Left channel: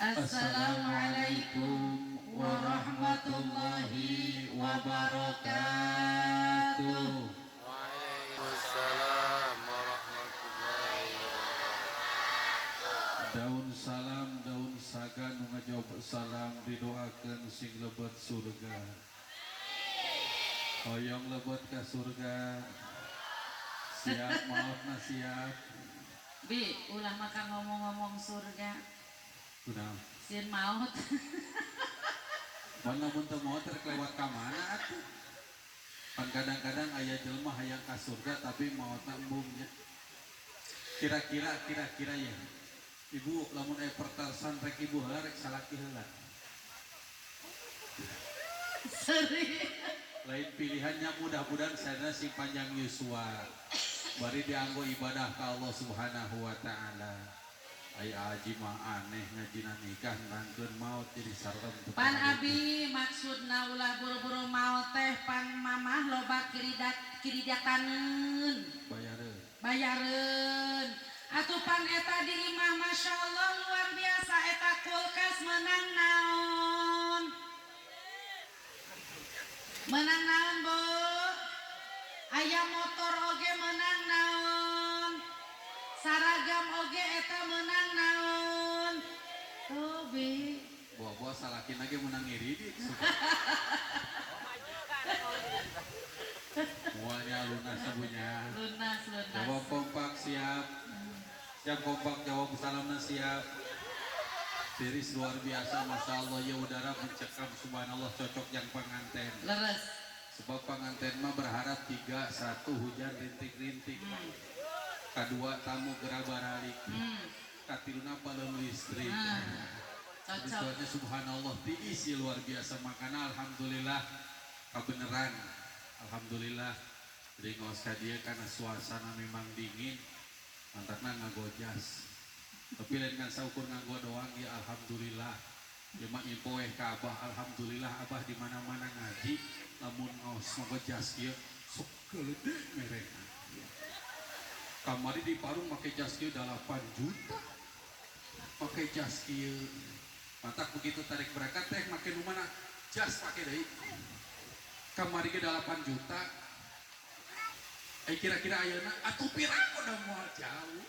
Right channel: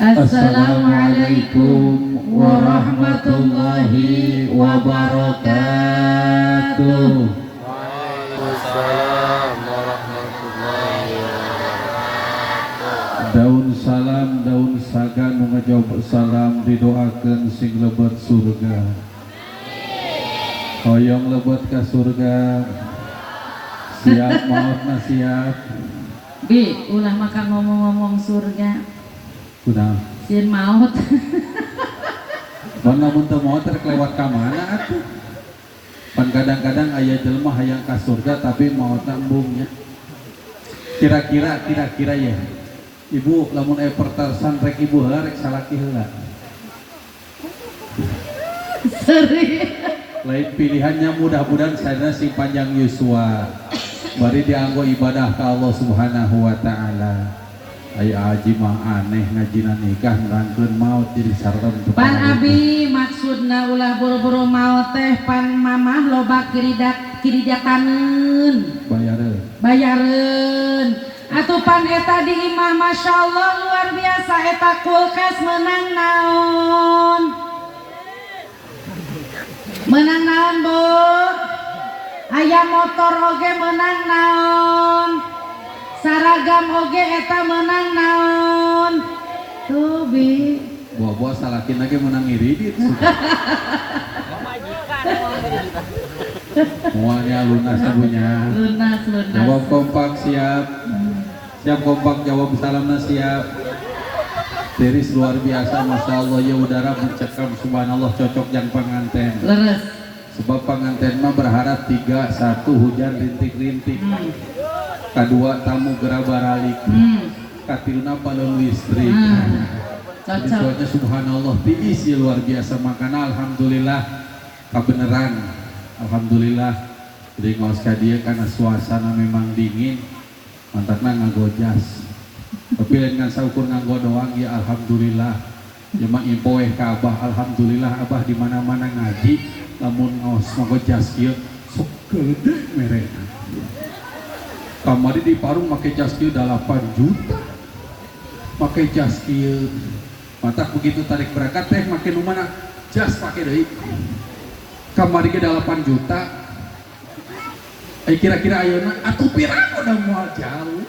Assalamualaikum warahmatullahi wabarakatuh. Waalaikumsalam warahmatullahi wabarakatuh. Daun salam, daun sagan ngajawab salam didoakeun sing lebet surga. Hoyong lebet ka surga. Siap maotna siap. Bi, ulah makan ngomong-ngomong surga. Kunaon? Sieun maut. Mun lamun teu maot rek lewat ka mana atuh? Pan kadang-kadang aya jelema hayang ka surga tapi maotna embung nya. Kira-kira ya. Ibu lamun aya pertasan rek ibu heula rek salaki heula. Seri. Lain pilihannya mudah-mudahan saya si panjang yuswa. Bari dianggo ibadah ka Allah Subhanahu wa taala. Aya aji mah aneh ngajina nikah nerangkeun maut jadi sareng teu Pan abi maksudna ulah buru-buru maot teh pan mamah loba kirijakaneun. Bayareun. Atuh pan eta di imah masyaallah luar biasa eta kulkas menang naon? Menang naon, Bu? Aya motor oge menang naon? Saragam oge eta menang naon? Tuh Bi. Buah-buah salakin lagi menang iridit. Semuanya lunas ibunya. Lunas. Jawab kompak siap. Siap kompak jawab salamna siap. Tiris luar biasa, masya Allah ya udara mencekam subhanallah cocok yang pengantin. Leres. Sebab pengantin mah berharap 3, 1 hujan rintik-rintik. Kedua tamu gera baralik. Katilna balon listrik. Cocok. Jadi subhanallah tiis ya luar biasa makana alhamdulillah kebenaran. Alhamdulillah. Jadi ngaos ka dieu karena suasana memang dingin. Mantapna nganggo jas. Tapi lain ngan saukur nganggo doang ya alhamdulillah. Cuma impoeh ka Abah alhamdulillah Abah di mana-mana ngaji lamun ngaos nganggo jas ieu sok gede merena. Kamari di Parung make jas kieu 8 juta. Make jas kieu. Mata begitu tarik berangkat teh make nu mana? Jas pake deui. Kamari ge 8 juta. Kira-kira ayeuna atuh pirang udah moal jauh.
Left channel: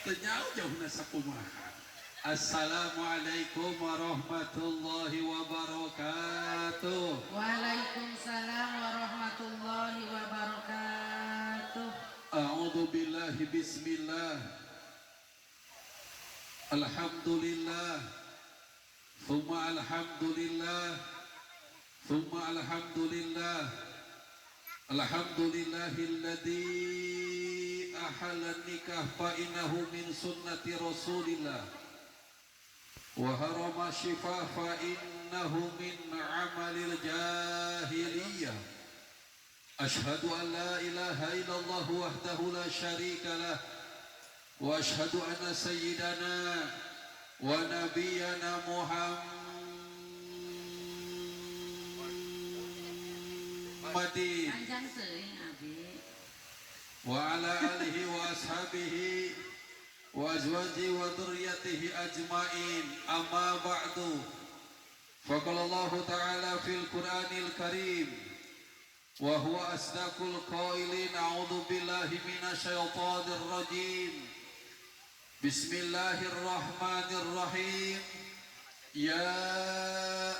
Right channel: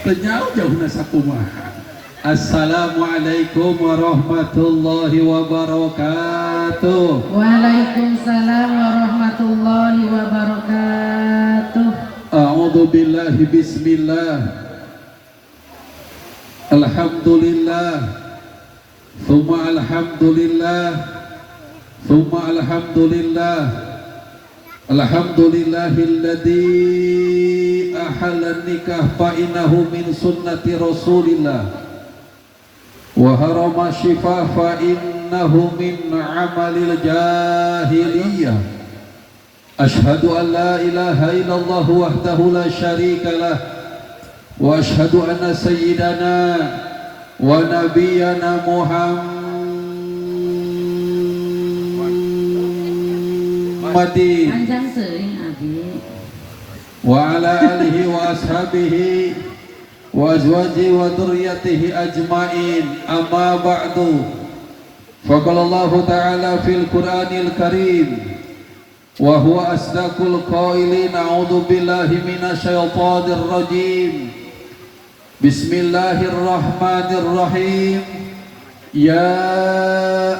Teu jauh-jauhna sakumaha. Assalamualaikum warahmatullahi wabarakatuh. Waalaikumsalam warahmatullahi wabarakatuh. A'udzu billahi bismillah. Alhamdulillah. Tsumma alhamdulillah. Tsumma alhamdulillah. Alhamdulillahilladzi ahalla nikah fa innahu min sunnati Rasulillah. Wa harama shifaa fa innahu min amalil jahiliyah. Ashhadu an la ilaha illallah wahdahu la syarika lah. Wa ashhadu anna sayyidana wa nabiyyana Muhammadin Panjang seuing abi. wa ala alihi wa ashabihi wa azwajihi wa dzurriyyatihi ajmain amma ba'du. Faqala Allah ta'ala fil Qur'anil Karim wa huwa asdaqul qailin a'udzu billahi minasyaitonir rajim. Bismillahirrahmanirrahim. Ya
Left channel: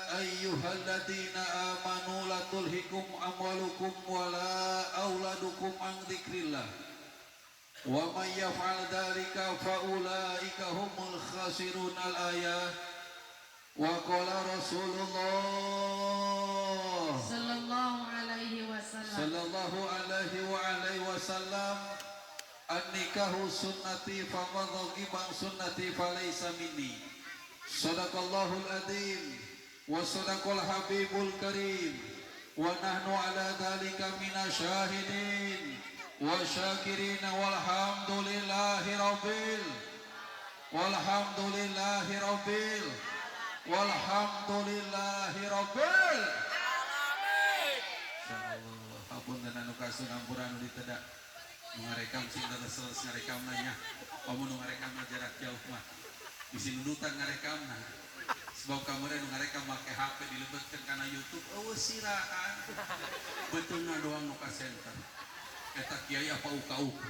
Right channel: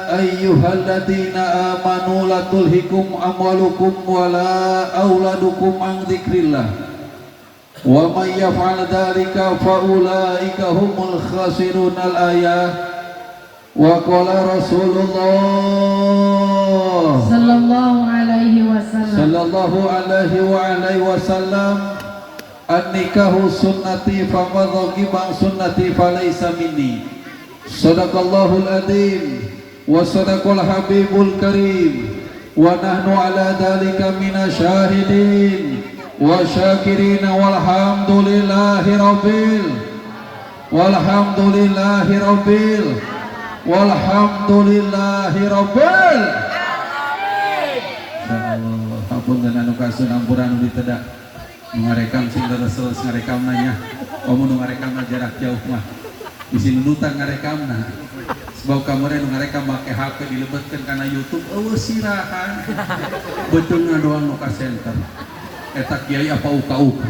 ayyuhalladzina amanu la tulhikum amwalukum wala auladukum an dzikrillah wa may yaf'al dzalika fa ulaika humul khasirun al-ayah. Wa qala Rasulullah Sallallahu alaihi wasallam an-nikahu sunnati faman raghiba sunnati falaysa minni. Sadaqallahul adzim wa sadaqal habibul karim wa nahnu ala dzalika minasyahidin wa syakirin walhamdulillahi rabbil Ampun dan anu kasun ampuran anu ditedak ngarekam sing terus ngarekam nanya kamu nu ngarekam jarak jauh mah Bisi nunutan ngarekamna. Sebab kamera ngarekam make HP dilebetkeun kana YouTube, eueuh sirahan. Beuteunya doang nu ka center. Eta kiai apa uka-uka.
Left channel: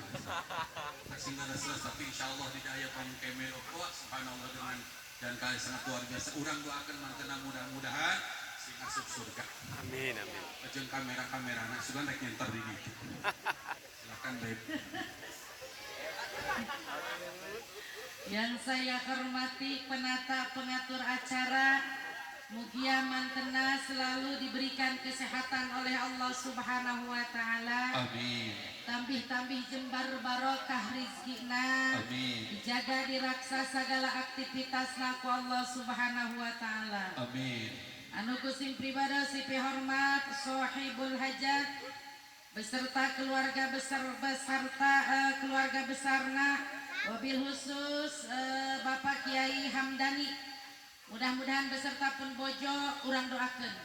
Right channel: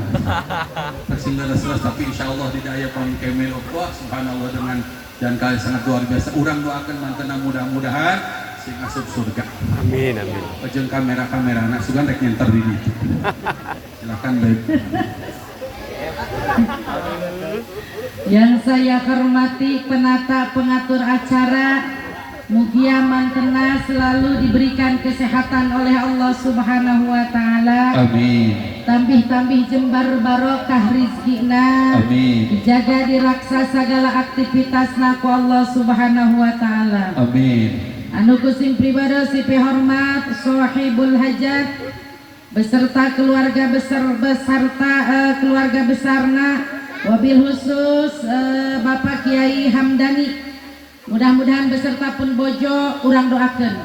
Sehingga selas tapi insyaallah di daya pang kemel Allah subhanallah dengan dan kali sangat luar biasa. Urang doakeun mantena mudah-mudahan sing asup surga. Amin amin. Jeung kamera-kamera anak sugan rek nyenter di ditu. Silakan Beb. Yang saya hormati penata pengatur acara, mugia mantena selalu diberikan kesehatan oleh Allah Subhanahu wa taala. Amin. Tambih-tambih jembar barokah rizkina. Amin. Dijaga diraksa segala aktivitasna ku Allah Subhanahu wa taala. Amin. Anu kusim pribadi sipi hormat sahibul hajat beserta keluarga keluarga besarna, wabil khusus Bapak Kiai Hamdani, mudah-mudahan beserta pun bojo urang doakeun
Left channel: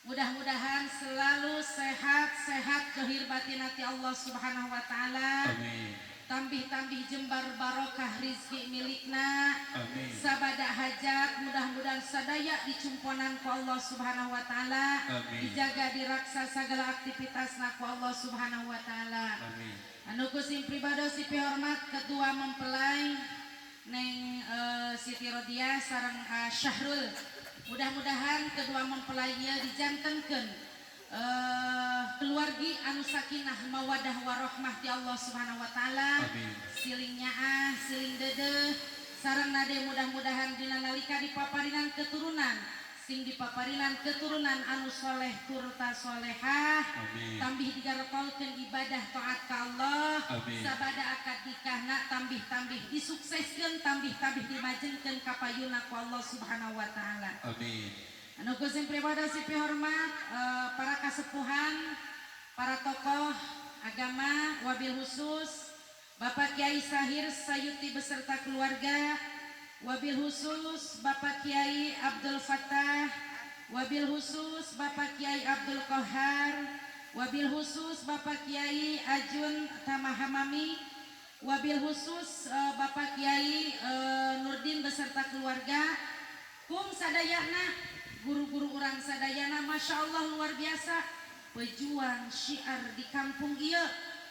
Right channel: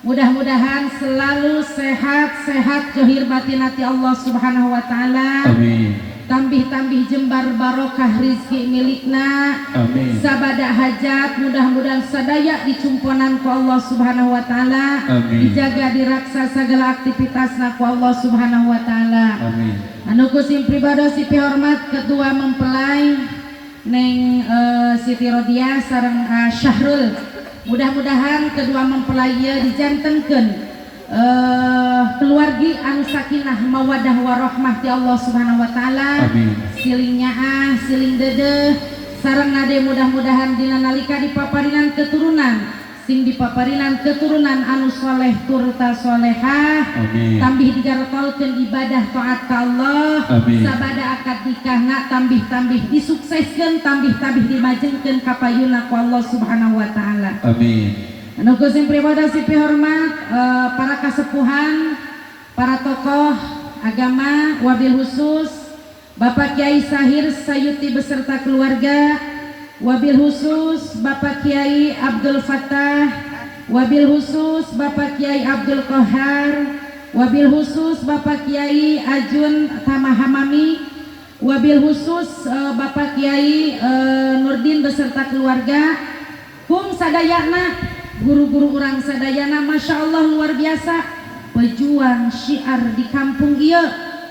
mudah-mudahan selalu sehat-sehat johir batin hati Allah Subhanahu wa taala. Amin. Tambih-tambih jembar barokah rizki milikna. Amin. Sabada hajat mudah-mudahan sadaya dicumponan ku Allah Subhanahu wa taala. Amin. Dijaga diraksa segala aktivitasna ku Allah Subhanahu wa taala. Amin. Anu kusim pribadi sipi hormat ketua mempelai Neng Siti Rodia sareng Syahrul. Mudah-mudahan kedua mempelai dijantenkeun keluargi anu sakinah mawadah warahmah ti Allah Subhanahu wa taala. Amin. Siling nyaah, siling dedeh sareng nade mudah-mudahan dina nalika dipaparinan keturunan sing dipaparinan keturunan anu soleh turta solehah. Amin. Tambih digarotolkeun ibadah taat ka Allah. Amin. Sabada akad nikahna tambih-tambih disukseskeun, tambih-tambih dimajengkeun ka payuna ku Allah Subhanahu wa taala. Amin. Anu kusim pribadi sipi hormat para kasepuhan, para tokoh agama, wabil khusus Bapak Kiai Sahir Sayuti beserta keluarga, wabil khusus Bapak Kiai Abdul Fattah, wabil khusus Bapak Kiai Abdul Qahar, wabil khusus Bapak Kiai Ajun Tamahamami, wabil khusus Bapak Kiai Nurdin beserta keluarga, kum sadayana guru-guru orang sadayana, masya Allah luar biasa pejuang syiar di kampung ieu.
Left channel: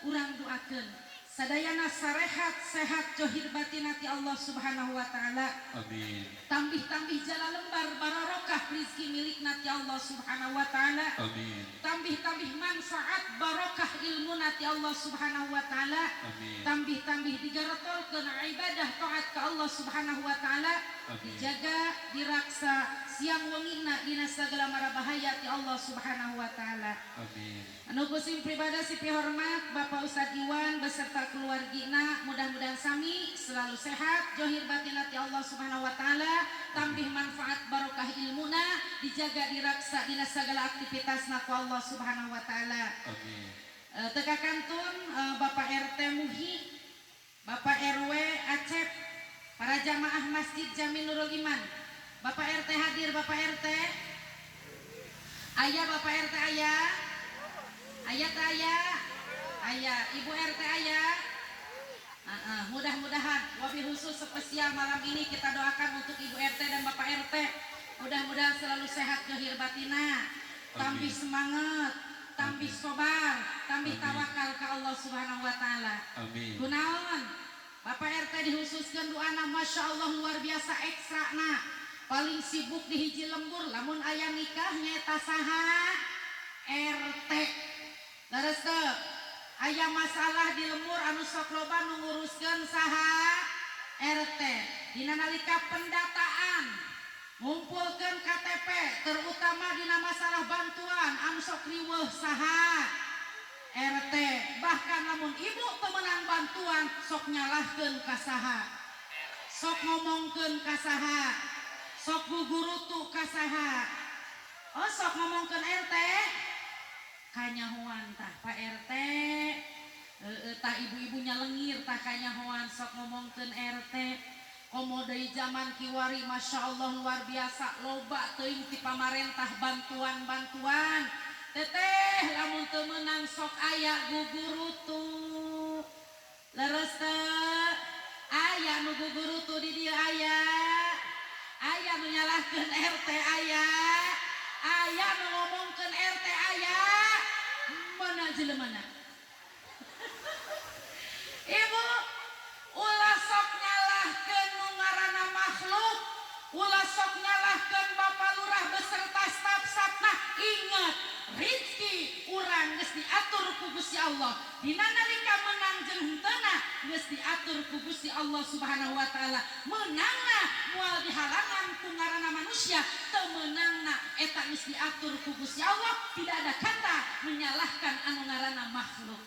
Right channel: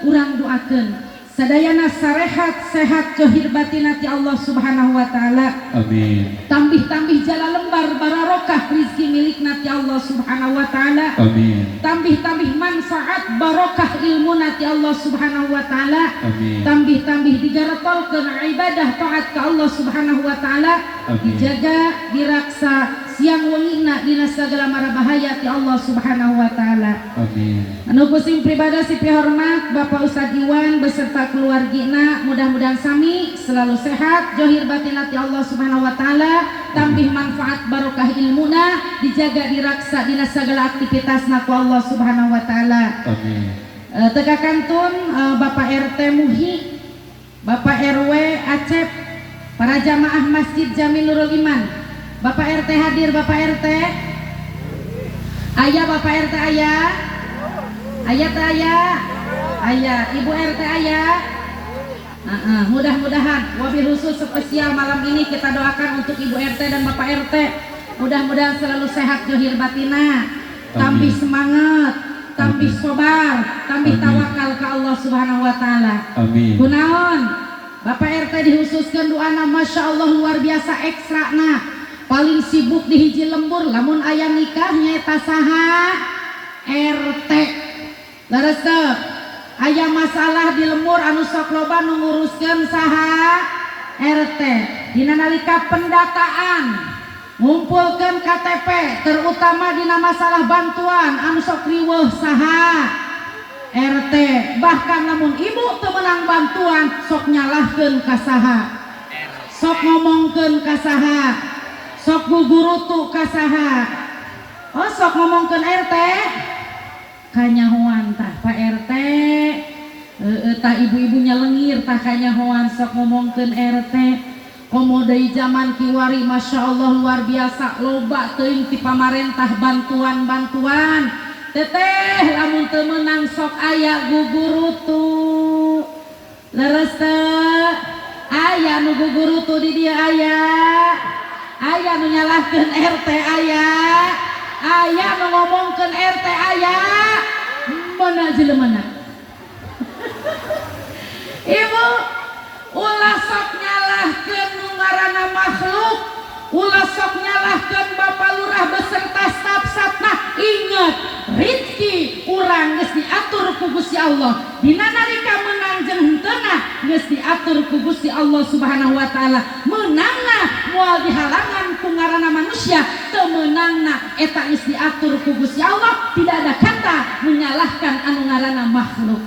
Urang doakeun sadayana sarehat sehat johir batin hati Allah Subhanahu wa taala. Amin. Tambih-tambih jala lembar barokah rizki milik nati Allah Subhanahu wa taala. Amin. Tambih-tambih manfaat barokah ilmu nati Allah Subhanahu wa taala. Amin. Tambih-tambih digaratolkeun ibadah taat ka Allah Subhanahu wa taala. Amin. Dijaga diraksa siang wengina dina sagala mara bahaya ti Allah Subhanahu wa taala. Amin. Anu kusim pribadi sipi hormat Bapak Ustadz Iwan beserta keluargina, mudah-mudahan sami selalu sehat johir batin hati Allah Subhanahu wa taala. Tambih manfaat barokah ilmuna, dijaga diraksa dina sagala aktivitasna ku Allah Subhanahu wa taala. Amin. Teka kantun Bapak RT Muhi, Bapak RW Acep, para jamaah Masjid Jamilul Iman. Bapak RT hadir, Bapak RT. Ayah Bapak RT ayah. Ayah teh ayah. Ayah, Ibu RT ayah. Mudah-mudahan wabil khusus spesial malam ini kita doakan untuk Ibu RT dan Bapak RT. Mudah-mudahan selalu sehat johir batina. Tambih semangat, tambih sobar, tambih tawakal ke Allah Subhanahu wa taala. Amin. Kunaon? Bapak RT dihususkan doana masya Allah luar biasa ekstra nah. Paling sibuk di hiji lembur lamun aya nikah nyaeta saha? RT. Leresep aya masalah di lembur anu sok loba nu nguruskeun saha? RT. Dina nalika pendataan ngumpulkeun KTP terutama dina masalah bantuan anu sok riweuh saha? RT. Bahkan lamun ibu teu meunang bantuan sok nyalahkeun ka saha? Sok ngomongkeun ka saha? Sok gugurutu ka saha? Oh sok ngomongkeun RT kanyahoan tah Pak RT. Tah ibu-ibunya lengir tah kanyahoan sok ngomongkeun RT. Komo deui zaman kiwari masya Allah luar biasa loba teuing ti pamarentah bantuan-bantuan. Teteh lamun teu meunang sok aya gugurutu. Leres teh Aya nu guguru tuh di dia aya nu nyalahkeun RT aya nu ngomongkeun RT mana jelema Ibu ulah sok nyalahkeun nu ngaranna makhluk, ulah sok nyalahkeun Bapak Lurah beserta staf-stafna. Ingat, rezeki urang geus diatur ku Gusti Allah. Dina nalika menang jeung henteu geus diatur ku Gusti Allah Subhanahu wa taala. Menangna moal dihalangan ku ngaranna manusia, teu menangna eta geus diatur ku Gusti Allah. Tidak ada kata menyalahkan anu ngaranna makhluk.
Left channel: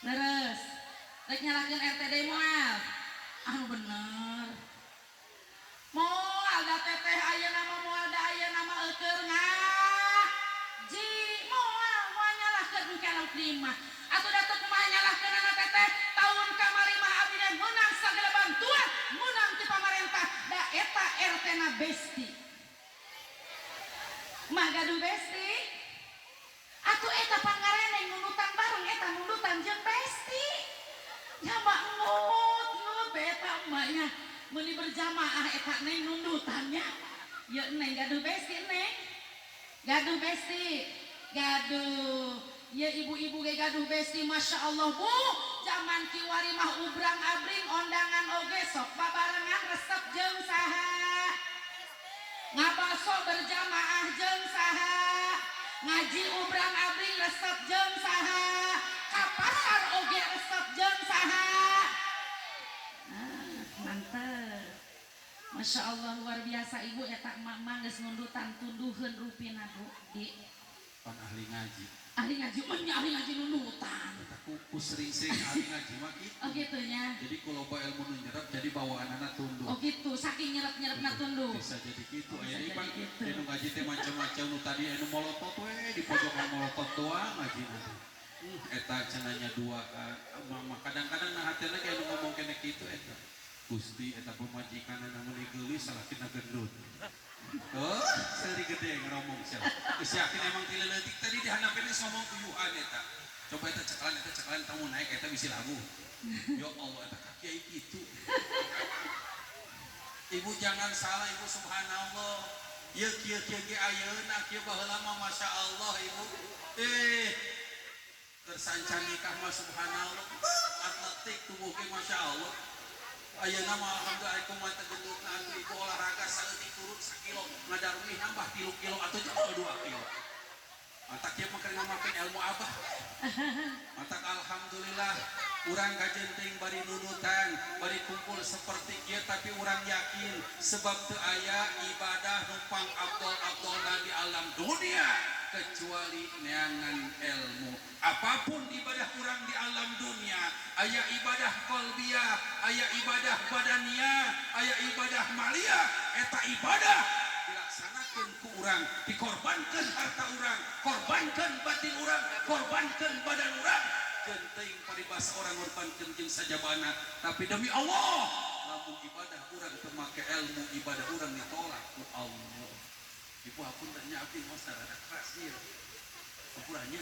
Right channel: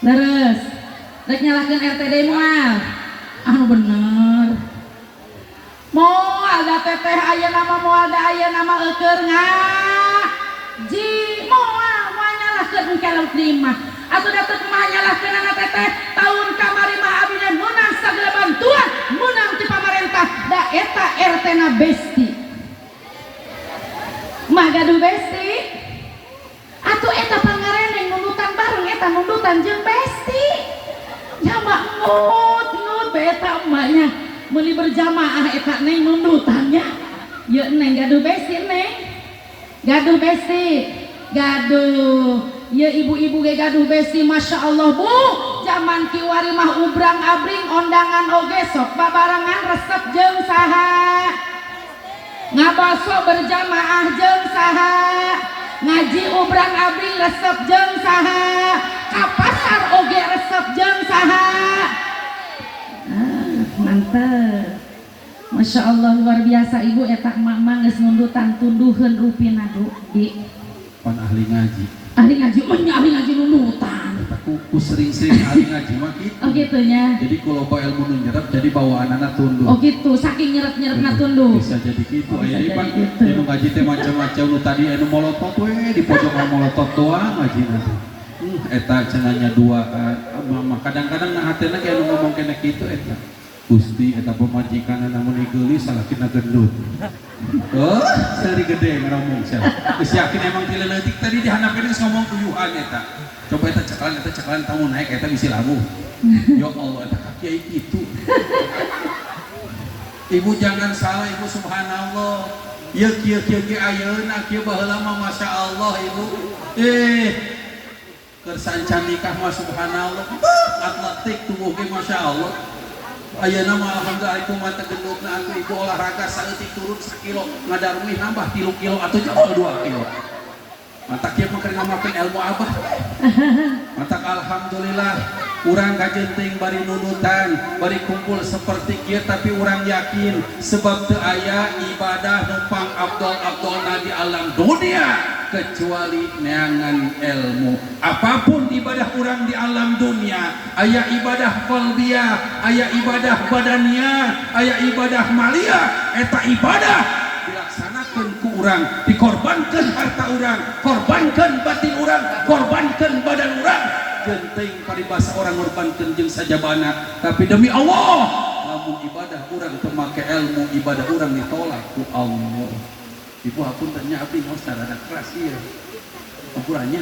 Terus rek nyalahkeun RTD moal anu bener. Moal da teteh aya nama moal da aya nama eukeur ngaji moal nyalahkeun kalau terima atuh da teu kumaha nyalahkeun anak teteh tahun kamari mah abdi menang sagala bantuan menang ti pamarentah da eta RT na besti mah gaduh besti atuh eta pangareneng nundutan bareng eta nundutan jeung besti nya ngut beta emaknya meuli berjamaah eta neng nundutannya ye neng gaduh besti neng gaduh besti gaduh ye ibu-ibu ge gaduh besti Masya Allah bu zaman kiwari mah ubrang abring ondangan oge sok babarengan resep jeung saha ngabaso berjamaah jeung saha ngaji ubrang abring resep jeung saha ka pasar oge resep jeung saha mantep Masya Allah luar biasa ibu eta emak geus nundutan tunduheun rupina di pan ahli ngaji ahli ngaji nundutan eta ku sering-sering ahli ngaji mah kitu oh gitu nya jadi ku loba ilmu nu nyerep jadi bawaanana tunduh oh gitu saking nyerep-nyerepna tunduh bisa jadi kitu aya ieu pan nu ngaji teh macam-macam nu tadi anu molotot we di pojokan molotot doang ngajina eta cenanya duaan kadang-kadang na hatena ge anu ngomong kene kitu eta Gusti eta pemajikan namun gelis salakina gendut. Oh, seri gede ngomong sia. Geus yakin emang ti leutik tadi dihandapkeun geus ngomong tuyuhan eta. Coba eta cekalan tamu naik eta bisi labu. Ya Allah eta kiai kitu. Ibu jangan salah ibu subhanallah. Ya kieu ge ayeuna kieu baheula mah masyaallah ibu. Kersancan nikah mah subhanallah. Atletik tubuh ge masyaallah. Ayeuna mah alhamdulillah ku mata gendutna aku ibu olahraga saeutik turun 1 kilo ngadarmi nambah 3 kilo atau jauh 2 kilo. Mata kieu mah keur ngamakeun ilmu abah. Mata alhamdulillah urang kajenting bari nudutan, bari kumpul seperti kieu tapi urang yakin sebab teu aya ibadah numpang abdol-abdolna di alam dunia kecuali neangan ilmu. Apapun ibadah orang di alam dunia, aya ibadah qalbiyah, aya ibadah badaniyah, aya ibadah maliyah, eta ibadah dilaksanakeun ku urang, dikorbankeun harta urang, korbankeun batin urang, korbankeun badan urang. Genting paribasa orang ngorbankeun jeung sajabana, tapi demi Allah, lamun ibadah urang teu make ilmu, ibadah urang ditolak ku Allah. Ibu aku tanya abdi mau secara keras iya ukurannya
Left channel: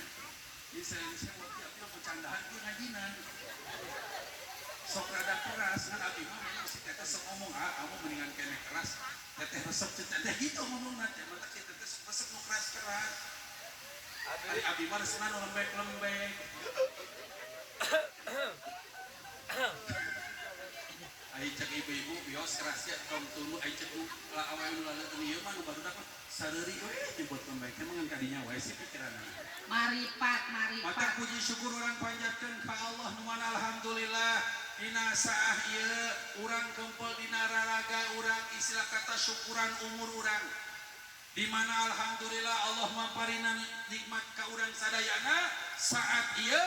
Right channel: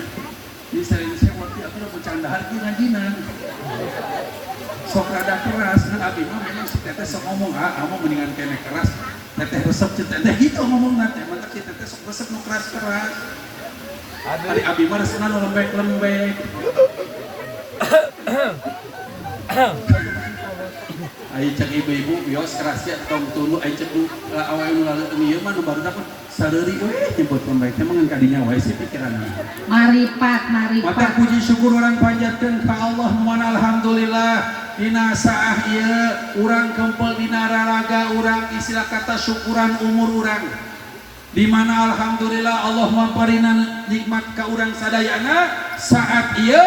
ini saya waktu aku udah bercandaan di ngajinan sok rada keras kan abdi mah memang si teteh sok ngomong kamu mendingan kene keras teteh resep teteh gitu ngomong nanti mantap si teteh sok resep nu keras hari abdi mah resepna nu lembek ayo cek ibu-ibu bios kerasnya tong tulu ayo cek awal nu lalu ieu mah nu baru dapat sareuri we nyebut pembaik emang kadinya wae sih pikiranna maripat mata puji syukur urang panjatkeun ka Allah nuhun alhamdulillah dina saah ieu urang kempel dina raraga urang istilah kata syukuran umur urang di mana alhamdulillah Allah maparina nikmat ka urang sadayana saat ieu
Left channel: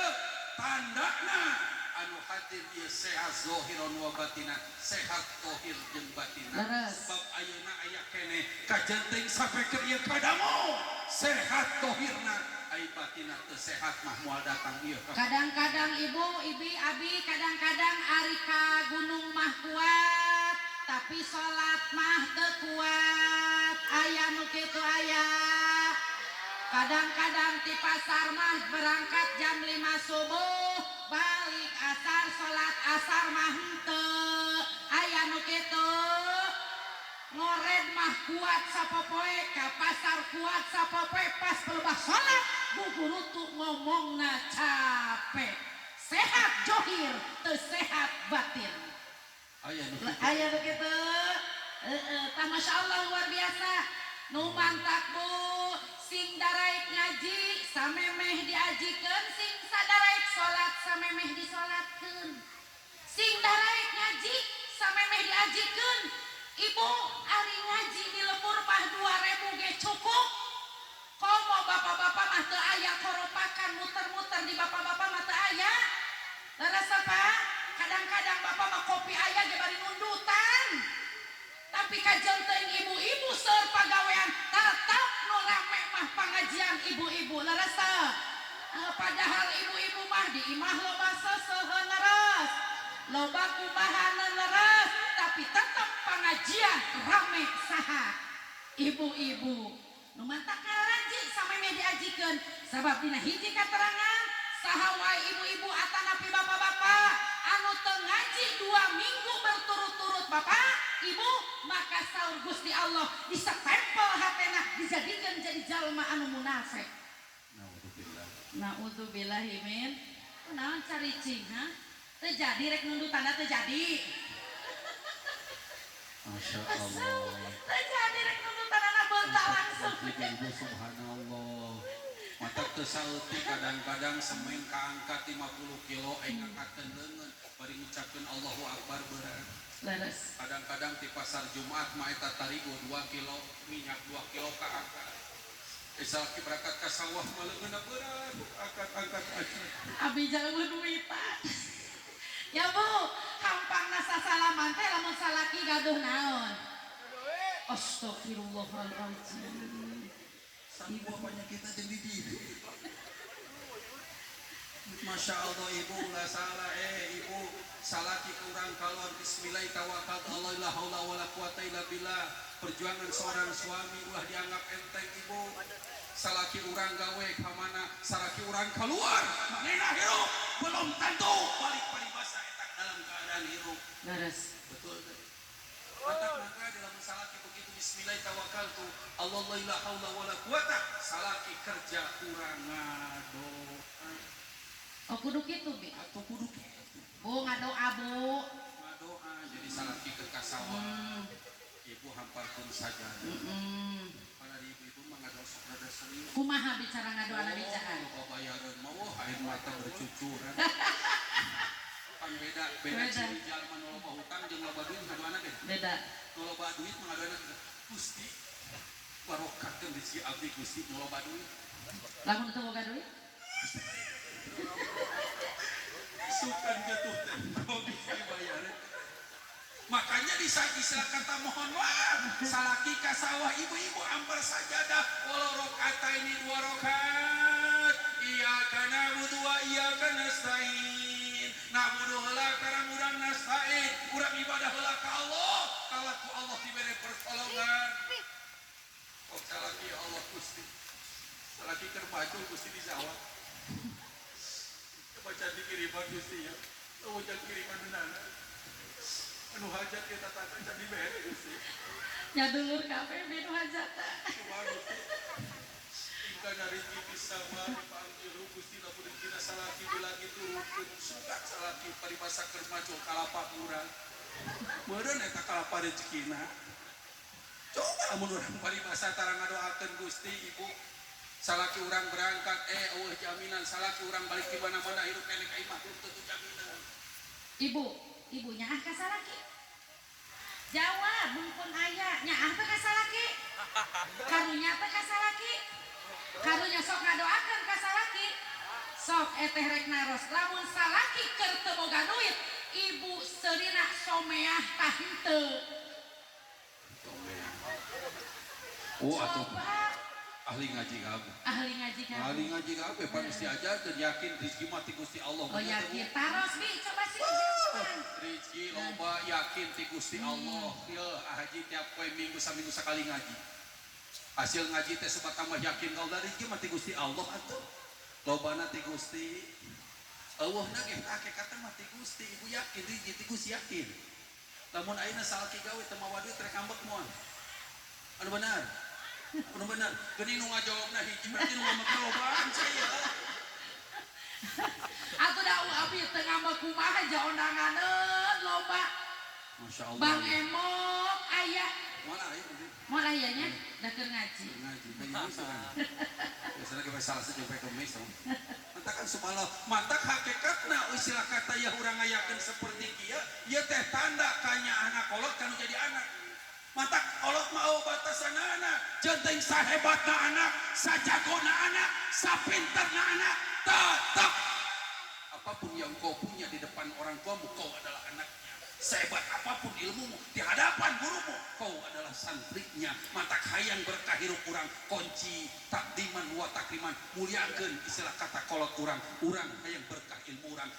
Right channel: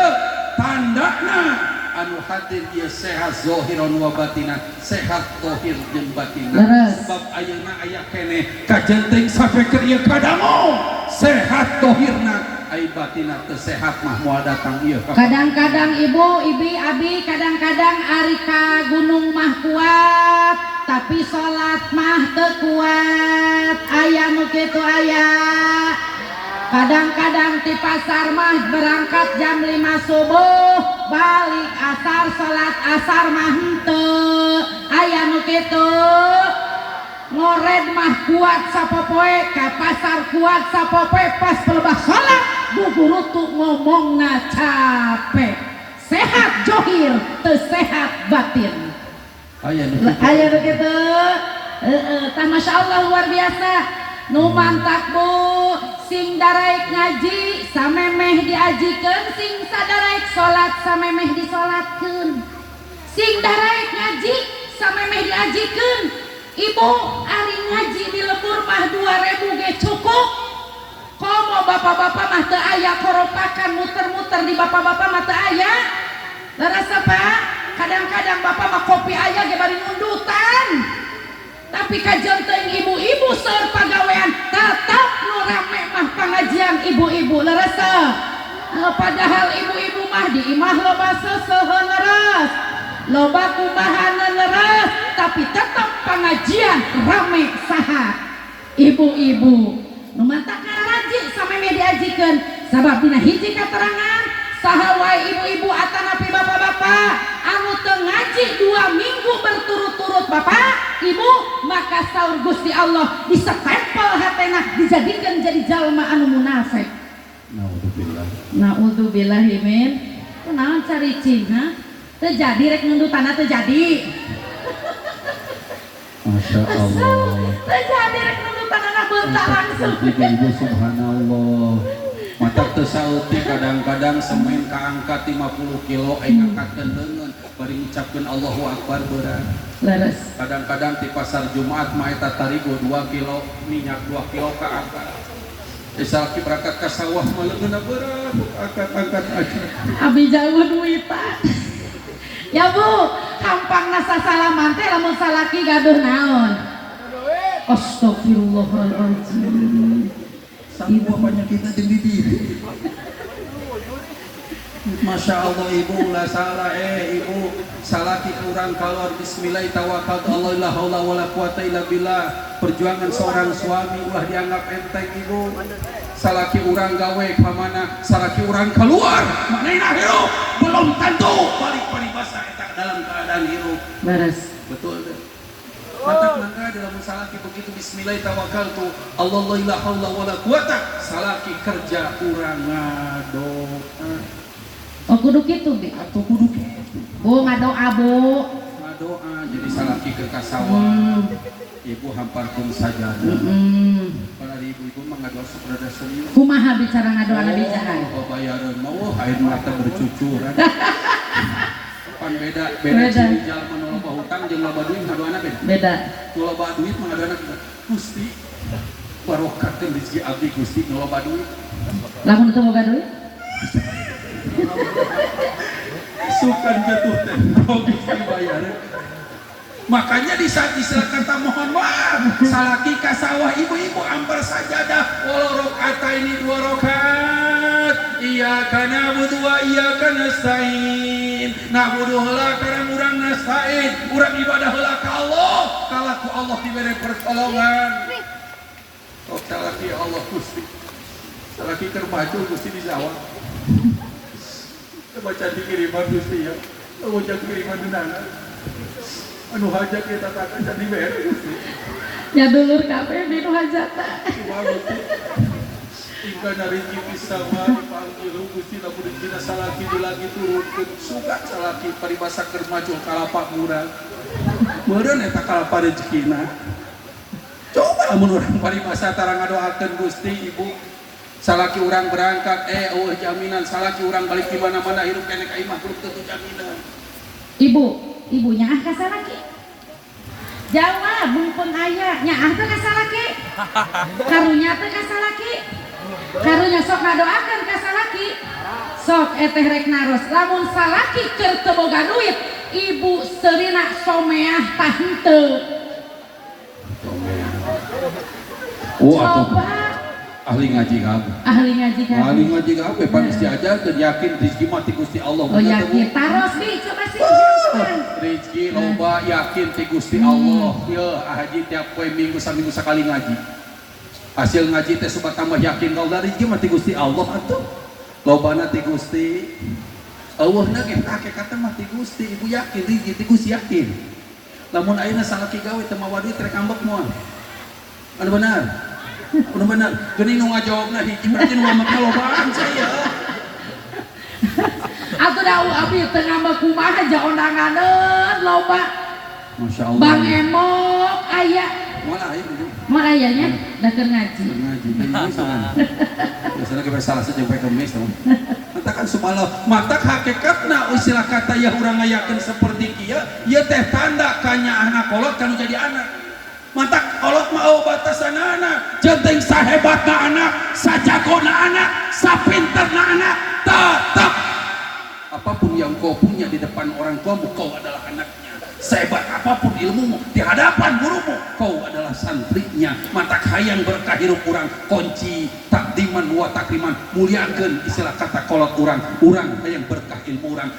tandana anu hadir ieu sehat zahiran wa batinan sehat zahir jeung batinan sebab ayeuna aya keneh kajenting sampai keur ieu kadamu sehat zahirna ai batina teu sehat mah moal datang ieu kadang-kadang ibu abi kadang-kadang ari ka gunung mah kuat tapi salat mah teu kuat aya nu kitu aya Kadang-kadang di pasar mah berangkat jam 5 subuh, balik asar, salat asar mah henteu. Aya nu kitu. Ngored mah kuat sapopoe, ka pasar kuat sapopoe, pas pelebah salat buburu tuh ngomongna capek. Sehat johir, teu sehat batin. Aya nu kitu. Aya nu kitu. Tah masyaallah luar biasa. Nu mantap Bu, sing daraek ngaji samemeh diajikeun, sing sadaraek salat samemeh disolatkeun. Sing daraek ngaji samemeh diajikeun. Ibu ari ngaji di lembur mah 2000 ge cukup. Komo bapak-bapak mah teu aya koropakan muter-muter di bapak-bapak mah teu aya. Larasa Pak, kadang-kadang bapak mah kopi aya ge bari ngundutan. Tapi kajian teuing ibu-ibu seur pagawean tetap nu rame mah pengajian ibu-ibu larasa. Padahal ibu-ibu mah di imah loba seuseun leres, loba kumahaneun leres, tapi tetap pengajian rame saha ibu-ibu. Nu mantap kararaji sameme diajikeun sabab dina hiji katerangan saha wae ibu-ibu atanapi bapak-bapak anu teu ngaji 2 minggu berturut-turut bapak ibu, maka saur Gusti Allah disatempel hatena dijadikeun jadi jalma anu munafik. Naudzubillah min. Kunaon caricing ha? Teu jadi rek nundutana teu jadi. Masya Allah. Teu jadi rek nundutana beunta langsung. Ibu subhanallah. Mata tersauti kadang-kadang semen kaangkat 50 kilo aing angkatkeun leungeun bari ngucapkeun Allahu Akbar beurang. Leres. Kadang-kadang di pasar Jumat mah eta tarigu 2 kilo minyak 2 kilo kaangkat. Salaki berangkat ka sawah mah leungeunna beurang angkat-angkat aja. Abi jauh duitan. Ya Bu, hampangna sasalaman teh lamun salaki gaduh naon? Astagfirullahaladzim. Ibu banyak kita di diri. Masya Allah ibu lah salah ibu salaki kurang kalor bismillah tawakkaltu Allah la haula wala quwata illa billah. Perjuangan seorang suami ulah dianggap enteng ibu. Salaki urang gawe ka mana salaki urang keluar manehna hirup belum tentu balik paribasa eta dalam keadaan hirup. Beres. Betul deh. Mantap mangga dalam salaki begitu bismillah tawakkaltu Allah la haula wala quwata salaki kerja urang ngadoa. Oh kudu kitu Bi. Atau kudu kitu. Bu ngadoa Bu. Ngadoa jadi salaki ke kasawah. Ibu hamparkeun sajadah. Para ibu-ibu mah ngadoa saprada senyum. Kumaha bicara ngadoa Nabi Jahan? Bayareun mah air mata bercucuran. Pan beda ciri jalma nu loba hutang jeung loba duit ngadoana beda. Beda. Nu loba duit mah ngadoana Gusti barokahkeun rezeki abdi Gusti nu loba duit. Lamun teu boga duit? Sukan jatuh teh Gusti bayareun. Makanya di saat istilah kata mohon maaf salaki ka sawah ibu-ibu amper sajadah walau rakaat ini 2 rakaat iyyaka na'budu wa iyyaka nasta'in na'budu heula karena urang nasta'in urang ibadah heula ka Allah kalah ku Allah diberi pertolongan oh salaki Allah Gusti salaki keur maju Gusti dijawab baca dikiriman Gusti ya baca kiriman dunana anu hajat kita takkan jadi beres Gusti. Ya dulur kabeh nu hajatna. Ingka narinji pisama dipanggil Gusti lamun dina salaki di lagi turunkeun sugat salaki paribasa keur maju kalapa murah. Meureun eta kalapa rezekina. Coba lamun urang paribasa tara ngadoakeun Gusti Ibu salaki urang berangkat jaminan salaki urang balik di mana-mana hirup keneh ka imah kudu teu jaminan. Ibunya ah kasalaki jawab bungpun ayah nyaah teh kasalaki karunya teh kasalaki karunya sok ngadoakeun kasalaki sok eteh rek naros lamun salaki keur teu boga duit ibu seurina someah tah henteu coba ahli ngaji kabeh. Ahli ngaji kabeh pan geus diajarkeun yakin rezeki mah ti Gusti Allah. Oh yakin taros Bi coba sih. Rezeki loba yakin ti Gusti Allah. Yeuh haji tiap poe minggu saminggu sakali ngaji. hasil ngaji teh sobat tambah yakin kalau dari mah ti Gusti Allah atuh lobana ti Gusti eueuhna ge hakikatna mah ti Gusti ibu yakin ti Gusti yakin lamun ayeuna salaki gawe teu mawa duit rek ambek moal anu benar geuning nu ngajawabna hiji berarti nu ngambekna lobaan saya atuh da abdi teu ngambek kumaha ja ondanganeun loba Masya Allah Bang Emok aya mana aya itu mau ayahnya dah keur ngaji ngaji biasanya kita salah saja sampai kemis matakan sumala matak hakikatna istilah kata ya urang ngayakeun seperti kieu ieu teh tanda kanya anak kolot kanu jadi anak matak kolot mah batasanana jeung sahebatna anak sajagona anak sapinterna anak tetap apapun yang kau punya di depan orang tuamu kau adalah anaknya sehebat apapun ilmumu di hadapan gurumu kau adalah santrinya matak hayang berkah hirup urang kunci takdiman wa takriman muliakeun istilah kata kolot urang hayang berkah ilmu urang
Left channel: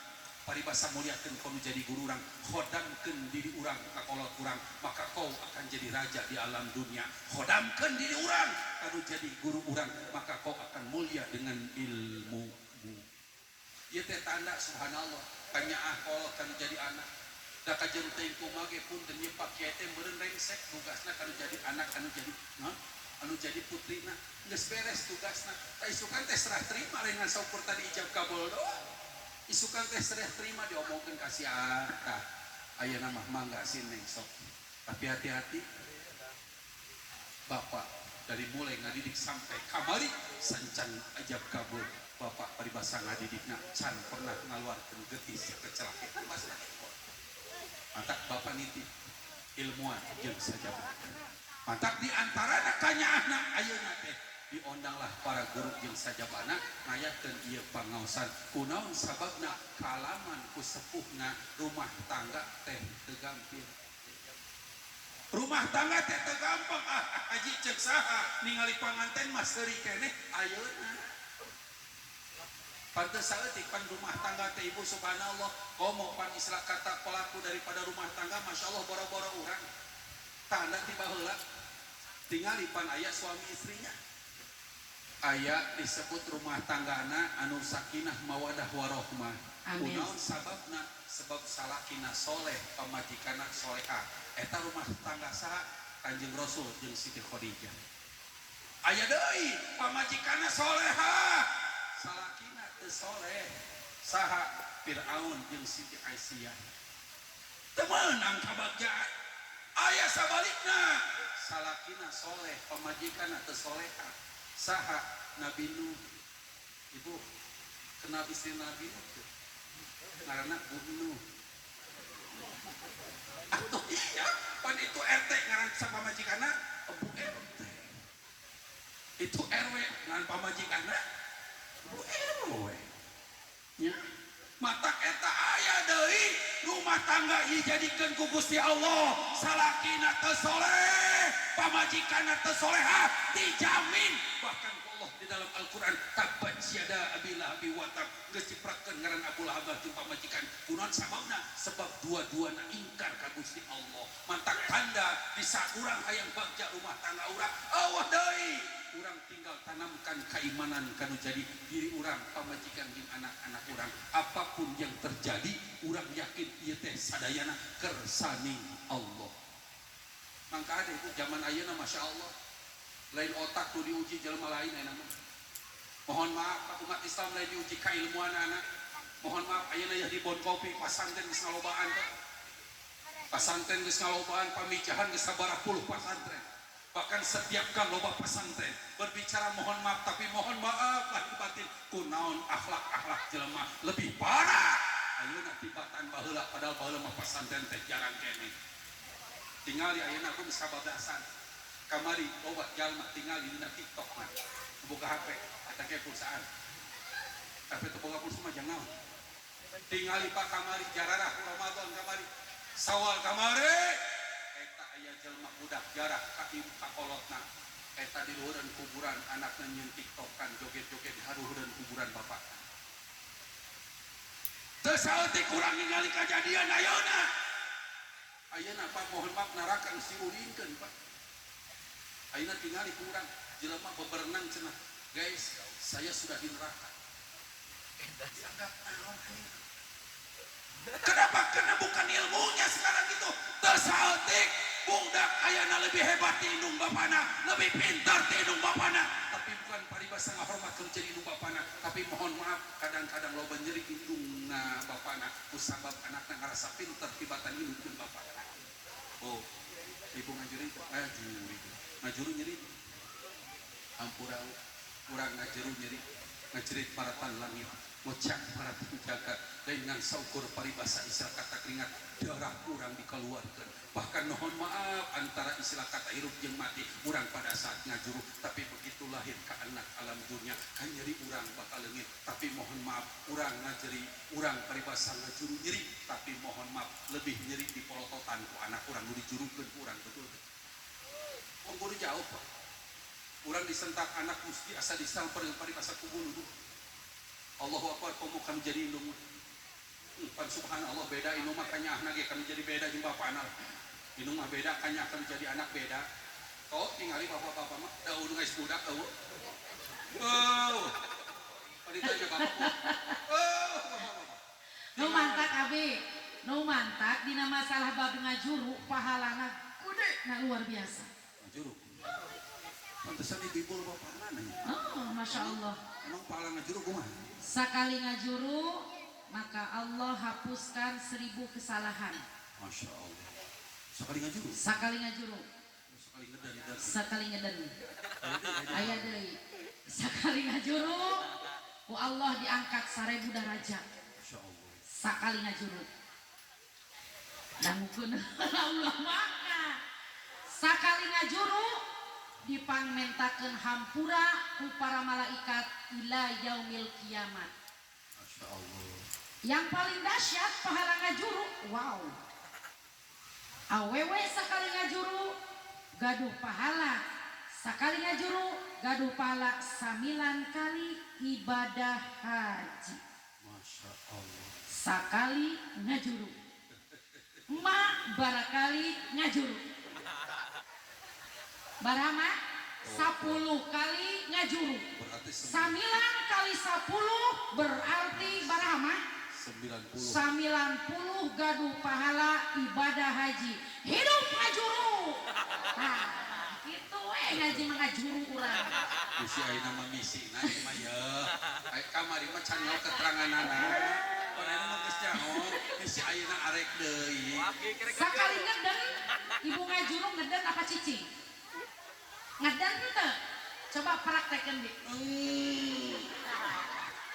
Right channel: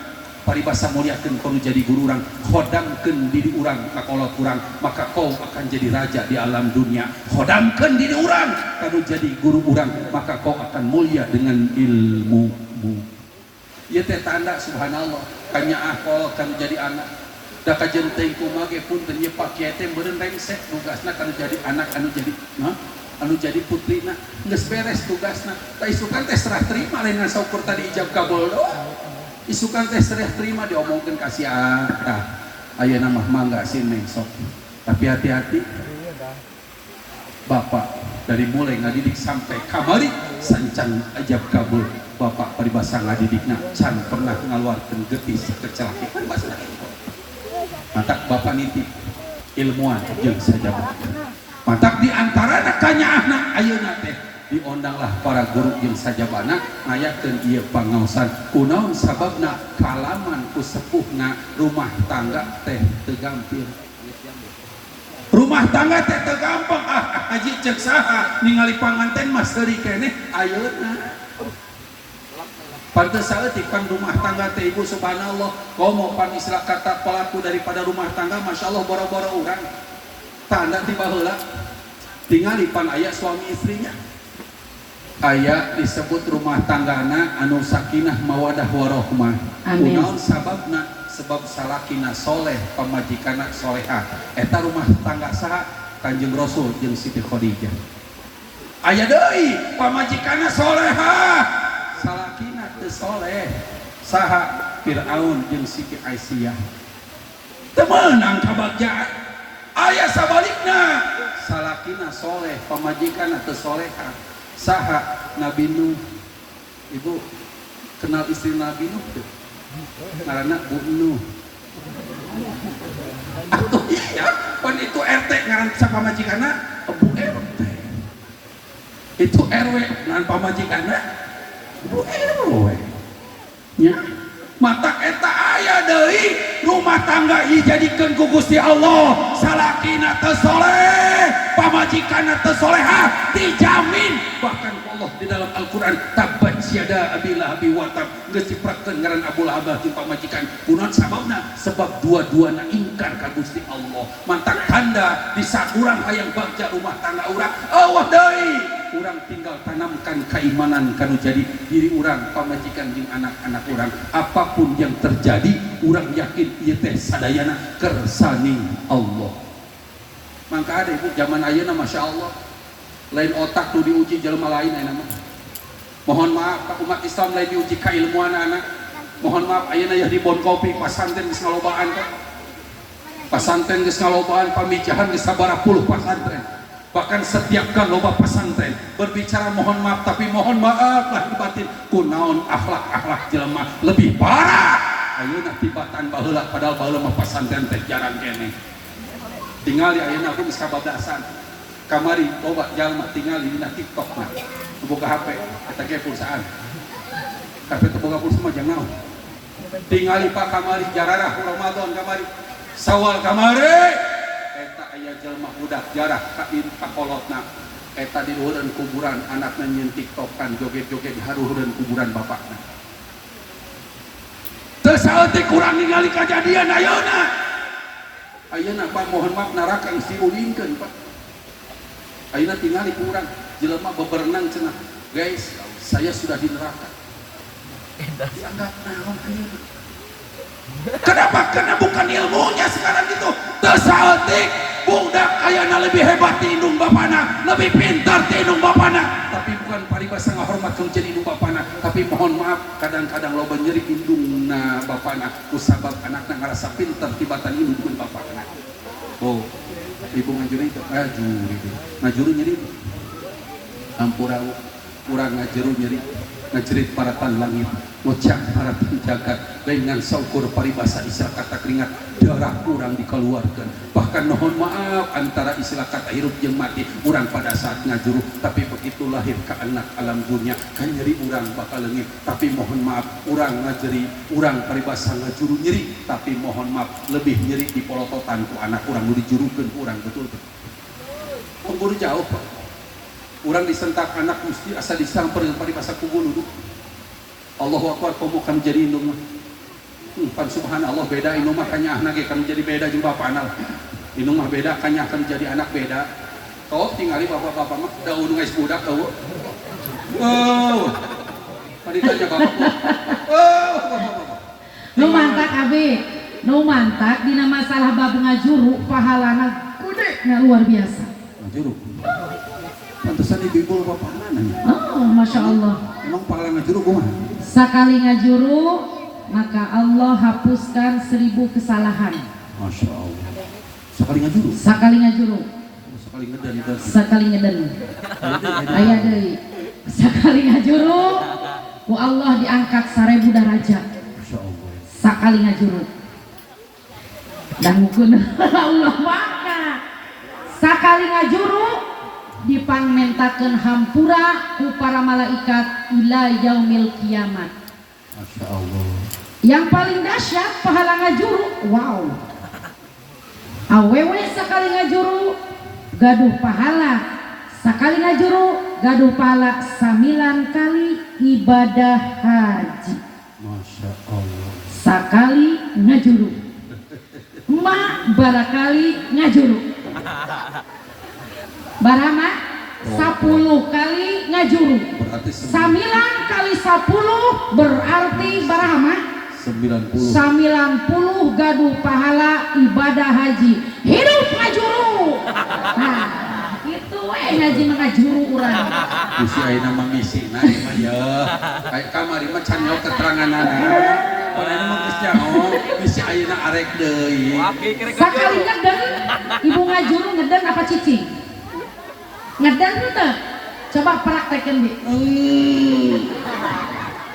paribasa muliakeun kanu jadi guru urang khodamkeun diri urang ka kolot urang maka kau akan jadi raja di alam dunia khodamkeun diri urang kanu jadi guru urang maka kau akan mulia dengan ilmumu ieu teh tanda subhanallah kanyaah kolot kanu jadi anak da kajenteng kumage pun teu nyepak kieu teh meureun rengsek tugasna kanu jadi anak anu jadi putrina geus beres tugasna da isukan teh serah terima lain ngan saukur tadi ijab kabul doang isukan teh serah terima diomongkeun ka si ayeuna mah mangga sineng sok tapi hati-hati bapak dari mulai ngadidik sampai kamari sancan ijab kabul bapak paribasa ngadidikna can pernah ngaluarkeun geutis kecelakaan bahasa matak bapak nitip ilmuwan jeung sajabat matak diantara kanyaahna ayeuna teh diondanglah para guru jeung sajabana ngayakeun ieu pangaosan kunaon sababna kalaman ku sepuhna rumah tangga teh teu gampil rumah tangga teh teu gampang haji ceuk saha ningali panganten mah seuri keneh ayeuna pantes saeutik pan rumah tangga teh ibu subhanallah komo pan istilah kata pelaku daripada rumah tangga Masya Allah boro-boro urang tanda tiba heula tingali pan aya suami istrinya aya disebut rumah tanggana anu sakinah mawadah warahmah kunaon sababna sebab salakina soleh pamajikanna solehah eta rumah tangga saha Kanjeng Rasul jeung Siti Khadijah aya deui pamajikanna solehah salakina teu soleh saha Firaun jeung Siti Aisyah teu meunang kabagjaan aya sabalikna salakina soleh pamajikanna teu solehah saha Nabi Nuh ibu kenal istri Nabi Nuh teu ngaranna Bu Nuh atuh iya pan itu RT ngaran sapamajikanna Bu RT itu RW ngaran pamajikanna Bu RW nya mata eta aya deui rumah tangga dijadikeun ku Gusti Allah salakina teu soleh pamajikanna teu solehah dijamin bahkan Allah di dalam Al-Qur'an tabbat yada abi lahabi wa tab geus diprakeun ngaran Abu Lahab jeung pamajikan kunaon sababna sebab dua-duana ingkar ka Gusti Allah mantak tanda di sakurang hayang bagja rumah tangga urang Allah deui urang tinggal tanamkan keimanan kanu jadi diri urang pamajikan jeung anak-anak urang apapun yang terjadi urang yakin ieu teh sadayana kersaning Allah mangka ada ibu zaman ayeuna Masya Allah lain otak tu diuji jelema lain ayeuna mah mohon maaf umat Islam lain diuji kailmuan anak mohon maaf ayeuna ya di bon kopi pasantren geus ngalobaan kok pasantren geus ngalobaan pamijahan geus sabaraha puluh pasantren bahkan setiap kan loba pesantren berbicara mohon maaf tapi mohon maaf lahir batin kunaon akhlak jelema lebih parah ayeuna tibatan baheula padahal baheula mah pesantren teh jarang keneh tingali ayeuna aku geus kababdasan kamari loba jalma tingali dina TikTok na boga HP eta ge pulsaan tapi teu boga pulsa mah jangan naon tingali pak kamari jararah Ramadan kamari Sawal kamari eta aya jelma budak jarah ka kolotna eta di luhureun kuburan anakna nyeun tiktokan joget-joget di harueureun kuburan bapakna teu saeutik kurang ningali kajadian ayeuna Pak mohon maaf neraka geus diulinkeun Pak ayeuna tingali kurang jelema beberenang cenah. Guys, saya sudah di neraka. Dianggap naon anjing. Kenapa? Karena bukan ilmunya sekarang itu. Tersaltik budak ayana lebih hebat di indung bapana, lebih pintar di indung bapana. Tapi bukan paribasa ngahormat kalau jadi indung bapana. Tapi mohon maaf, kadang-kadang lo nyeri indungna bapana kusabab anaknya ngerasa pintar tibatan indung bapana. Oh, ibu ngajuri itu, ngajuru nyeri. Ampura kurang ngajuru nyeri, ngajerit para tan langit. Ngocak para penjagat dengan saukur paribasa istilah kata keringat darah kurang dikeluarkan. Bahkan mohon maaf antara istilah kata hirup jeung mati kurang pada saat ngajuru, tapi begitu lahir ke anak alam dunia kan nyeri urang bakal leungit. Tapi mohon maaf urang ngajeri, urang paribasa ngajuru nyeri, tapi mohon maaf lebih nyeri di polototan ku anak urang nu dijurukeun urang betul. Pengguru jauh Pak. Urang disentak anak mesti asa disamper paribasa ku guru. Allahu Akbar komo kan jadi indung mah. Pan subhanallah beda indung mah kanya anak ge kan jadi beda jeung bapana. Indung mah beda kanya akan jadi anak beda. Kau tingali bapak-bapak mah da unu geus budak eueuh. Oh. Tadi tanya bapak. Oh. Nu mantak abi, nu mantak dina masalah bab ngajuru pahalana gede luar biasa. Ngajuru. Pantesan ibu-ibu bapak mana nih? Oh, Masya Allah. Emang pahala ngajuru kumaha? Sekali ngajuru maka Allah hapuskan 1000 kesalahan. Masya Allah. Sekali ngajuru? Sekali ngajuru. Sekali ngeden itu. Sekali ngeden. Aya deui. Sekali ngajuru ku Allah diangkat 1000 derajat. Masya Allah. Sekali ngajuru. Dan mungkin Allah maka sekali ngajuru dipangmentakeun hampura ku para malaikat ila yaumil kiamat. Masya Allah. Yang paling dahsyat pahala ngajuru, wow. Awewe sekali ngajuru gaduh pahala, sekali ngajuru gaduh pahala 9 kali ibadah haji. Masya Allah. Sekali ngajuru, ma barakali ngajuru. Barama 10 kali ngajuru. Berarti 9 kali 10 berarti barama 90. 90 gaduh pahala ibadah haji. Hidup ngajuru. Nah, itu ngaji ngajuru urang. Misi ayeuna mah misina ieu mah ya. Kayak kamari mah can nyaho keteranganana. Padahal mah geus nyaho, misi ayeuna arek deui. Sakali ngeden, ibu ngajuru ngeden apa cicing? Ngeden teh. Coba praktekeun di.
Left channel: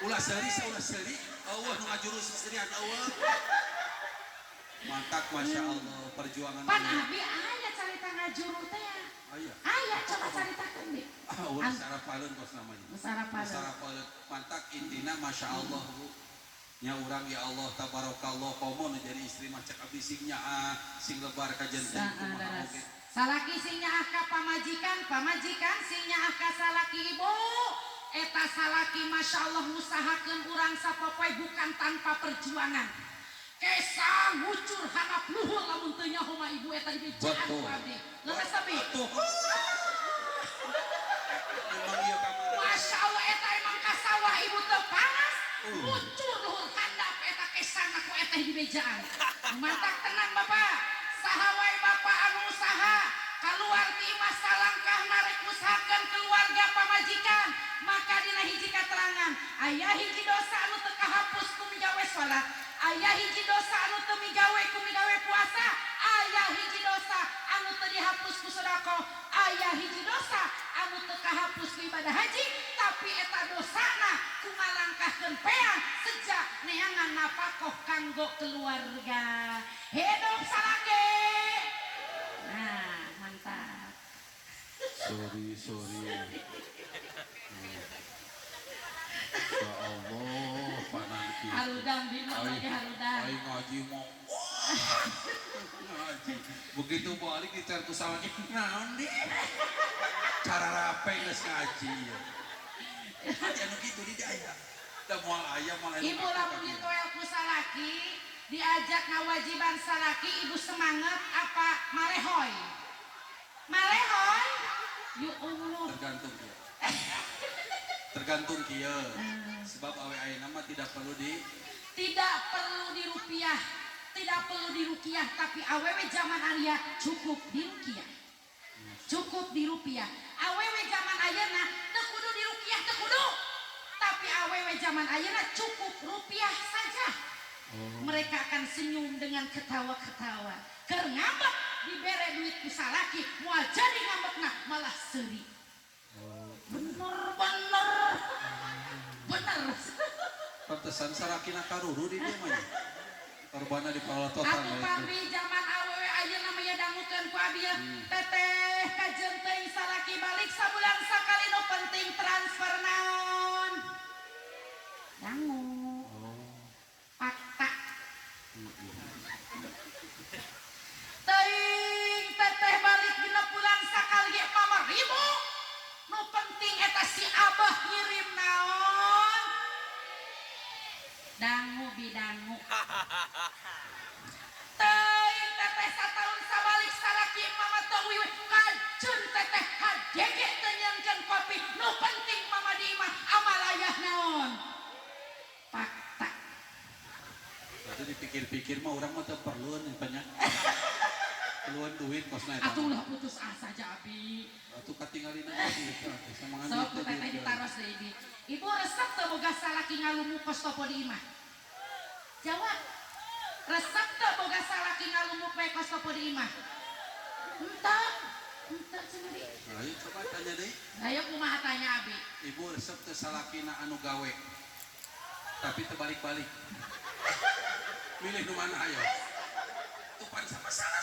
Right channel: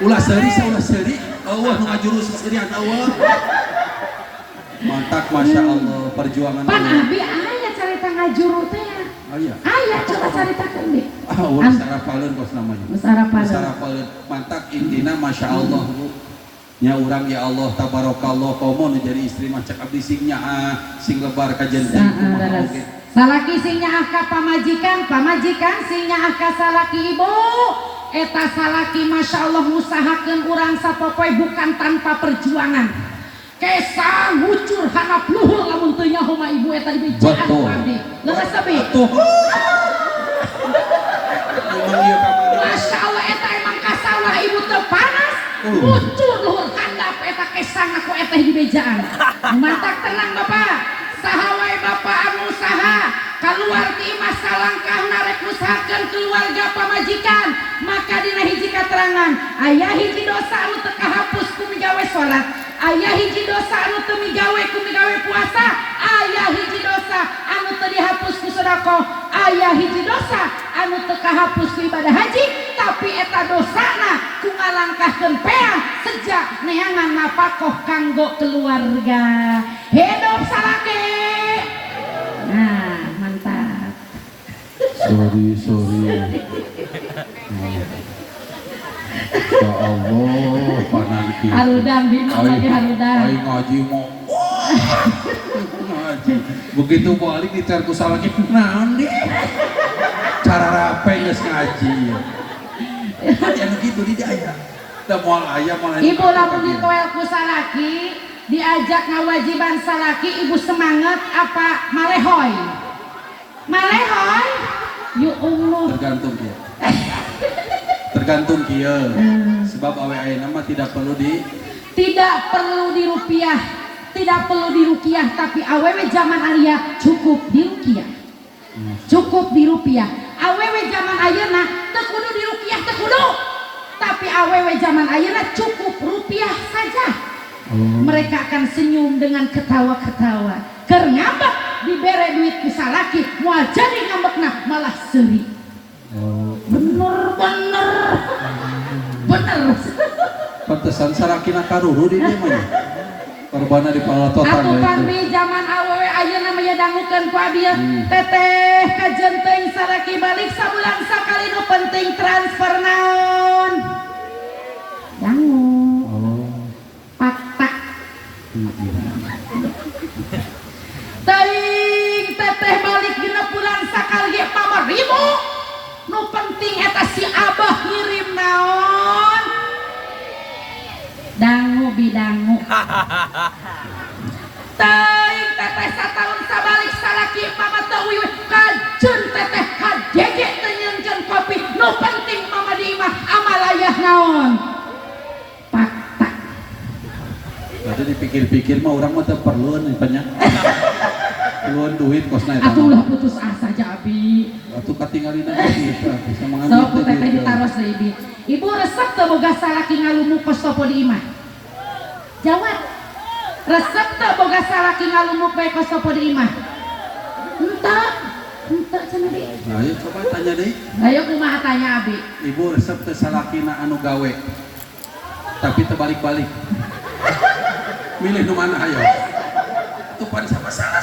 Ulah seuri saulah seuri. Eueuh nu ngajuru seserian eueuh. Mantap Masya Allah perjuangan. Pan abi aya carita ngajuru teh. Aya. Aya coba caritakeun di. Ulah sarapaleun kos namanya. Sarapaleun. Mantap intina Masya Allah Bu. Nya urang ya Allah tabarakallah komo nu jadi istri mah cek abdi sing nyaah sing lebar ka janten kumaha oge. Salaki sing nyaah ka pamajikan, pamajikan sing nyaah ka salaki ibu. Eta salaki Masya Allah ngusahakeun urang sapopoe bukan tanpa perjuangan. Kesa ngucur hanap luhur lamun teu nyaho mah ibu eta dibejaan ku abdi. Leungeus sabi. Masya Allah eta emang kasawah ibu teu panas. Ngucur luhur handap eta kesa ngaku eta dibejaan. Mantap tenang Bapak. Saha wae Bapak anu usaha keluar ti masa langkah narek ngusahakeun keluarga pamajikan, maka dina hiji katerangan aya hiji dosa anu teu kahapus ku migawe salat, aya hiji dosa anu teu migawe ku migawe puasa, aya hiji dosa anu teu dihapus ku sedekah, aya hiji dosa anu teu kahapus ku ibadah haji, tapi eta dosana ku ngalangkahkeun peang sejak neangan napakoh kanggo keluarga. Hidup salaki. Nah, mantap. Sorry. Ya Allah, pananki. Harudan dina lagi harudan. Ai ngaji mau. Ngaji. Begitu balik dicar ku salaki naon di? Cara rape geus ngaji. Anu kitu di aya. Da moal aya moal. Ibu lamun ditoel ku salaki, diajak ngawajiban salaki, ibu semangat apa malehoy? Malehoy? Ya Allah. Tergantung kieu. Tergantung kieu. Sebab awe ayeuna mah tidak perlu Tidak perlu dirupiah, tidak perlu dirukiah, tapi awewe zaman alia cukup dirukiah. Cukup dirupiah. Awewe zaman ayeuna teu kudu dirukiah teu kudu. Tapi awewe zaman ayeuna cukup rupiah saja. Mereka akan senyum dengan ketawa-ketawa. Keur ngambek dibere duit ku salaki, moal jadi ngambekna malah seuri. Bener. pantesan sarakina karuru di dieu mah. Korbana di palototan Aku pamri zaman awewe ayeuna mah ya dangukeun ku abi. Teteh kajenteng saraki balik sabulan sakali nu penting transfer naon. Dangu. Fakta. Teuing teteh balik dina bulan sakali ge pamaribu. Nu penting eta si abah ngirim naon. Dangu bidangu. Teuing teteh satahun sabalik salaki mama teu wiwih kajeun teteh kadege teu nyeunkeun kopi. Nu penting mama di imah amalayah naon. Fakta. Tadi dipikir-pikir mah urang mah teu perluan banyak. Perluan duit kosna eta. Atuh lah putus asa aja abi. Atuh katinggalina gitu. Bisa So mengambil teteh ditaros deui ibu. Ibu resep teu boga salaki ngalumu kos topo di imah. Jawab. Resep teu boga salaki ngalumu bae kos topo di imah. Henteu cenah deui. Nah, ayo coba tanya deui. Ayo kumaha tanya abi. Ibu resep teh salakina anu gawe. Tapi terbalik-balik. Milih nu mana ayo. Itu pan sama salah.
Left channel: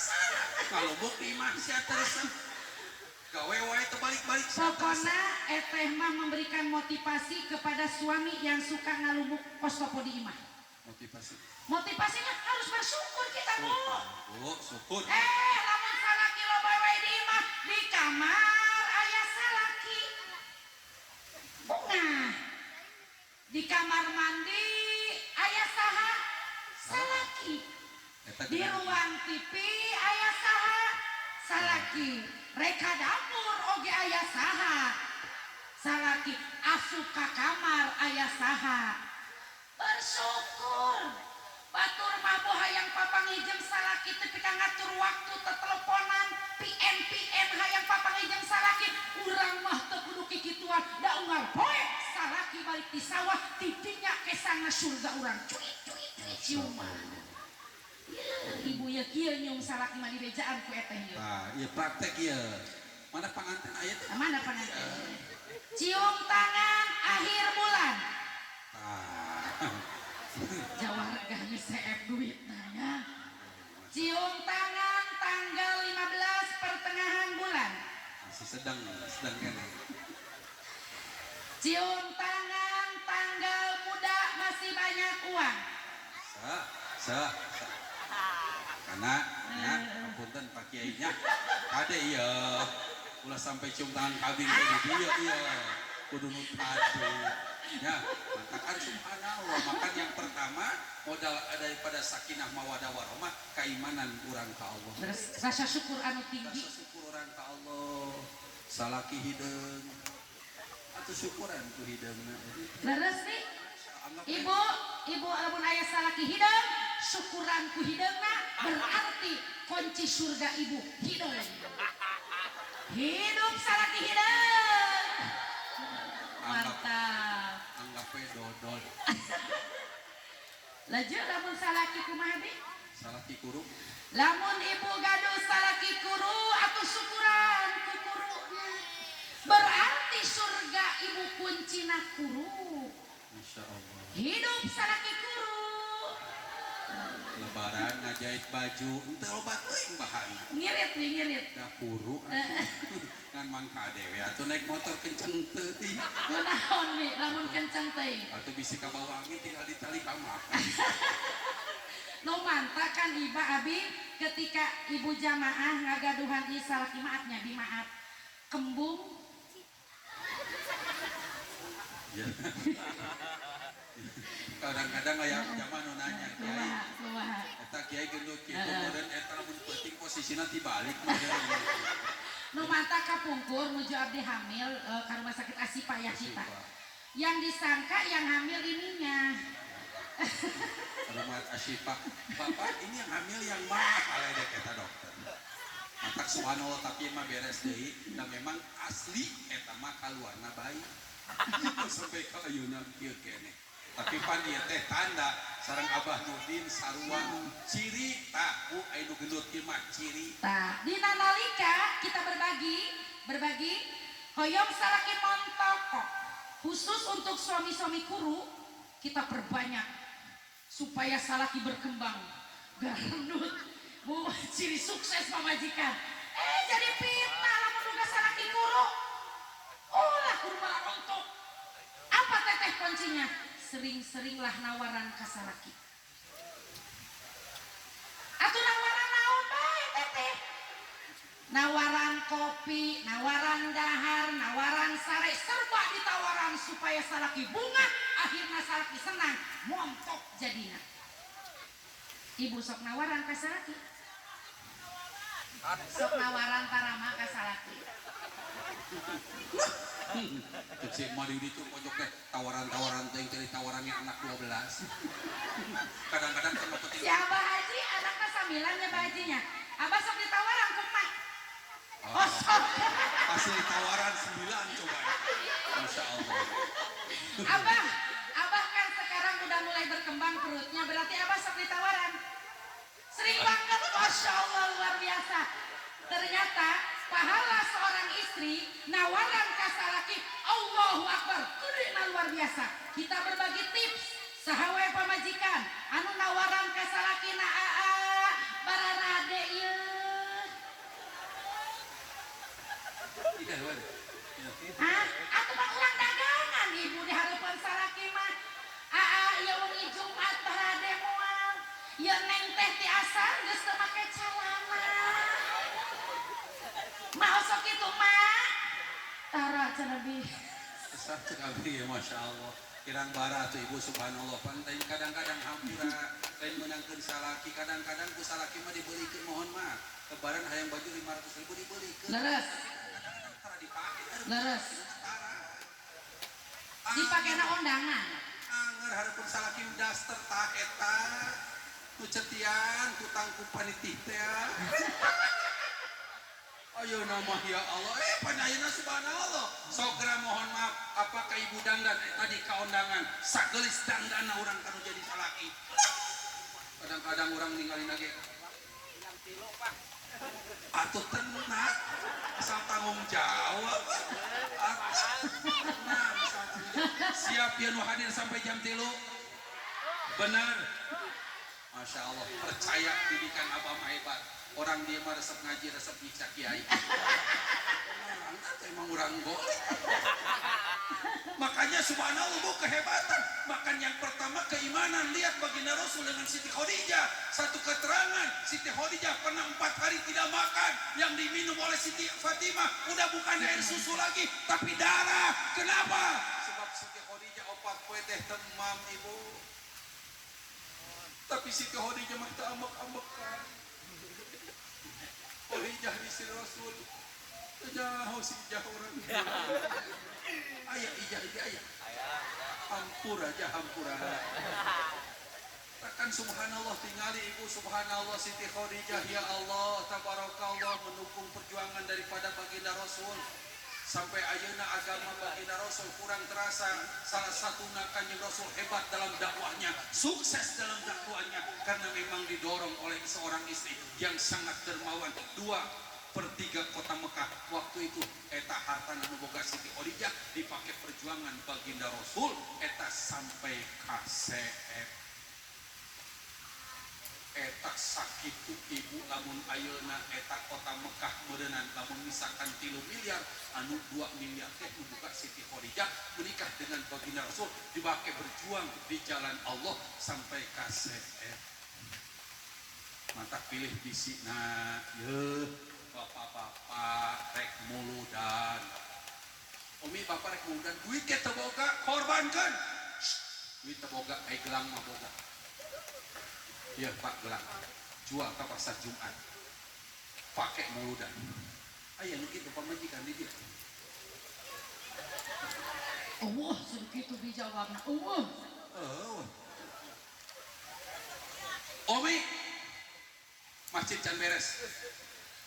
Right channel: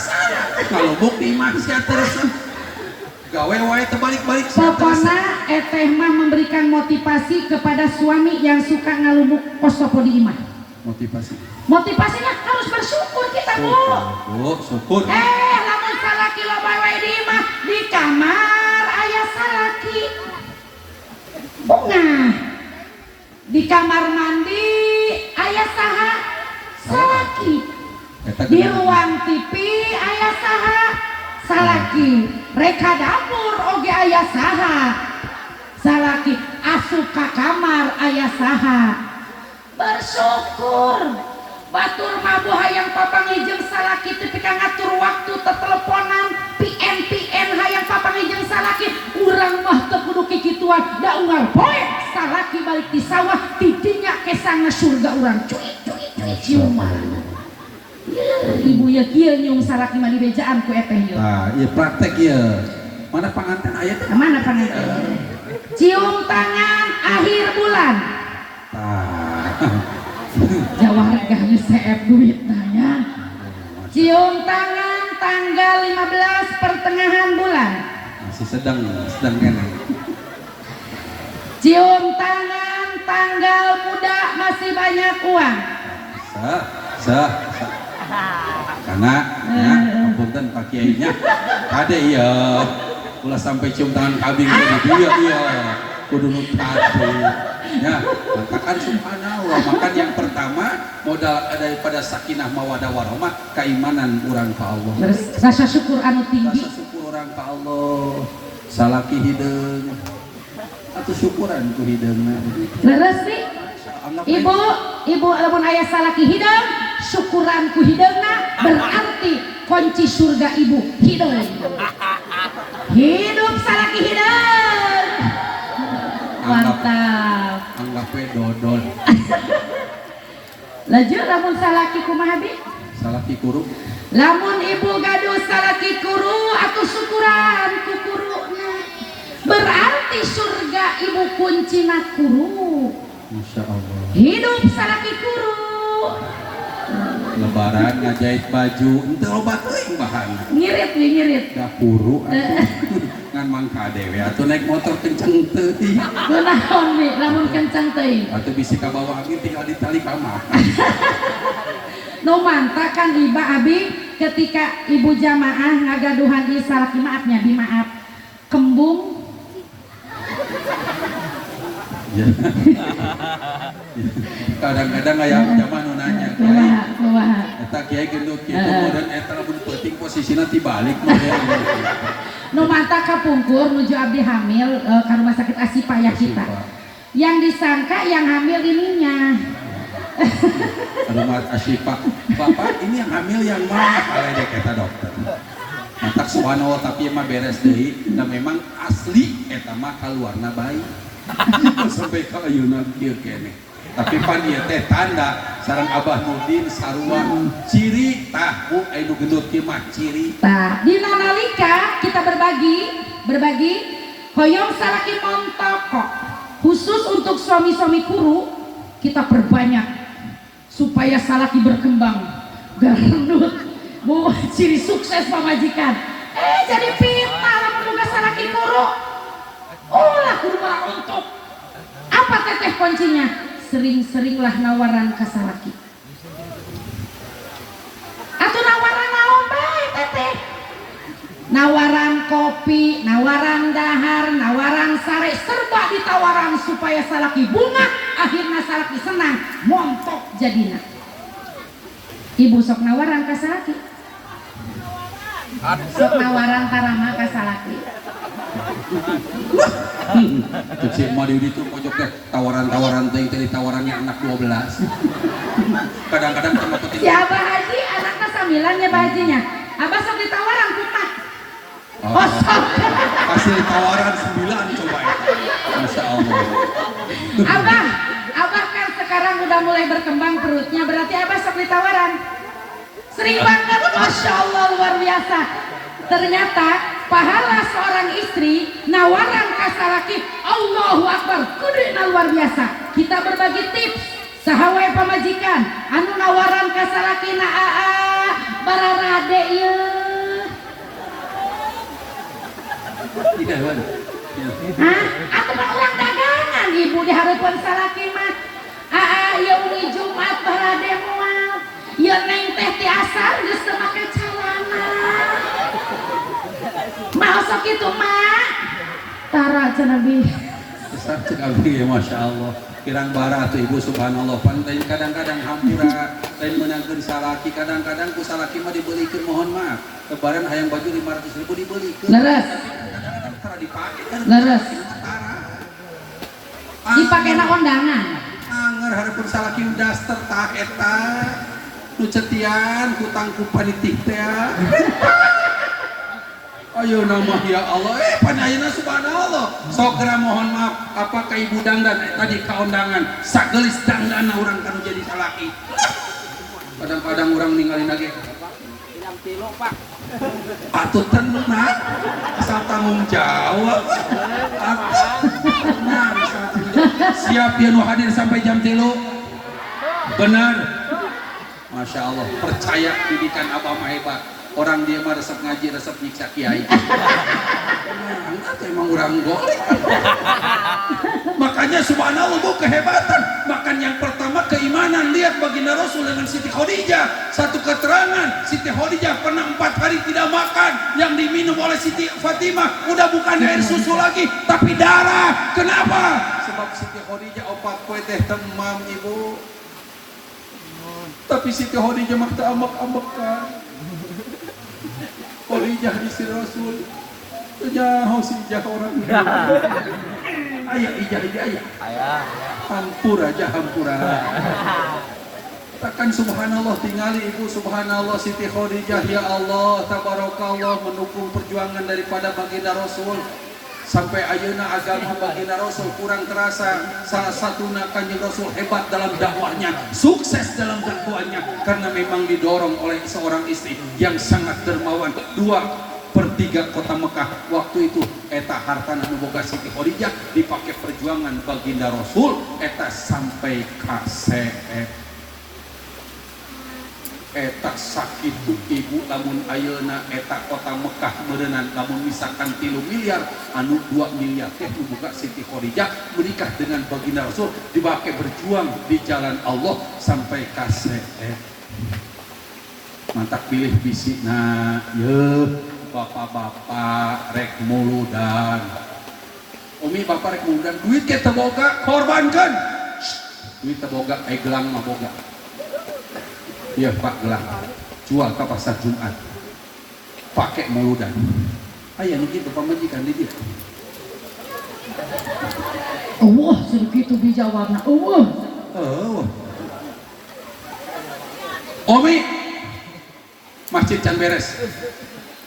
Kalau bukti mah sia resep. Gawe wae terbalik-balik sia Pokona eteh mah memberikan motivasi kepada suami yang suka ngalumuk kos topo di imah. motivasi. Motivasinya harus bersyukur kita, Bu. Syukur. Lamun salaki loba wae di imah di kamar aya salaki. Bunga. Di kamar mandi aya saha? Salaki. Di ruang TV aya saha? Salaki. Reka dapur oge aya saha? Salaki. Asup ka kamar aya saha? Bersyukur. Batur mabuh hayang papangijeng salaki teu pika ngatur waktu teteleponan PN hayang papangijeng salaki urang mah teu kudu kikituan da unggal poe salaki balik di sawah tidinya kesana surga urang cuy ciuman. Ibu ya kieu nyung salaki mah di bejaan ku eteh ieu. Tah, ieu praktek ieu. Mana panganten aya teh? Mana panganten? Cium tangan akhir bulan. Tah. Jawa harganya CF duit nanya. Cium tangan tanggal 15 pertengahan bulan. Masih sedang kene. Cium tangan tanggal muda masih banyak uang. Sah. Karena apunten Pak Kiainya. Kade iya. Ulah sampai cium tangan kabing tadi iya. Kudu nu tadi. Ya, maka subhanallah, maka yang pertama modal daripada sakinah mawadah warahmah keimanan urang ka Allah. Rasa syukur anu tinggi. Rasa syukur urang ka Allah. Salaki hideung. Atuh syukuran ku hideungna. Leres nih. Ibu lamun aya salaki hideung, syukuran ku hideungna berarti kunci surga ibu hideung. Hidup salaki hideung. Mantap. Anggap we dodol. Laju lamun salaki kumaha bi? Salaki kuru. Lamun ibu gaduh salaki kuru atuh syukuran ku kuruna. Berarti surga ibu kuncina kuru. Masya Allah. Hidup salaki kuru. Lebaran ngajahit baju, ente loba teuing bahan. Ngirit. Da kuru atuh. Ngan mangka dewe atuh naik motor kenceng teuing. Kunaon bi lamun kencang teuing. Atuh bisi ka bawah angin tinggal ditali kamar. Nu manta kan iba abi ketika ibu jamaah ngagaduhan di salaki maafnya bi maaf. Kembung Ya. Kadang-kadang aya zaman nu nanya kumaha. eta kiai gendut kitu dan eta lamun penting posisina tibalik mah ya. Nu mata kapungkur nuju abdi hamil ke rumah sakit Asipa ya kita. Yang disangka yang hamil ininya. Rumah Asipa. Bapak ini yang hamil yang mana? Kalau dek kata dokter. Mantak subhanallah tapi emang beres deui dan memang asli eta mah kaluarna bayi. Sampai ka ayeuna kieu keneh. Tapi pan ieu teh tanda sareng Abah Nudin sarua ciri tahu anu gendut kieu mah ciri. Nah, dina nalika kita berbagi hoyong salaki montoko khusus untuk suami-suami kuru kita perbanyak supaya salaki berkembang garnut bu ciri sukses pamajikan jadi pita lah menunggu salaki kuru ulah kurma untuk apa teteh kuncinya sering-seringlah nawaran ke salaki atau nawaran naon bae teteh nawaran kopi, nawaran dahar, nawaran sare, serba ditawaran supaya salaki bunga, akhirnya salaki senang, montok jadina. Ibu sok nawaran ke salaki. Sok nawaran tarama ke salaki. Cek mau di itu pojok teh tawaran-tawaran teh dari tawarannya anak 12. Kadang-kadang sama petik. Si Abah Haji anaknya sambilannya Abah Hajinya. Abah sok ditawaran kumat. Hasil tawaran 9 coba itu. Masya Allah. Abah kan sekarang udah mulai berkembang perutnya, berarti Abah sok ditawaran. Sering banget, Masya Allah luar biasa. Ternyata pahala seorang istri nawaran kasalaki Allahu Akbar kudina luar biasa. Kita berbagi tips sahawai pamajikan anu nawaran kasalaki na bararade ieu. Tidak ada. Atau mah orang dagangan ibu diharapkan salaki mah. Ieu uni Jumat barade moal. Ieu neng teh ti asar geus teu make calana. Mau sok kitu mah. Tara cenah bi. Besar cek abdi ya Masya Allah. Kirang bara tuh ibu subhanallah. Pantai kadang-kadang hampura lain menangkeun salaki, kadang-kadang ku salaki mah dibelikeun mohon maaf. Lebaran hayang baju 500.000 dibelikeun. Leres. Leres. Dipake na kondangan. Anger hareupeun salaki daster tah eta. Nu cetian hutang ku panitik teh. Ayo nama ya Allah, panayana subhanallah. Sokra mohon maaf, apa ka ibu dangdan tadi ka undangan, sagelis dangdan urang kanu jadi salaki. Kadang-kadang orang ninggalin lagi. Pak. Atuh tenang, asal tanggung jawab. Siap ya nu hadir sampai jam 3. Benar. Masya Allah, percaya didikan Abah mah hebat. Orang dia mah resep ngaji, resep nyiksa kiai. Emang orang golek. Makanya subhanallah bu kehebatan. Makan yang pertama keimanan. Lihat baginda Rasul dengan Siti Khadijah. Satu keterangan, Siti Khadijah pernah 4 hari tidak makan. Yang diminum oleh Siti Fatimah udah bukan air susu lagi, tapi darah. Kenapa? Sebab Siti Khadijah opat kue teh temam ibu. Tapi Siti Khadijah mah teu ambek-ambekan. Khadijah istri Rasul. Jauh si ijah orang. Ayah ijah. Ayah. Hampura aja hampura. Takkan subhanallah tinggali ibu subhanallah Siti Khadijah ya Allah tabarakallah mendukung perjuangan daripada baginda Rasul. Sampai ayeuna agama baginda Rasul kurang terasa. Salah satunya Kanjeng Rasul hebat dalam dakwahnya, sukses dalam dakwahnya karena memang didorong oleh seorang istri yang sangat dermawan. 2/3 kota Mekah waktu itu eta hartana nu boga Siti Khadijah dipakai perjuangan baginda Rasul eta sampai ka eta sakitu ibu lamun ayeuna eta kota Mekah meureunana lamun misalkan 3 miliar anu 2 miliar teh nu boga Siti Khadijah menikah dengan baginda Rasul dibake berjuang di jalan Allah sampai ka mantap pilih bisina ye bapak-bapak rek muludan umi bapak rek muludan duit ke teu boga korbankeun duit teu boga gelang mah boga. Iya Pak gelang jual ke pasar Jumat pakai muludan Aya nu kitu pamajikan di dia. Segitu dijawabna. Omi, masjid can beres.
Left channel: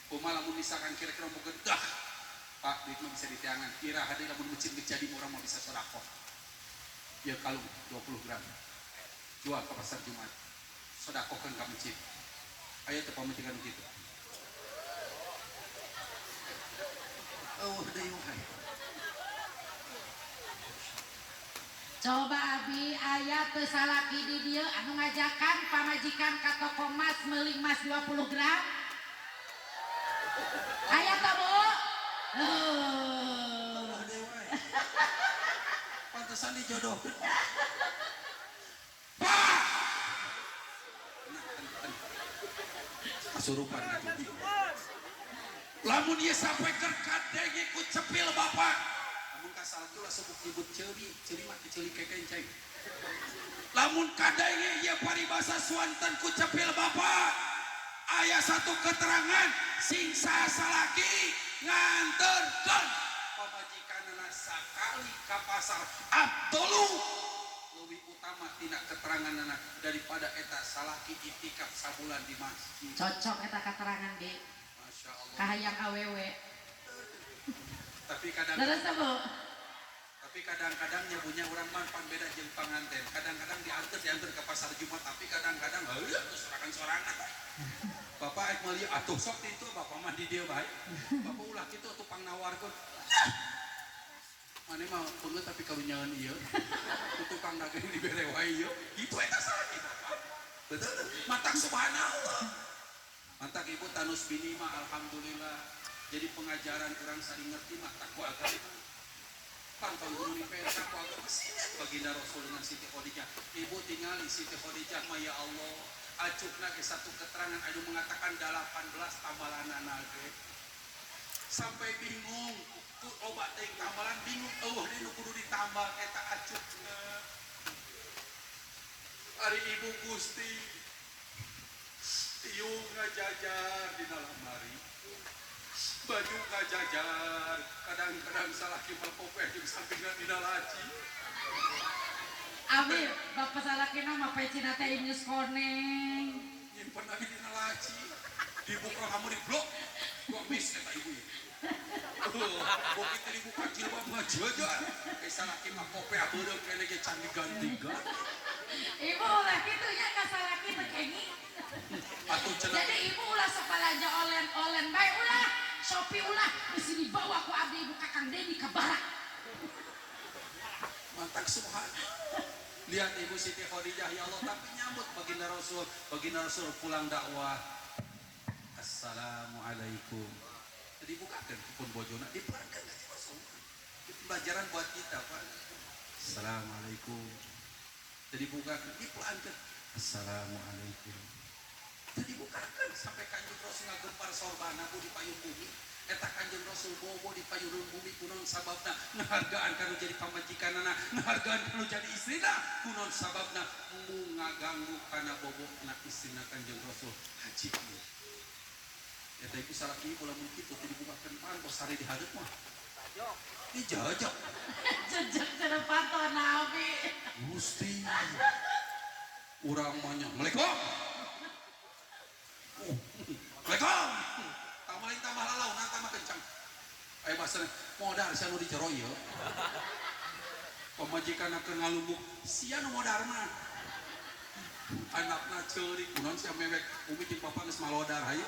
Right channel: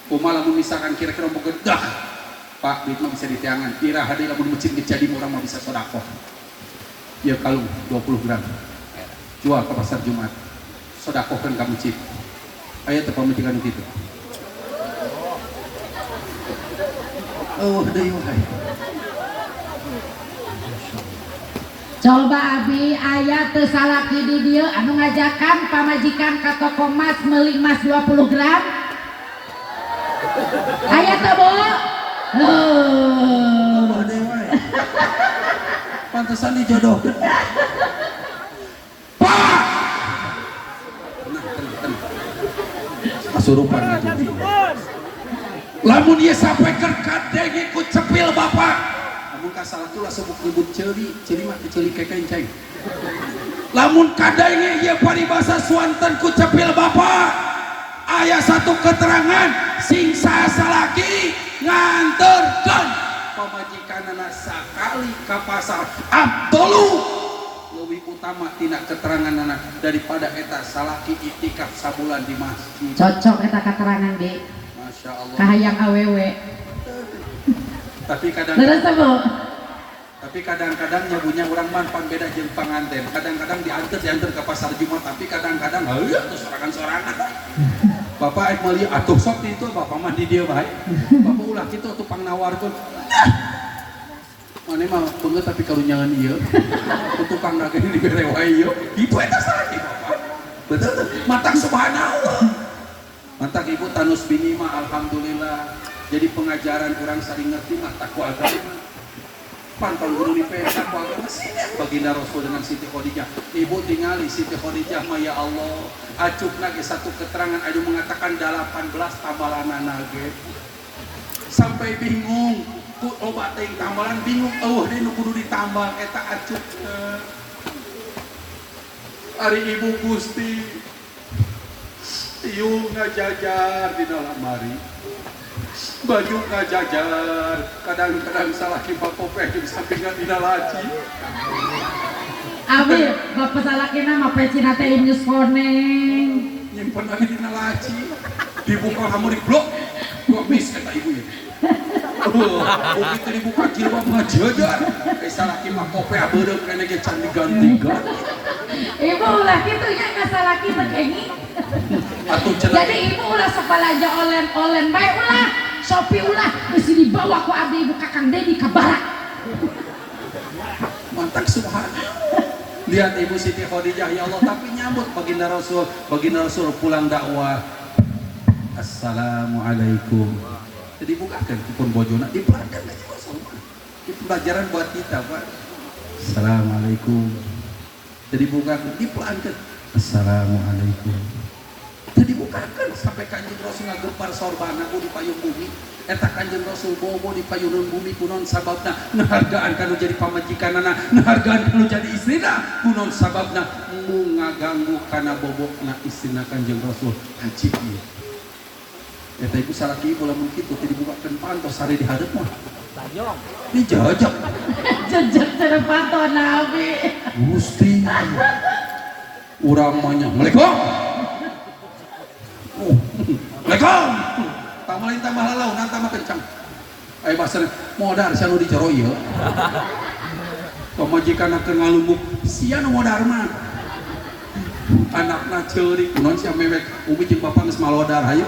Kumaha lamun misalkan kira-kira mau gedah, Pak, duit mah bisa ditiangan. Kira hadi lamun masjid jadi orang mah bisa sedekah. Ya kalung 20 gram. Jual ke pasar Jumat. Sedekahkeun ka masjid. Aya teu pamajikan kitu. Deui wae. Coba Abi aya teu salaki di dieu anu ngajakan pamajikan ka toko emas meuli emas 20 gram. Aya teu, Bu? Deui wae. Pantesan dijodohkeun. Pak! Tenang. Asurupan gitu. Lamun ieu sampai kerkadeng ku cepil Bapak. Lamun ka salah tuh sebut ribut ceuli mah ceuli kekenceng. Lamun kadenge ieu paribasa Swanten ku cepil Bapak. Aya satu keterangan sing sasalaki nganterkeun pamajikanana sakali ka pasar Abdulu leuwih utama tina keteranganana daripada eta salaki iktikaf sabulan di masjid. Cocok eta keterangan ge. Masya Allah. Kahayang awewe. Tapi kadang-kadang nyabunya orang manpan beda jeung panganten. Kadang-kadang diantar ke pasar Jumat, tapi kadang-kadang terus sorangan-sorangan. Bapak ek meuli atuh sok itu Bapak mah di dieu bae. Bapak ulah kitu atuh pangnawarkeun. Mane mah beungeut tapi karunyangan ieu. Tukang dagang dibere wae ieu. Itu eta salaki Bapak. Betul. Mantap subhanallah. Mantap Ibu tanus bini mah alhamdulillah. Jadi pengajaran orang saling ngerti mah takwa agama. Pantau guru di takwa agama sini baginda Rasul dengan Siti Khadijah. Ibu tingali Siti Khadijah mah ya Allah. Acukna ge satu keterangan anu mengatakan 18 tambalanana ge. Sampai bingung. Ku loba teh tambalan bingung. Deui nu kudu ditambal eta acukna. Ari Ibu Gusti Ieu ngajajar di dalam lemari. Baju ngajajar, kadang-kadang salah kipak kopeh jeung sampingan dina laci. Abi, bapak salakina mah pecina teh geus koneng. Nyimpen lagi dina laci. Dibuka kamu di blok. Gua mis kata ibu ya. Begitu dibuka jilbab ngajajar. Salah kipak kopeh beureup kene ge can diganti-ganti. Ibu ulah kitu nya ngasalaki teh kengi. Jadi ibu ulah sabalaja olen-olen bae ulah. Sopi ulah mesti dibawa ku abdi ibu Kakang Dedi ke barat. Mantap subhanallah. Lihat Ibu Siti Khadijah ya Allah, tapi nyambut baginda Rasul pulang dakwah. Assalamualaikum. Jadi bukakan pun bojona diperangkan aja Rasul. Itu pelajaran buat kita, Pak. Assalamualaikum. Jadi bukakan diperangkan. Assalamualaikum. Tadi bukakan sampai Kanjeng Rasul ngagempar sorbana di payung bumi. Eta Kanjeng Rasul bobo di payung bumi kunon sababna nahargaan kanu jadi pamajikanana, nahargaan kanu jadi istrina kunon sababna mu ngaganggu kana bobokna istrina Kanjeng Rasul haji ieu. Eta ibu salaki ibu lamun kitu tadi bukakan pantos sare di hadap mah. Bajong. Ini jajak. Jajak cara pantos Nabi. Gusti. Urang mah nya. Assalamualaikum. Assalamualaikum. Tambah lalau, nanti mah kencang. Ayo bahasa modar sia nu dicero ieu. Pamajikan akeun ngalumbuk, sia nu modar mah. Anakna ceurik kunaon sia mewek, umi jeung bapa geus malodar hayu.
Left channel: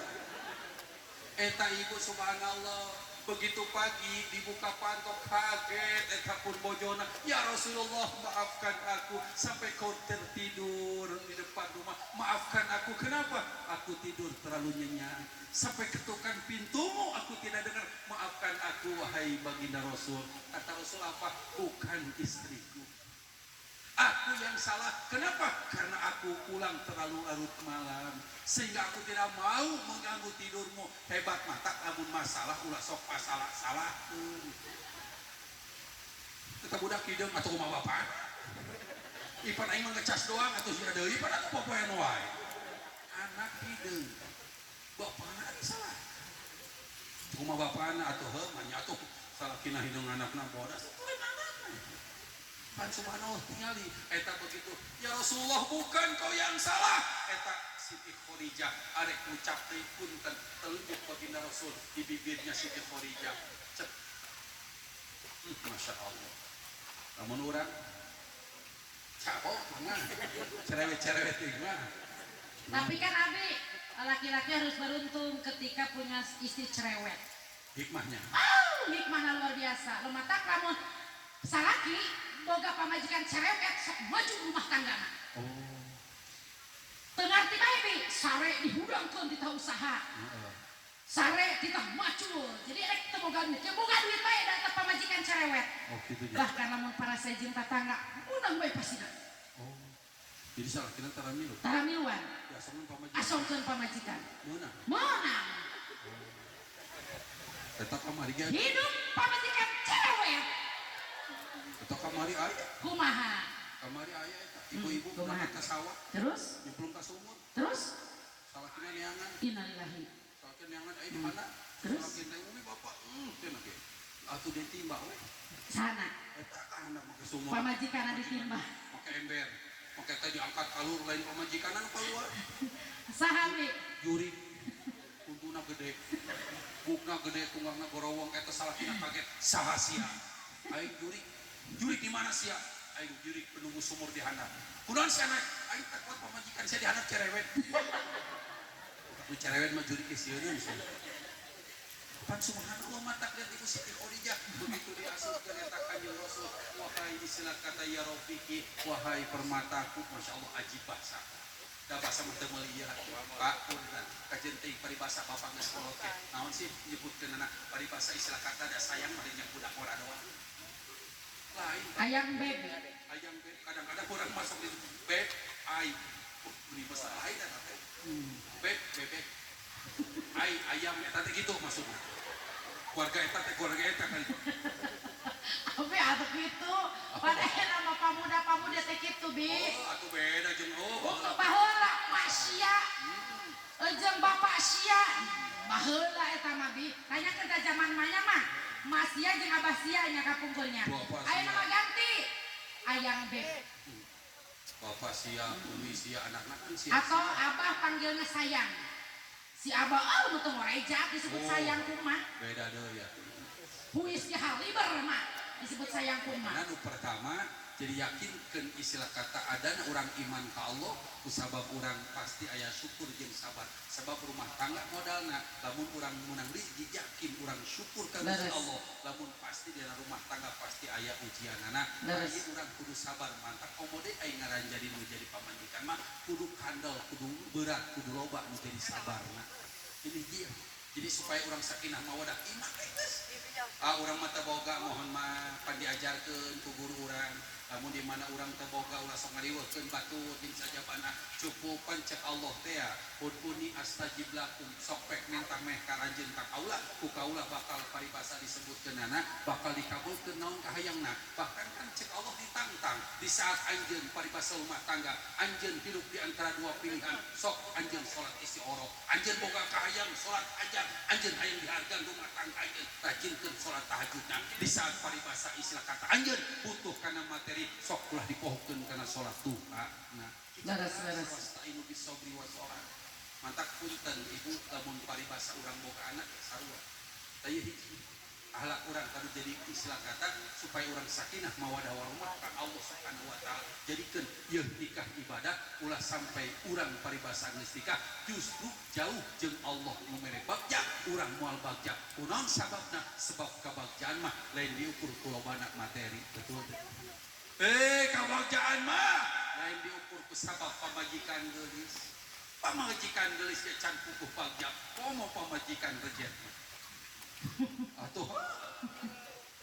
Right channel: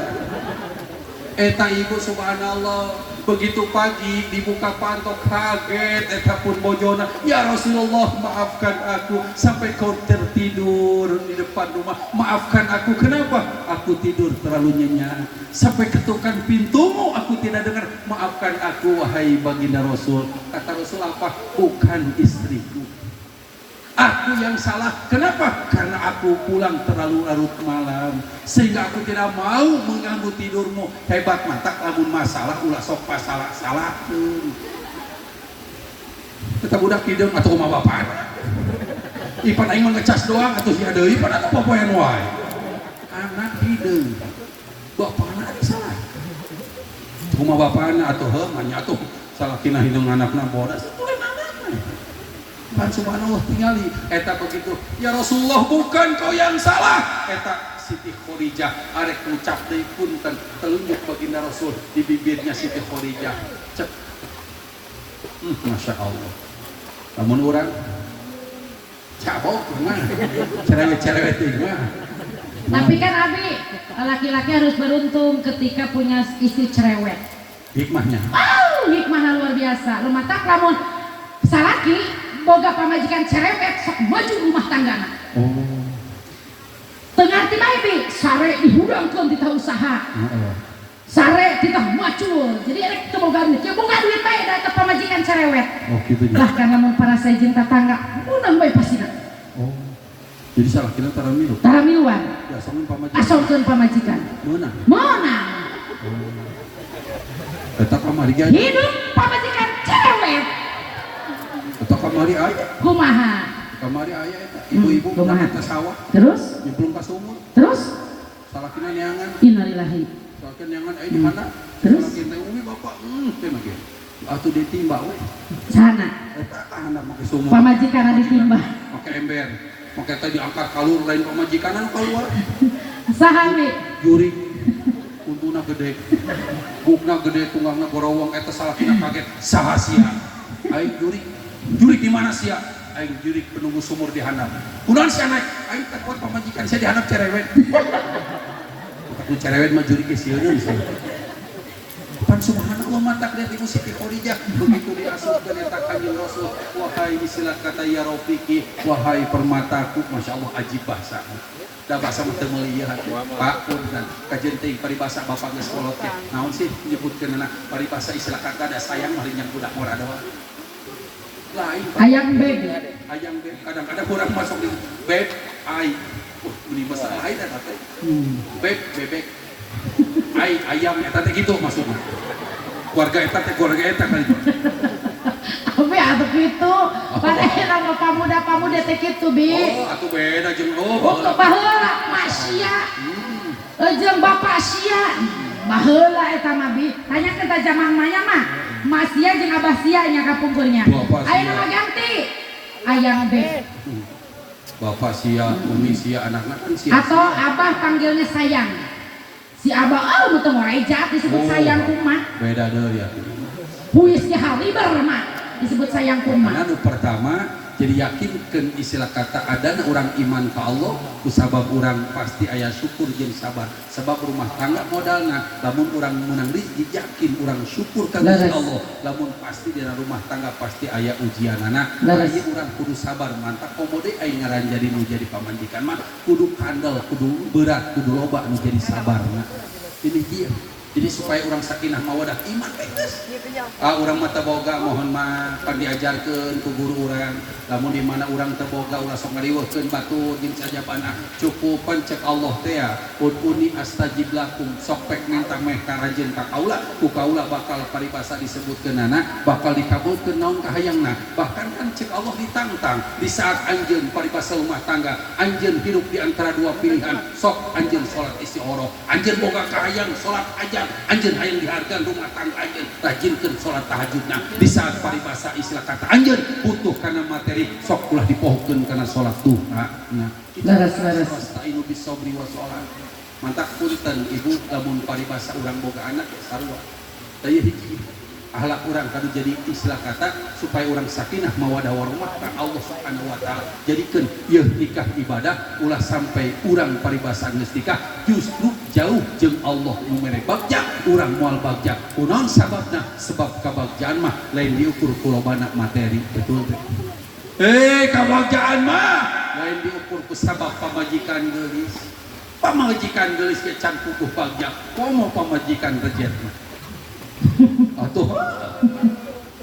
Eta ibu subhanallah, begitu pagi dibuka pantok kaget eta pun bojona, ya Rasulullah maafkan aku sampai kau tertidur di depan rumah, maafkan aku kenapa aku tidur terlalu nyenyak sampai ketukan pintumu aku tidak dengar, maafkan aku wahai baginda Rasul. Kata Rasul apa? Bukan istriku, aku yang salah. Kenapa? Karena aku pulang terlalu larut malam sehingga aku tidak mau mengganggu tidurmu. Hebat mata lamun masalah ulah sok pasalah-salah. Kita budak hideung atuh kumaha bapak. Ipan aing mah ngecas doang atuh sia deui pan atuh popoean wae. Anak hideung. Bapana ada salah. rumah bapakna atuh heuh manya atuh salakina hideung anakna bodas tulen anakna pan subhanallah tingali eta begitu ya Rasulullah bukan kau yang salah eta Siti Khadijah arek ngucap deui punten telunjuk baginda Rasul di bibirnya Siti Khadijah cek Masya Allah lamun urang cabok mah cerewet-cerewet mah. Tapi kan Abi, laki-laki harus beruntung ketika punya istri cerewet. Hikmahnya. Hikmahnya luar biasa. Lu matak lamun salaki boga pamajikan cerewet sok maju rumah tanggana. Oh. Tengarti mah Abi, sare dihudangkeun ti usaha. Sare kita macul. Jadi erek teu boga duit. Ya boga duit bae da pamajikan cerewet. Oh gitu ya. Bahkan lamun para sejen tetangga, unang bae pasina. Oh. Jadi salah kita taramilu. Taramiluan. Ya asongkeun pamajikan. Asongkeun pamajikan. Meunang. Eta kamari ge Hidup pamajikan cerewet. eta kamari aya. Kumaha? Kamari aya eta. Ibu-ibu kumaha? ke sawah, Terus? nyemplung ka sumur. Terus? Salakina neangan. Innalillahi. Salakina neangan aya di mana? Terus? Salakina teh umi bapak, cenah ge. Atuh ditimba we. Sana. Eta kahana make sumur. Pamajikan ditimbah. Make ember. Make teh diangkat kalur lain pamajikanan keluar. Saha we? Juri. Untuna gede. Bukna gede, tunggangna gorowong eta salakina kaget. Saha sia? Aing juri. Juri di mana sia? Aing juri penunggu sumur di handap. Kunaon sia naik? Aing teh kuat pamajikan saya di handap cerewet. Ku cerewet mah juri ke sieun sih. Pan subhanallah matak lihat Ibu Siti Khadijah begitu diasupkeun eta Kanjeng Rasul, wahai istilah kata ya Rafiqi, wahai permataku, Masya Allah ajib bahasa. Da bahasa mah teu meulieuhan. Pak punten kajeun teuing paribasa bapak geus kolot teh. Naon sih nyebutkeunna paribasa istilah kata da sayang mah yang budak mora doang. Lain Ayang beb. ayang beb kadang-kadang orang masuk di beb ai beli besar lain eta teh beb bebek ai ayam eta teh gitu maksudnya keluarga eta teh keluarga eta kali Abi atuh kitu. Padahal nama pamuda teh kitu bi. oh atuh beda jeung Waktu baheula masia. Jeung bapak sia. Baheula eta mah bi. Tanyakeun ta zaman manya mah. Masia jeung abah sia nya kapungkurnya. Aya nama ganti. Ayang beb. bapak sia umi sia anakna kan sia Atau abah panggilnya sayang. Si abah teu morai jaat disebut sayang kumaha. beda deui ya Puisnya haliber mah disebut sayang kumaha. anu pertama jadi yakinkan istilah kata adana orang iman ke Allah kusabab orang pasti aya syukur jeung sabar sebab rumah tangga modalna lamun orang menang rezeki yakin orang syukur ka Gusti Allah lamun pasti di rumah tangga pasti aya ujianana aya orang kudu sabar mantap komode aing ngaran jadi nu jadi pamanjikan mah kudu kandel kudu berat kudu loba nu jadi sabarna ini dia jadi supaya orang sakinah mawadah iman geus orang mata boga mohon mah pan diajarkeun ku guru urang lamun di mana urang teu boga ulah sok ngariweuhkeun batu jeung sajabana cukupan cek Allah teh ya ud'uni astajib lakum sok pek minta meh karajieun ka kaula ku kaula bakal paribasa disebutkeunana bakal dikabulkeun naon kahayangna bahkan kan cek Allah ditantang di saat anjeun paribasa rumah tangga anjeun hidup di antara dua pilihan sok anjeun salat istikharah anjeun boga kahayang salat aja anjeun hayang dihargaan rumah tangga anjeun rajinkeun salat tahajudna di saat paribasa istilah kata anjeun butuh kana materi sok ulah dipohokeun kana salat duha nah Laras. wasta'inu bis-sabri was shalah mantap punten ibu lamun paribasa urang boga anak sarua daya hiji ahlak urang kanu jadi istilah kata supaya urang sakinah mawadah warahmah ka Allah Subhanahu wa taala jadikeun ieu nikah ibadah ulah sampai urang paribasa geus nikah justru jauh jeung Allah nu mere bagja urang moal bagja kunaon sababna sebab kabagjaan mah lain diukur ku lobana materi betul teh kabagjaan mah lain diukur ku sabab pamajikan geulis ke can kukuh bagja komo pamajikan rejet mah atuh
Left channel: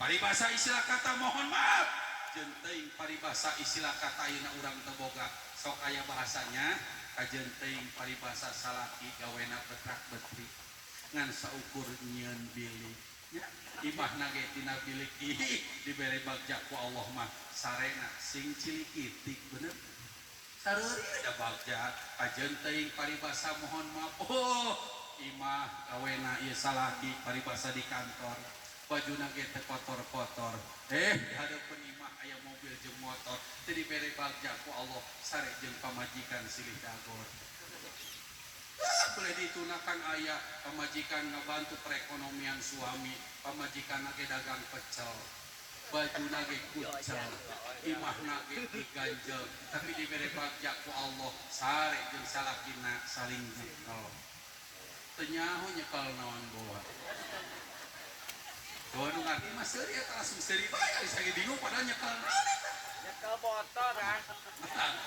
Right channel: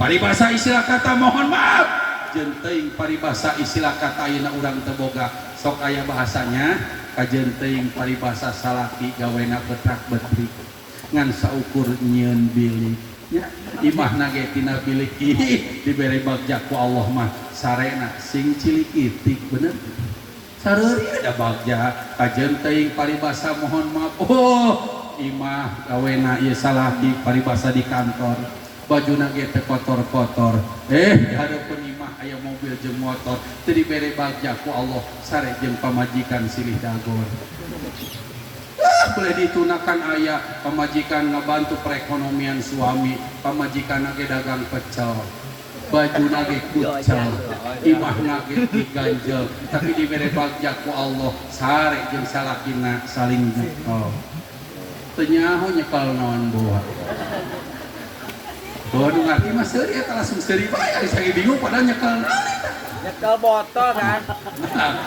paribasa istilah kata mohon maaf jeung teuing paribasa istilah kata ayeuna urang teu boga sok aya bahasanya kajeun teuing paribasa salaki gawena betrak betrik ngan saukur nyieun bilik nya imahna ge tina bilik dibere bagja ku Allah mah sarena sing cilik itik bener sareuri ada bagja kajeun teuing paribasa mohon maaf imah gawena ieu salaki paribasa di kantor bajuna ge teu kotor-kotor di hadapan imah aya mobil jeung motor teu dibere bagja ku Allah sare jeung pamajikan silih dagor boleh ditunakan ayah pamajikan ngabantu perekonomian suami pamajikan ge dagang pecel baju nage kucel imah nage diganjel tapi diberi bagja ku Allah sare jeung salakina saling nyekel tenyaho nyekel naon boha boha nu ngarti mah seuri eta langsung seuri bae ari sange bingung padahal nyekel naon eta nyekel botol kan.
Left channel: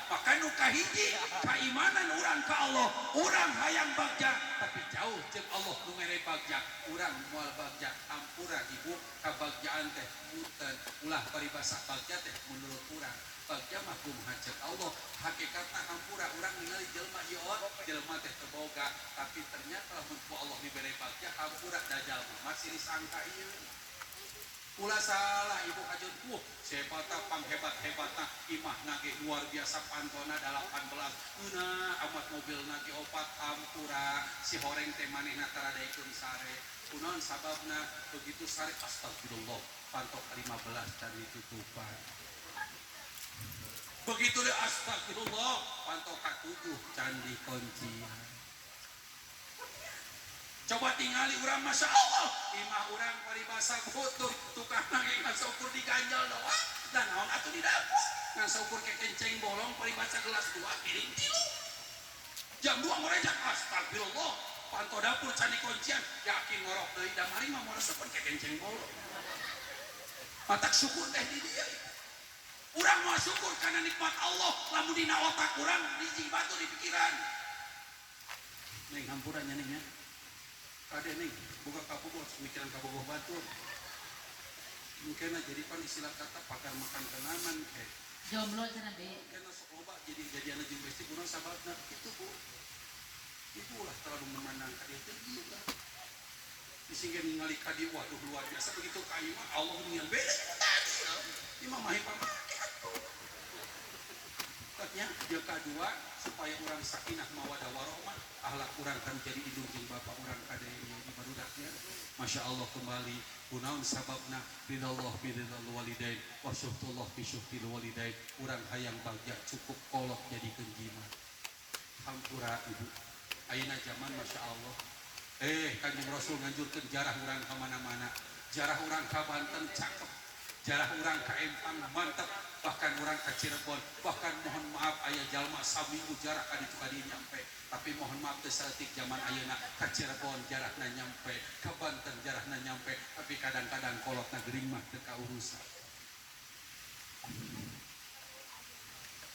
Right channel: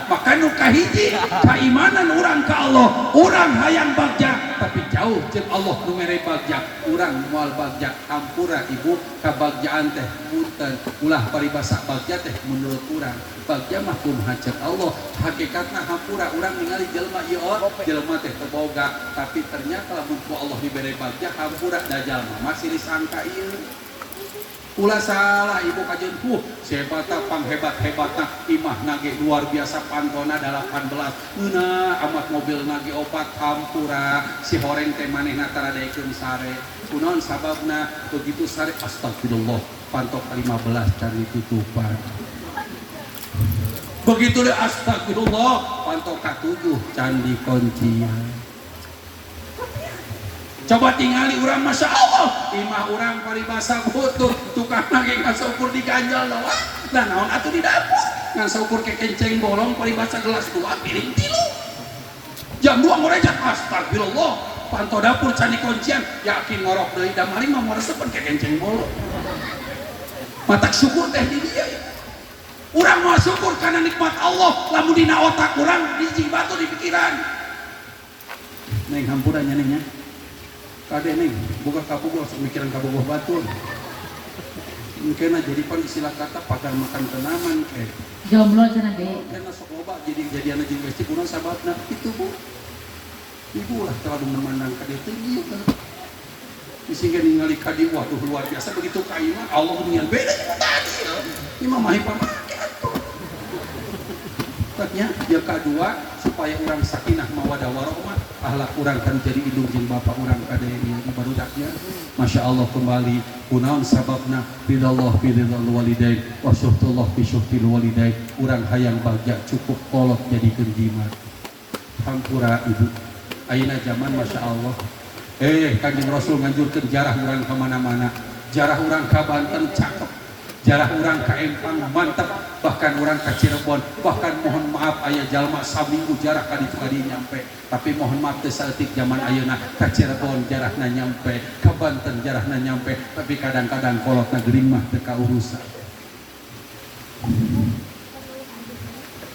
maka nu kahiji kaimanan urang ka Allah urang hayang bagja tapi jauh jeung Allah nu mere bagja urang moal bagja hampura ibu kabagjaan teh punten ulah paribasa bagja teh menurut urang bagja mah kumaha ceuk Allah hakikatna hampura urang ningali jelema ieu jelema teh teu boga tapi ternyata lamun ku Allah dibere bagja hampura da jalma masih disangka ieu ulah salah ibu kajeun sebata panghebat-hebatna imah nage luar biasa pantona 18 euna amat mobil nage opat hampura si horeng teh manehna taradekeun sare kunaon sababna begitu sare astagfirullah pantok 15 cari tutupan begitu deh astagfirullah pantok ka-7 candi kuncian coba tingali urang masya Allah imah urang paribasa butuh tukang lagi ngasaukur diganjal doang dan naon atuh di dapur ngasaukur ke kenceng bolong paribasa gelas 2 piring 3 jam 2 ngorejat astagfirullah panto dapur candi kuncian yakin ngorok deui da mari mah moresepen ke kenceng bolong matak syukur teh di dia ya urang moal syukur karena nikmat Allah lamun dina otak urang hiji batu di pikiran neng hampura nya neng nya kade neng buka kapugoh sok mikiran kapugoh batur mungkin jadi pan istilah kata pagar makan tenaman jomblo cenah ge kena sok loba jadi jadiana jeung besti kunaon sababna itu bu ibu lah terlalu memandang kade teh ieu kan sehingga ningali kadi waduh luar biasa begitu ka imah Allah ningali beda jeung tadi imah mah pamake atuh taknya yang kedua supaya orang sakinah mawadah warahmah ahlak orang kan jadi indung jeung bapak orang kade ieu barudaknya masya Allah kembali kunaon sababna ridallah biridal walidain wa syuhtullah bi syuhtil walidain urang hayang bagja cukup kolot jadikeun jimat hampura ibu ayeuna zaman masya Allah Kanjeng Rasul nganjurkeun jarah urang ka mana-mana jarah urang ka Banten cakep jarah urang ka Empang mantep bahkan urang ka Cirebon bahkan mohon maaf aya jalma saminggu jarah ka ditu kadi nyampe tapi mohon maaf teu saeutik zaman ayeuna ka Cirebon jarahna nyampe ka Banten jarahna nyampe tapi kadang-kadang kolotna geuring mah teu kaurusan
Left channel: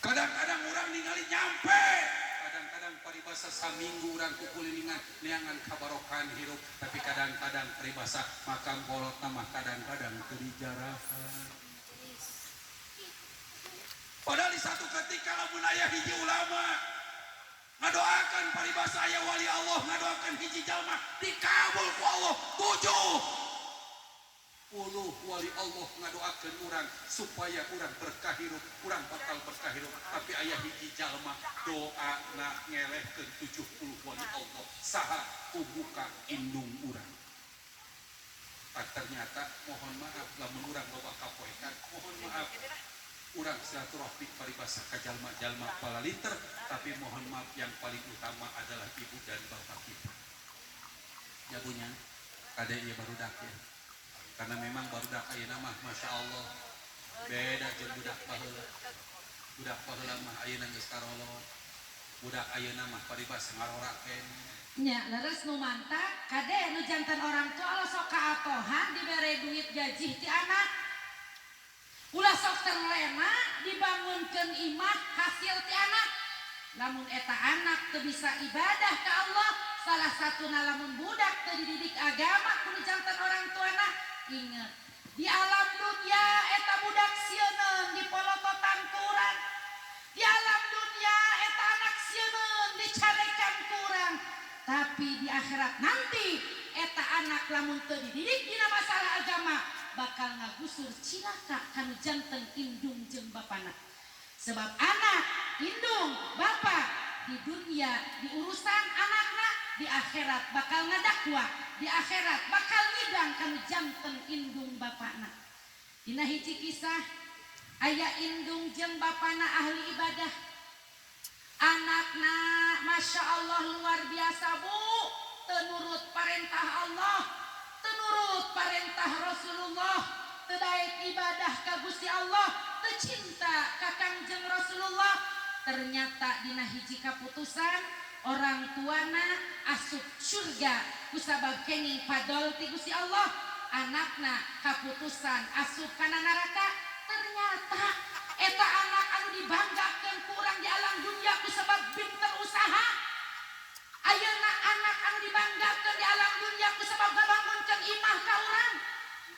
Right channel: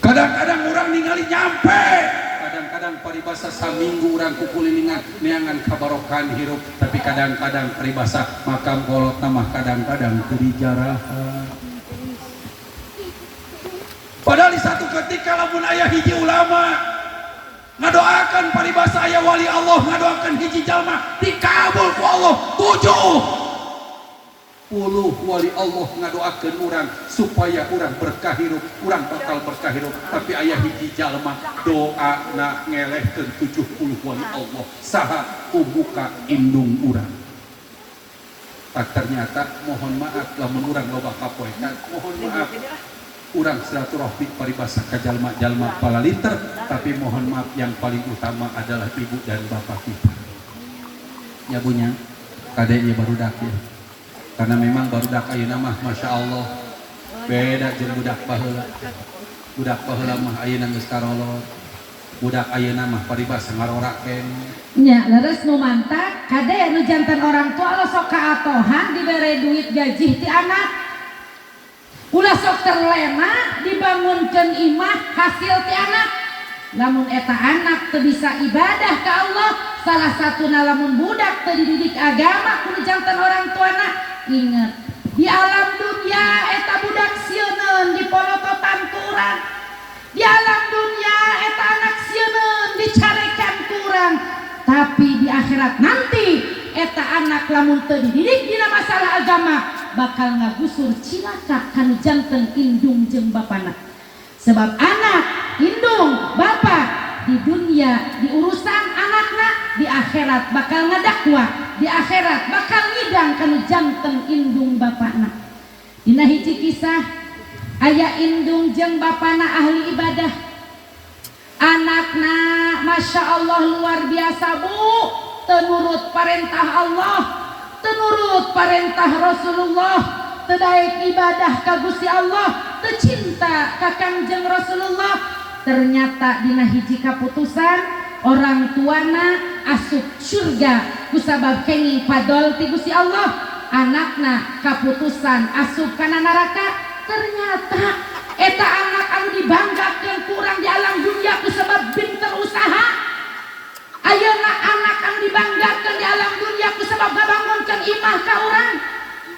kadang-kadang urang ningali nyampe kadang-kadang paribasa saminggu urang kukulilingan neangan kabarokan hirup tapi kadang-kadang paribasa makam kolotna mah kadang-kadang teu dijarahan padahal di satu ketika lamun aya hiji ulama ngadoakan paribasa aya wali Allah ngadoakan hiji jalma dikabul ku Allah 70 wali Allah ngadoakeun urang supaya urang berkah hirup urang bakal berkah hirup tapi aya hiji jalma doana ngelehkeun 70 wali Allah saha ubuka indung urang tak ternyata mohon maaf lamun urang loba kapoekan mohon maaf urang silaturahmi paribasa ka jalma-jalma palaliter tapi mohon maaf yang paling utama adalah ibu dan bapak kita ya bunya kade ieu barudak ya karena memang barudak ayeuna mah masya Allah beda jeung budak baheula mah ayeuna geus karolot budak ayeuna mah paribasa ngarorakeun nya leres nu mantak kade nu jantan orang tua lo sok kaatohan dibere duit gaji ti anak ulah sok terlena dibangunkeun imah hasil ti anak lamun eta anak teu bisa ibadah ka Allah salah satuna lamun budak teu dididik agama ku jantan orang tuana ingat di alam dunia eta budak sieuneun dipolototan kurang di alam dunia eta anak sieuneun dicarekan kurang tapi di akhirat nanti eta anak lamun teu dididik dina masalah agama bakal ngagusur cilaka kanu janten indung jeung bapana sebab anak indung bapa di dunia di urusan anakna di akhirat bakal ngadakwa, di akhirat bakal ngidang kanu janten indung bapana. Dina hiji kisah aya indung jeung bapana ahli ibadah. Anakna Masya Allah luar biasa bu, tenurut perintah Allah, tenurut perintah Rasulullah, tedaek ibadah ka Gusti Allah, tecinta ka Kangjeng Rasulullah. Ternyata dina hiji kaputusan orang tuana asup surga kusabab kenging padol ti Gusti Allah, anakna kaputusan asup kana neraka. Ternyata eta anak anu dibanggakeun kurang di alam dunia kusabab pinter usaha. Ayeuna anak anu dibanggakeun di alam dunia kusabab ngabangunkeun imah ka urang.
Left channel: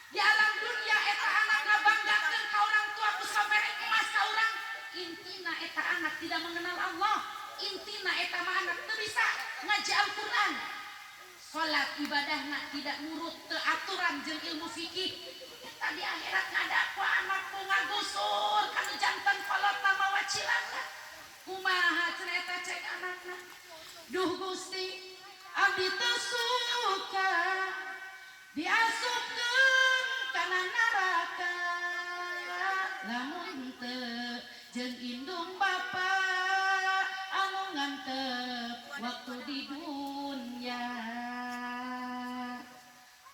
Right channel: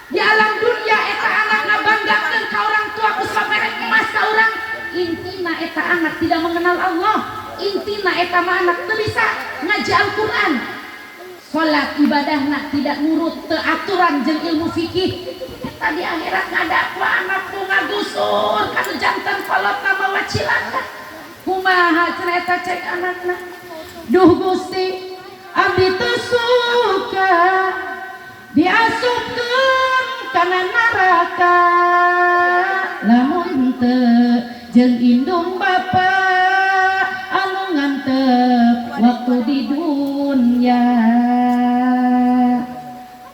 Di alam dunia eta anak ngabanggakeun ka orang tua kusabab merek emas ka urang. Intina eta anak tidak mengenal Allah. Intina eta mah anak teu bisa ngaji Al-Qur'an. Salat ibadahna tidak nurut teu aturan jeung ilmu fikih. Eta di akhirat ngadakwa anakku ngagusur kanu janten kolotna mawa cilaka. Kumaha cenah eta cek anakna. Duh Gusti, abdi teu suka diasupkeun kana neraka. Lamun teu jeung indung bapa anu ngantep waktu di dunia.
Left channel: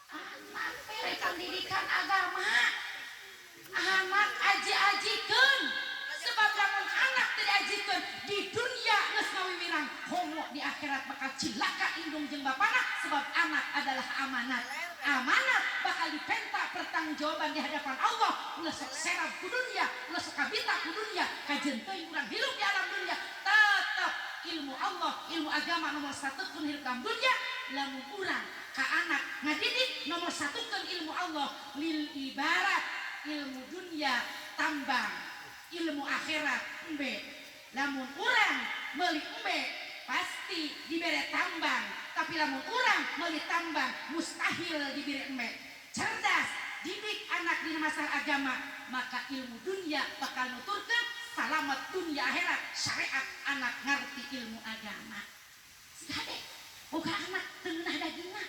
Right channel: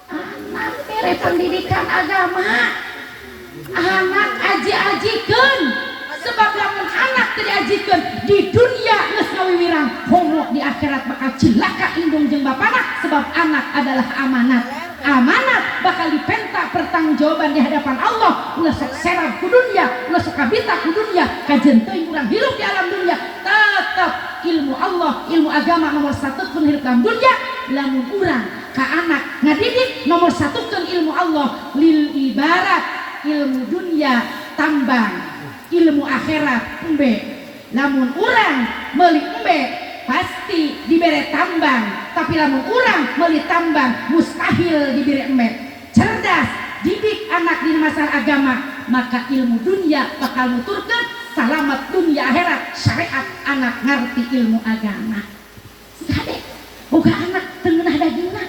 Anak mere pendidikan agama, anak aji-ajikeun, sebab lamun anak teu diajikeun di dunia geus ngawiwirang, homo di akhirat bakal cilaka indung jeung bapana sebab anak adalah amanat. Amanat bakal dipenta pertanggungjawaban di hadapan Allah. Ulah sok serab ku dunia, ulah sok kabita ku dunia, kajen teuing urang hirup di alam dunia, tetep ilmu Allah, ilmu agama nomor satu pun hirup dalam dunia. Lamun urang ka anak ngadidik nomor satu kan ilmu Allah, lil ibarat ilmu dunia tambang, ilmu akhirat embe. Lamun urang meuli embe pasti dibere tambang, tapi lamun urang meuli tambang mustahil diberi embe. Cerdas didik anak di masalah agama, maka ilmu dunia bakal nuturkeun salamet dunia akhirat. Syariat anak ngerti ilmu agama. Si kade boga anak teu ngeunah dagingna,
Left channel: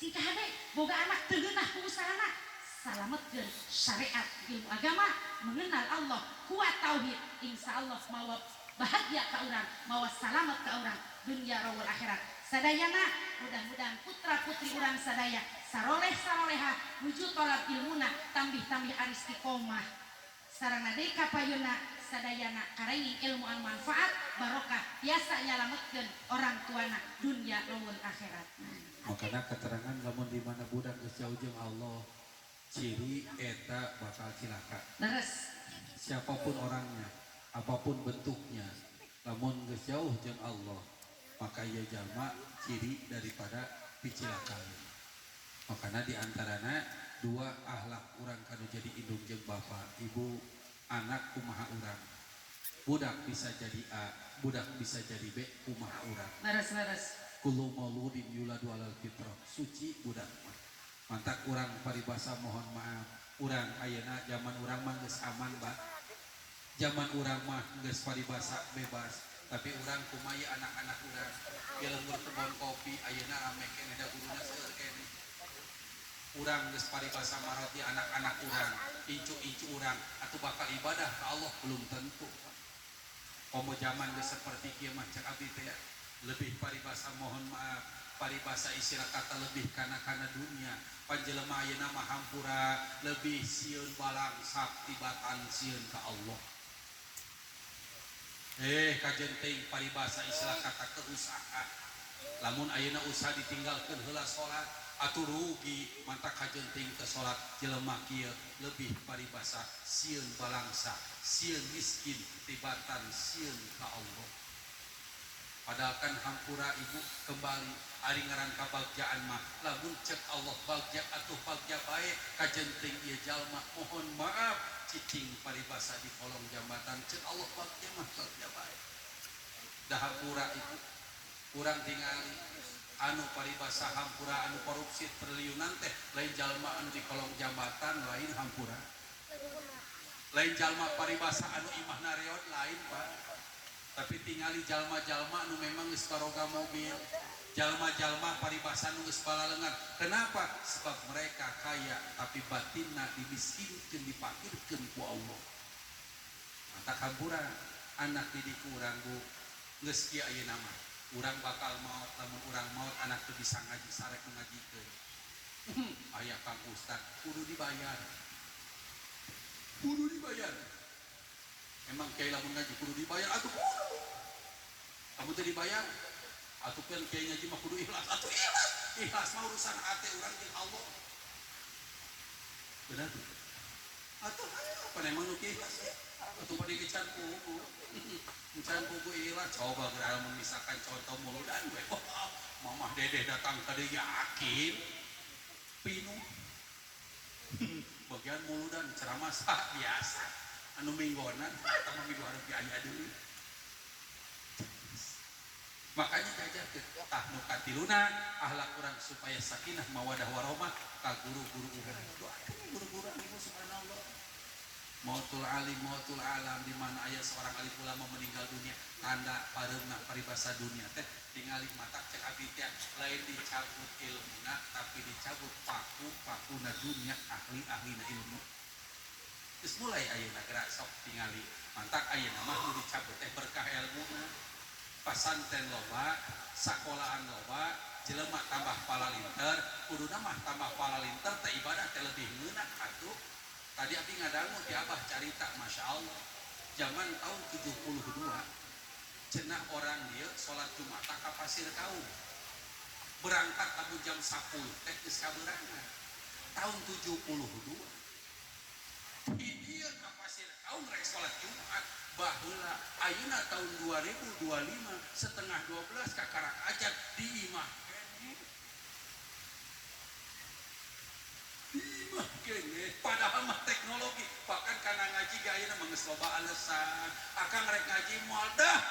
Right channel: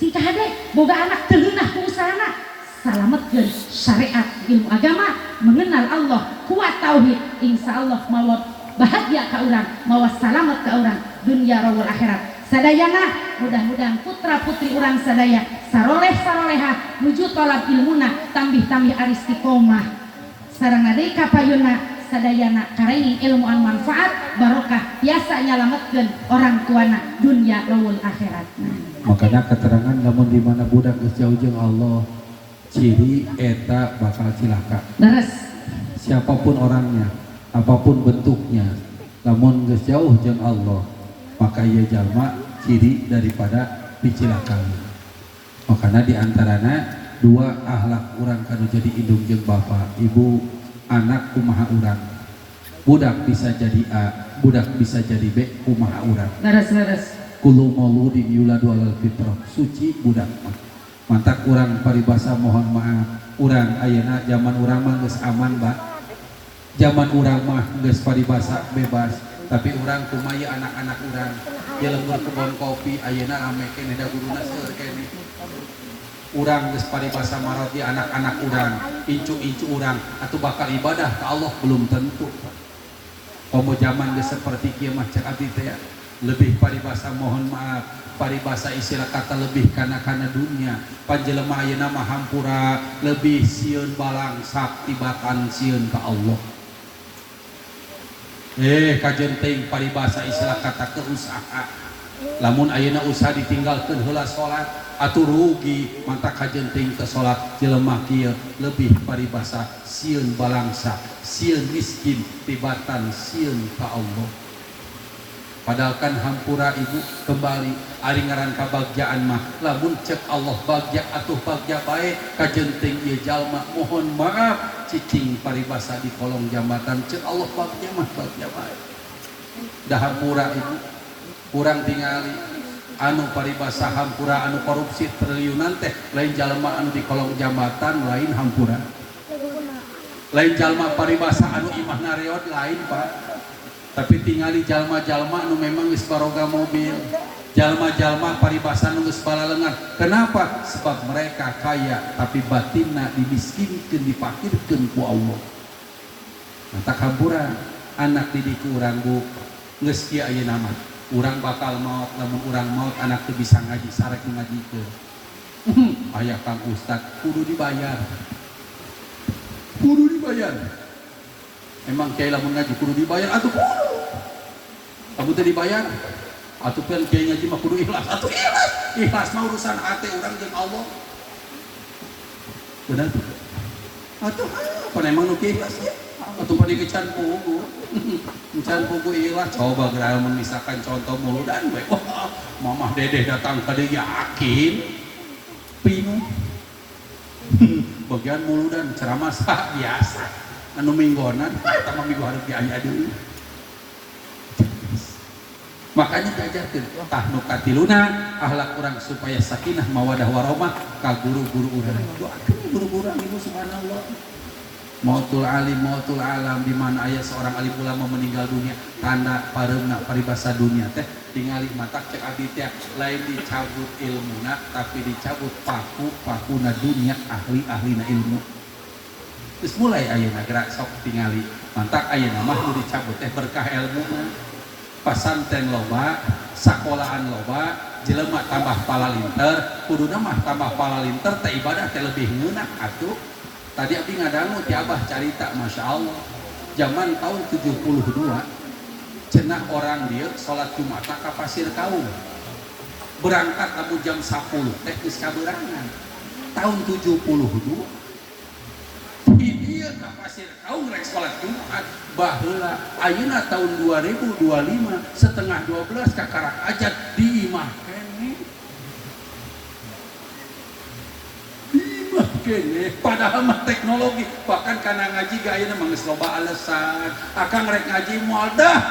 si kade boga anak teu ngeunah ku usahana. Salametkeun syariat ilmu agama, mengenal Allah, kuat tauhid, insyaallah mawa bahagia ka urang, mawa salamet ka urang dunia rawul akhirat. Sadayana mudah-mudahan putra putri urang sadaya saroleh saroleha nuju tolab ilmuna tambih-tambih aristiqomah sareng deui kapayuna sadayana karenging ilmu anu manfaat barokah biasa nyalametkeun orang tuana dunia rawul akhiratna. Makanya keterangan namun di mana budak geus jauh jeung Allah, ciri eta bakal cilaka. Leres. Siapapun orangnya, apapun bentuknya, namun geus jauh jeung Allah, maka ieu jalma ciri daripada dicilakan. Makanya diantarana dua akhlak urang kanu jadi indung jeung bapa, ibu, anak kumaha urang. Budak bisa jadi A, budak bisa jadi B, kumaha urang. Leres. Kullu mauludin yuladu alal fitrah, suci budak mah. Mantak urang paribasa mohon maaf, urang ayeuna zaman urang mah geus aman, Mbak. Zaman urang mah geus paribasa bebas, tapi urang kumaya anak-anak urang ye lembur kebon kopi ayeuna rame keneh da guruna seueur keneh. Urang geus paribasa marot di anak-anak urang, incu-incu urang atuh bakal ibadah ka Allah belum tentu. Komo zaman geus saperti kieu mah cek abdi teh lebih paribasa mohon maaf, paribasa istilah kata lebih kana dunia. Panjelema ayeuna mah hampura lebih sieun balang saktibatan sieun ka Allah. Kajen teuing paribasa istilah kata keusaha. Lamun ayeuna usaha ditinggalkeun heula salat atuh rugi, mantap kajen teuing teu salat jelema kieu lebih paribasa sieun balangsa, sieun miskin tibatan sieun ka Allah. Padahal kan hampura ibu kembali ari ngaran kabagjaan mah lamun cek Allah bagja atuh bagja bae kajen teuing ieu jalma mohon maaf cicing paribasa di kolong jambatan cek Allah bagja mah bagja bae. Da hampura ibu kurang tingali anu paribasa hampura anu korupsi triliunan teh lain jalma anu di kolong jambatan lain hampura. Lain jalma paribasa anu imah nareot lain Pak. Tapi tingali jalma-jalma anu memang geus baroga mobil, jalma-jalma paribasan geus balalengan. Kenapa? Sebab mereka kaya tapi batinna dimiskinkeun, dipakirkeun ku Allah. Mata hampura anak didik urang Bu geus kieu ayeuna mah urang bakal maot, lamun urang maot anak teu bisa ngaji sarek ngajikeun. Aya Kang Ustad kudu dibayar. Kudu dibayar. Emang kiai lamun ngaji kudu dibayar atuh kudu. Lamun teu dibayar atuh pian kiai ngaji mah kudu ikhlas. Atuh ikhlas. Ikhlas mah urusan hati urang jeung Allah. Benar tuh. Atuh apa emang nu kiai ikhlas ya? Atuh pada kecan pugu. Kecan pugu ikhlas coba geura misalkan contoh muludan we. Wah, mamah dedeh datang ka dieu yakin pinuh. Bagian muludan ceramah biasa. Anu minggonan eta mah minggu hareup aya deui. Makanya diajarkeun tah nu katiluna akhlak urang supaya sakinah mawadah warahmah ka guru-guru urang. Doakeun guru-guru urang ibu subhanallah. Mautul alim, mautul alam, di mana ayat seorang alim ulama meninggal dunia, tanda pareuna paribasa dunia teh tingali matak cek abdi teh lain dicabut ilmuna tapi dicabut pakuna dunia ahli-ahlina ilmu. Terus mulai ayeuna gerak sok tingali mantak ayeuna mah nu dicabut teh berkah ilmuna. Pasantren loba, sakolahan loba, jelema tambah palalinter, kuduna mah tambah palalinter teh ibadah teh lebih ngeunah atuh. Tadi abdi ngadangu ti Abah carita Masya Allah zaman tahun 72 cenah orang dia sholat Jumat ka Pasir Kaung berangkat abu jam 10 teh geus kaberangan tahun 72 di dia ka Pasir Kaung rek sholat Jumat baheula ayeuna tahun 2025 setengah 12 ka karak ajat di imah kene kene padahal mah teknologi bahkan kana ngaji ge ayeuna mah geus loba alesan akang rek ngaji moal dah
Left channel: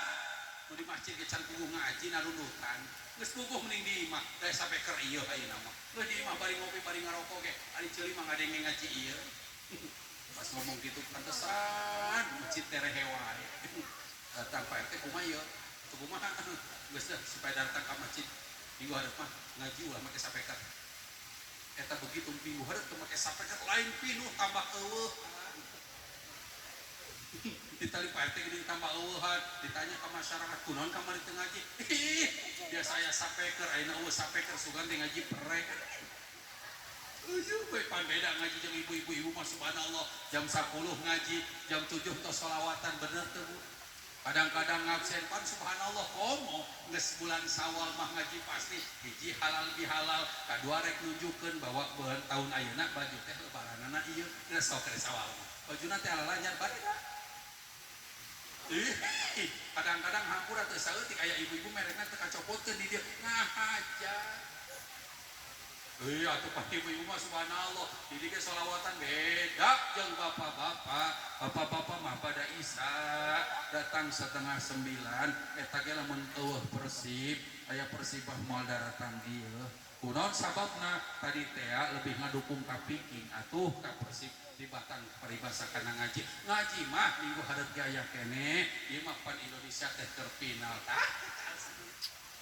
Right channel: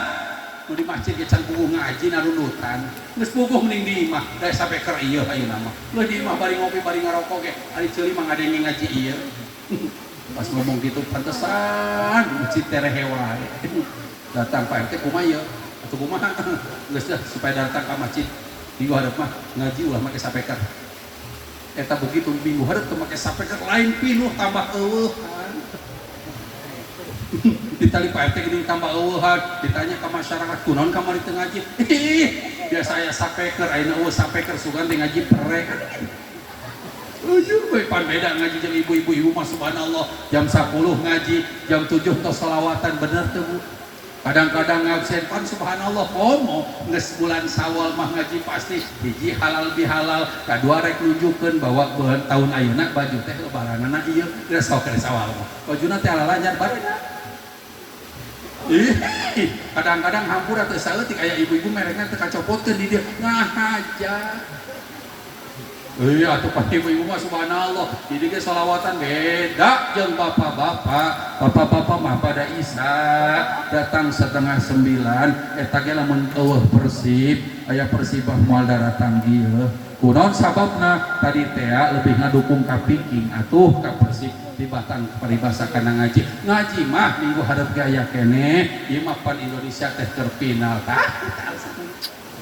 nu di masjid ge can puguh ngaji narunutan geus puguh mending di imah da sampe keur ieu ayeuna mah geus di imah bari ngopi bari ngarokok ge ari ceuli mah ngadenge ngaji ieu pas ngomong gitu pantesan masjid terehe wae datang Pak RT kumaha ieu atuh kumaha geus dah supaya datang ka masjid minggu hareup mah ngaji ulah make sapeker eta begitu minggu hareup teu make sapeker lain pinuh tambah eueuhan. Ditali Pak RT geuning tambah eueuhan, ditanya ka masyarakat kunaon kamari teu ngaji. Biasa aya sapeker, ayeuna eueuh sapeker sugan teh ngaji perek. Ujung we pan beda ngaji jeung ibu-ibu mah subhanallah jam 10 ngaji, jam 7 tos shalawatan bener teu Bu? Kadang-kadang ngabsen pan subhanallah komo geus bulan Sawal mah ngaji pasti hiji halal bihalal kadua rek nunjukkeun bahwa tahun ayeuna baju teh lebaranana ieu geus sok ke Sawal mah bajuna teh alalanyar barena. Kadang-kadang hampura teu saeutik aya ibu-ibu merekna teu kacopotkeun di dieu ngahaja. Atuh pan ibu-ibu mah subhanallah jadi ge sholawatan beda jeung bapak-bapak mah pada isya datang setengah 9 eta ge lamun eueuh Persib aya Persibah moal datang ieu kunaon sababna tadi teh lebih ngadukung ka Viking atuh ka Persib di Batang paribasa kana ngaji mah minggu hareup ge aya keneh ieu mah pan Indonesia teh keur final tah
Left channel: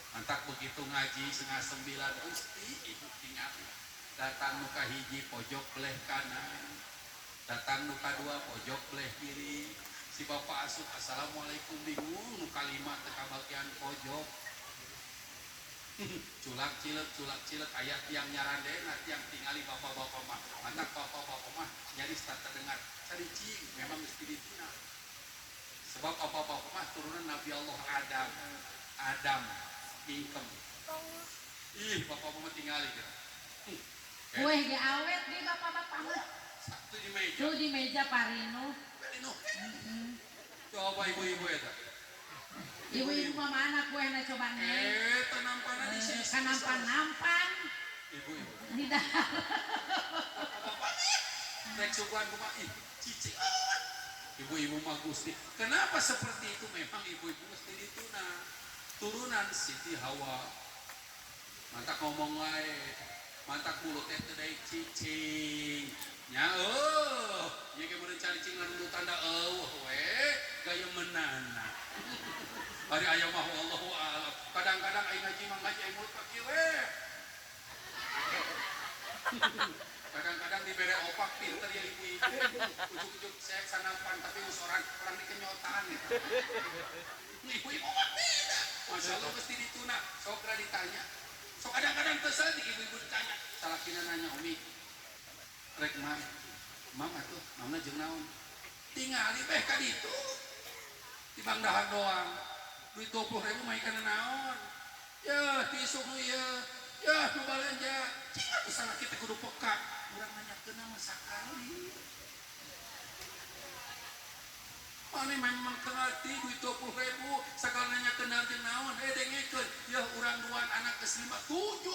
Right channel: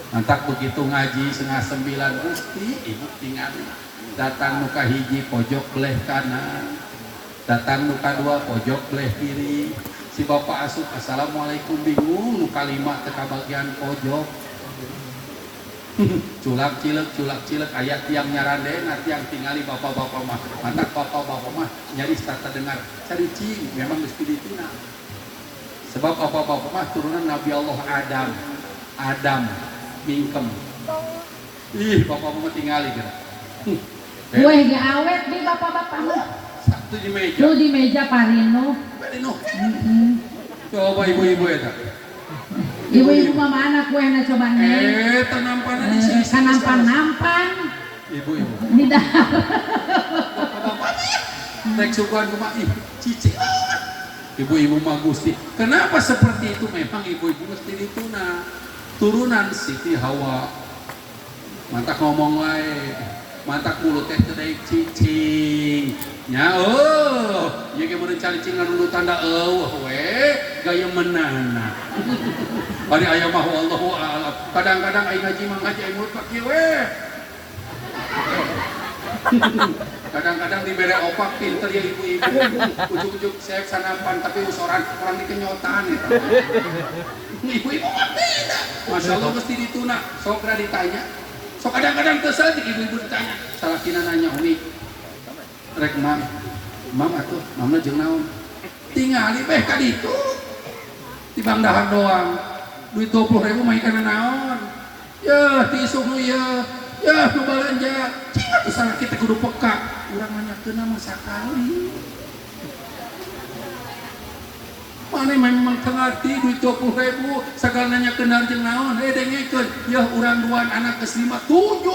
mantak begitu ngaji setengah 9 Gusti ibu tingali datang nuka hiji pojok belah kanan datang nuka dua pojok belah kiri si bapak asup assalamualaikum bingung nuka 5 teka bagian pojok culak cilek ayat tiang nyarande tiang tingali bapak-bapak mah mantak bapak-bapak mah nyaris tak terdengar caricing memang geus piditina sebab bapak-bapak mah turunan Nabi Allah Adam mingkem. Bapak-bapak tinggali gitu. Kue ge awet di bapak-bapak mah. Satu di meja. Lu di meja Parino. Coba ibu-ibu eta. Ibu-ibu mah mana kuehna coba nih? Nampana di sini. Nampan. Ibu-ibu. Di dalam. Bapak tek suguhan kumaha cici. Ibu-ibu mah Gusti. Kenapa seperti itu? Memang ibu-ibu mesti dituna. Turunan Siti Hawa mantak ngomong wae mantak mulut teh teu daek cicing nya ieu ge mun calicing anu tanda eueuh we gaya menana. Bari aya mah wallahu a'lam. Kadang-kadang aing ngaji mah ngaji aing mulut pakieu we. Kadang-kadang dibere opak pinter ya ibu-ibu. Ujuk-ujuk saya sanapan tapi usoran orang dikenyotan eta. Ibu-ibu mah beda. Masya Allah mesti dituna. Sok ra ditanya. Sok kadang-kadang teu saeutik ibu-ibu ditanya. Salakina nanya umi. Rek mam. Mam atuh, mamna jeung naon? Tingali beh ka ditu. Di Bang Dahar doang. Duit 20.000 mah ikan naon? Ya, tisu nu ya. Ya, nu balanja. Cing atuh salah kita kudu peka. Urang nanyakeun mah sakali. Mane memang tengarti duit 20.000 sakal nanyakeun jeung naon? Dengekeun. Ya urang duan anak ke-5 7.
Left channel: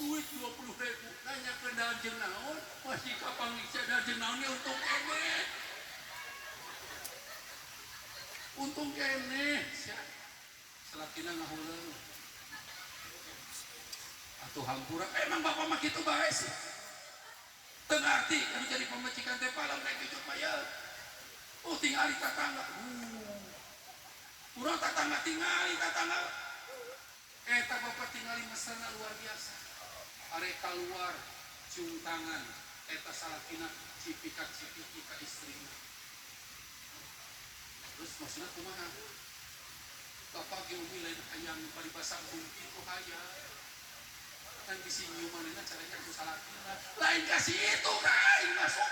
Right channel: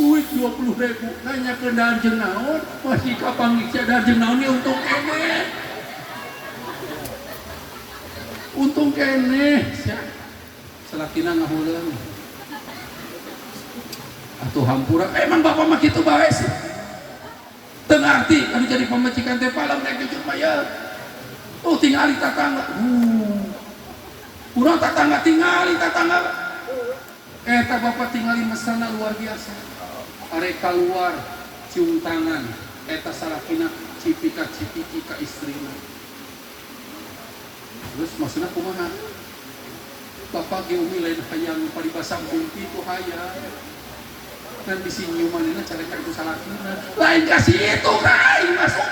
Duit 20.000 nanyakeun jeung naon? Masih kapang dicadar jeung naon ya untung kene. Untung kene. Salakina ngahuleung. Atuh hampura, emang bapak mah kitu bae sih. Teu ngarti anu jadi pamajikan teh palam nek jujur mah ya. Oh tingali tatangga. Urang tatangga tingali tatangga. Eta bapak tingali mesana luar biasa. Are keluar cium tangan. Eta salakina cipika-cipiki ka istrina. Terus maksudna kumaha? Bapak ge umi lain hayang paribasang kumpi tu hayang. Dan di sini umanina careka itu salakina lain kasih itu kai masuk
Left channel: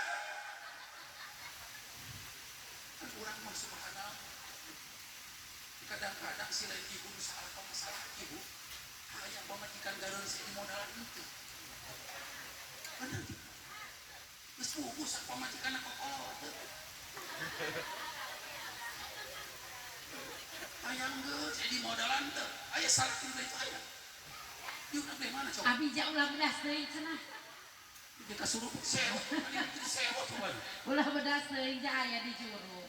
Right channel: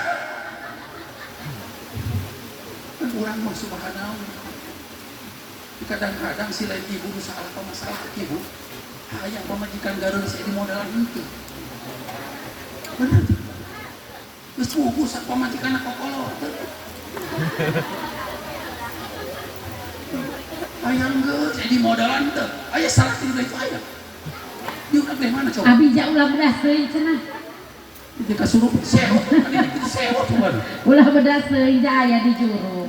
kan orang mah subhanallah kadang-kadang si lain ibu nu salah apa masalah ibu hayang pamajikan gareun si di modelan itu bener geus buku sak pamajikanna kokolot hayang geus di modelan teh aya salah ti itu aya. Dia udah mana coba? Abi ja ulah bedas teuing cenah. Dia kasuruh sewa, kali ini kita sewa tuh. Ulah bedas teuing ja aya di juru.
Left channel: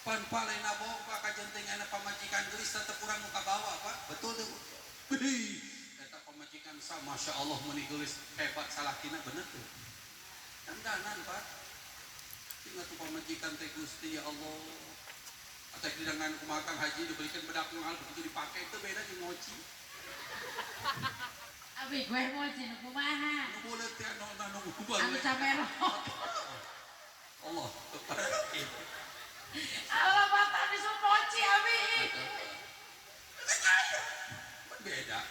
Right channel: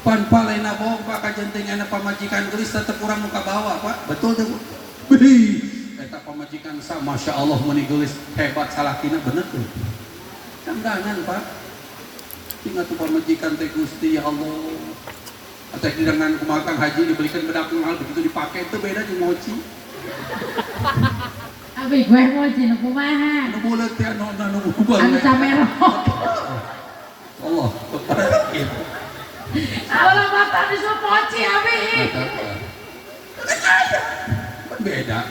Pan palena bohong Pak kajenteng anak pamajikan geus tetep urang muka bawah Pak. Betul teh Bu. Eta pamajikan sa Masya Allah meni geus hebat salakina bener tuh. Cangdangan Pak. Tinggal tuh pamajikan teh Gusti ya Allah. Atau dengan kumakang haji dibelikan bedak mahal begitu dipakai itu beda jeung mochi. Abi gue mochi nu kumaha? Nu bulet teh anu ubah. Anu camero. Allah, Allah bapak disuruh mochi abi. Beda.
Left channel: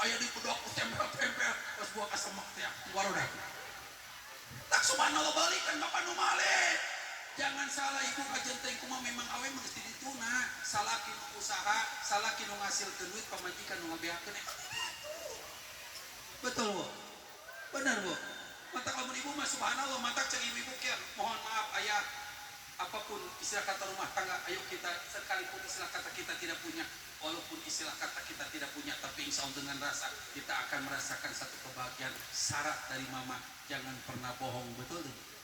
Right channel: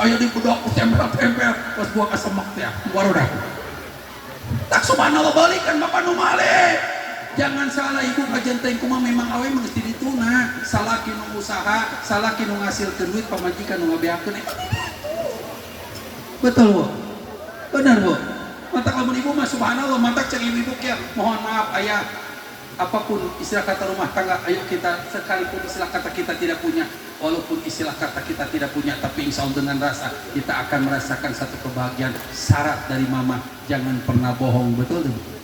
Ayo di bedok tempel-tempel pas gua kasemek teh. Warudah. Tak subhanallah balikan bapak nu malih. Jangan salah ibu kajenteng kumaha memang awe mesti dituna. Salaki nu usaha, salaki nu ngasilkeun duit pamajikan nu ngabeakeun eta betul Bu. Benar Bu. Mantak lamun ibu mah subhanallah mantak cek ibu kieu. Mohon maaf ayah apapun istilah kata rumah tangga ayo kita sekalipun istilah kata kita tidak punya walaupun istilah kata kita tidak punya tapi insya Allah dengan rasa kita akan merasakan satu kebahagiaan. Syarat dari mama jangan pernah bohong betul tuh.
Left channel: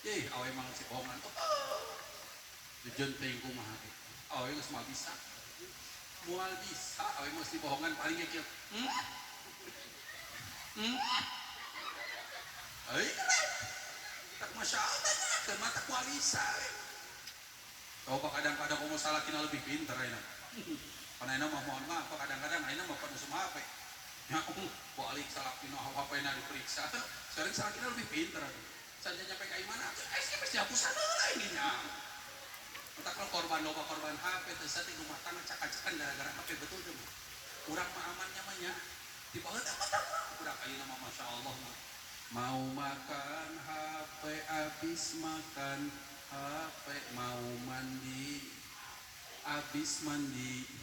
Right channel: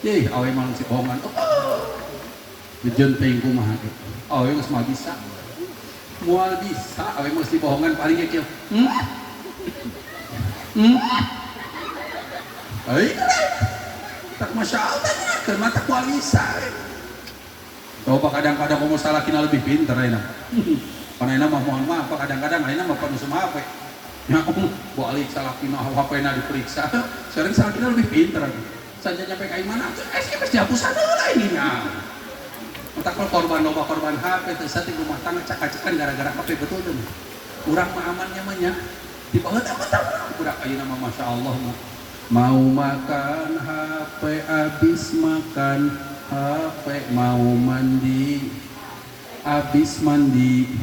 Yeh, awe malang si bohongan. Gejenteng kumaha gitu. Awe geus mah bisa. Moal bisa, awe mesti bohongan paling kieu. Ai. Tak masyaallah keur mata moal bisa. Coba kadang-kadang komo salakina lebih pinter ayeuna. Panaina mah mohon maaf kadang-kadang ayeuna mah penuh sama HP. Ya, balik salakina HP-na diperiksa. Sering salakina lebih pinter. Saja nyampe kayak mana? SMS dihapusan lah ini nah. Entah kalau korban loba korban HP terus di rumah tangga cak-cakan gara-gara HP betul tuh. Urang mah amannya mah nya. Di bawah apa budak ayeuna mah masyaallah mah. Mau makan HP habis makan HP mau mandi habis mandi.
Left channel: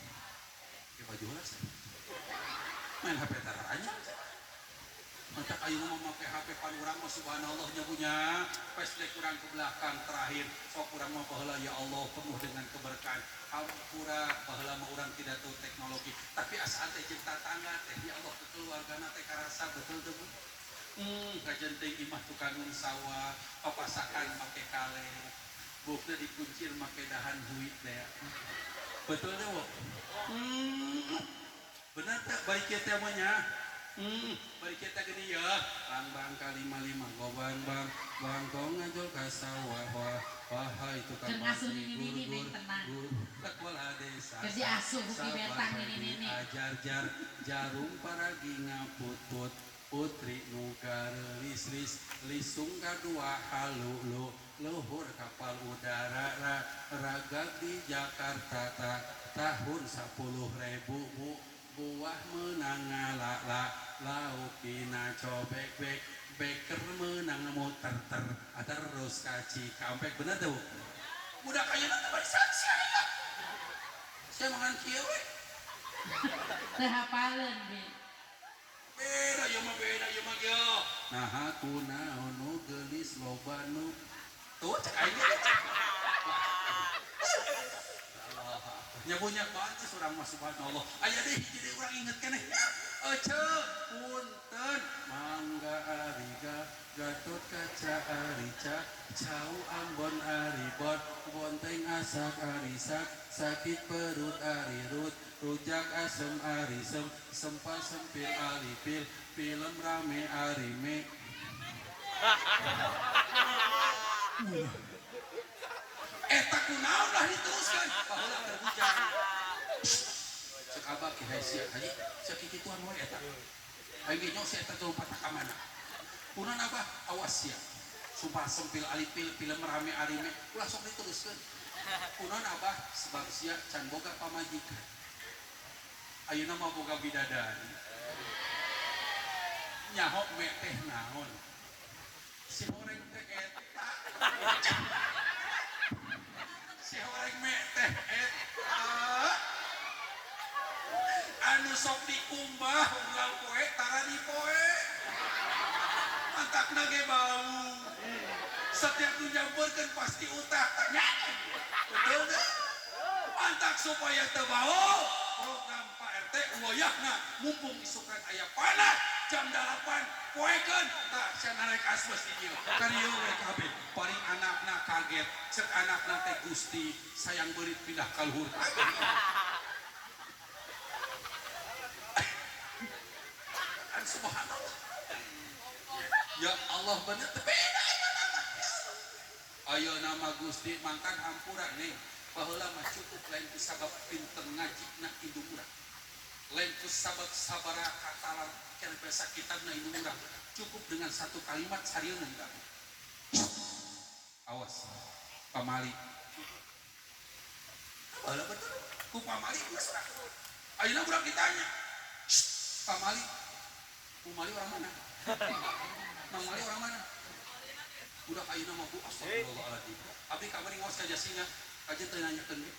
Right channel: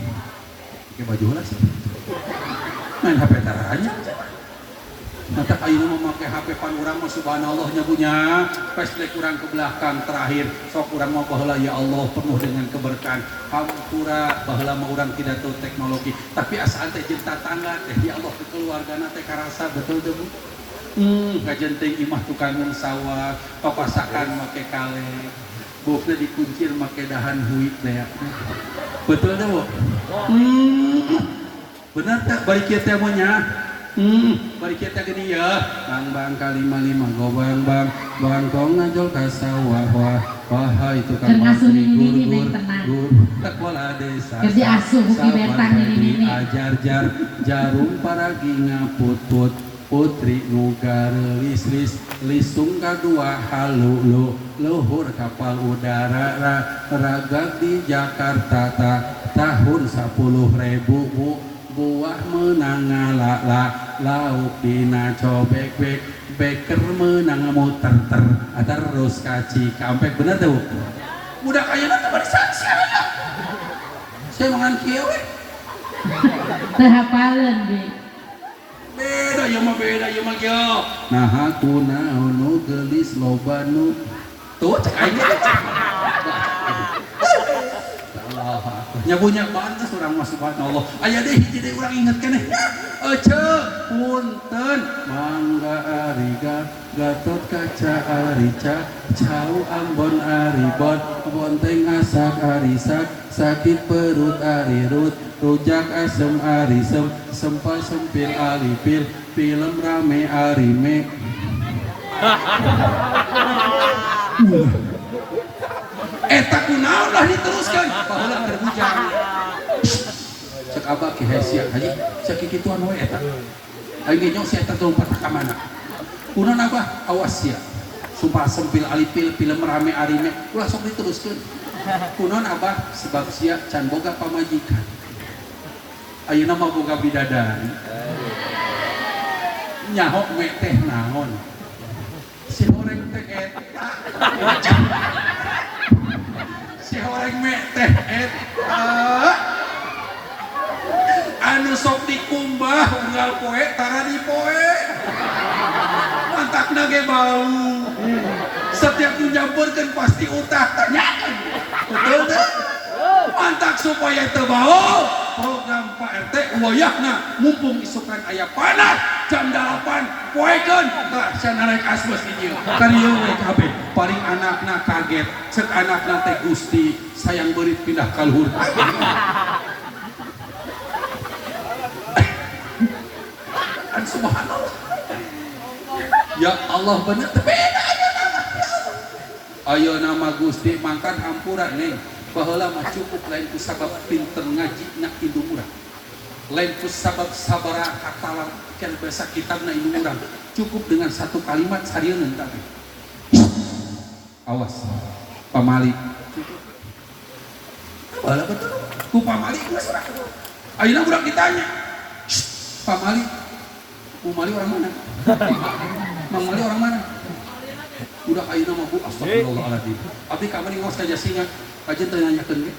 Pakai baju lah sih. Main HP taranya. Mata ayeuna memakai HP pan urang mah subhanallah nya punya flashback urang ke belakang terakhir sok urang mah baheula ya Allah penuh dengan keberkahan hampura baheula mah urang tidak tahu teknologi tapi asal teh jeung tatangga teh ya Allah keluargana teh karasa betul teh Bu. Kajenteng imah tukang sawah papasakan make kale bukna dikuncir make dahan huit teh betul teh Bu. Benar teh baik kieu teh mah nya bari kita gini ya. Bang kalima lima go bang kong ngajol ka sawah wah itu kan Keur ngasuh nini gur tenang. sekolah desa. Keur diasuh ki betang nini. Ajar jarum paragi ngaput putri nugar lis lisung kadua halu luhur kapal udara ragak di Jakarta tahun 10.000 buah menang lauk dina cobek beker menang muter terus kaci kampek bener tuh udah kaya nanti barisansi saya mangan kieu we Teu hafaleun bi. beda ya mah yo nah aku naon gelis loba nu tuh cek aing nyabunya bantes urang mah subhanallah aya deui hiji deui urang inget keneh ece punten mangga ari gatot kaca ari cau ambon ari bonteng asak ari sakit perut ari rujak asem ari sempal sempil ari film rame ari me eta kunaon lah diteruskan baheula keur bujang cek abah ki hesia haji cek kituan we eta aing ge nyong si eta lompat ka mana kunaon abah awas sia sumpah sempil alipil film rame arime ulah sok diteruskeun kunaon abah sebab sia can boga pamajikan ayeuna mah boga bidadari nyaho we teh naon si horeng teh eta si horeng me teh eta anu sok dikumbah unggal poe tara di poe mantakna ge bau setiap nyampeurkeun pasti utah tanyakeun betul teh mantak supaya teu bau program Pak RT wayahna mumpung isukan aya panas jam 8 poekeun tah cenah rek asbes di dieu karieu we kabeh paling anakna kaget ceuk anakna teh Gusti sayang beurit pindah ka luhur kan subhanallah ya Allah bener teu beda ayo nama Gusti mangkan hampuran nih baheula mah cukup lain ku sabab pinter ngaji na indung urang lain ku sabab sabaraha katalar can bahasa kitabna indung urang cukup dengan satu kalimat sarieun tadi awas pamali baheula betul ku pamali geus urang ayeuna urang ditanya pamali pamali orang mana mamali orang mana udah ayeuna mah bu astagfirullahaladzim abdi ka meuning ngaos ka Jasinga kajian tanyakeun ge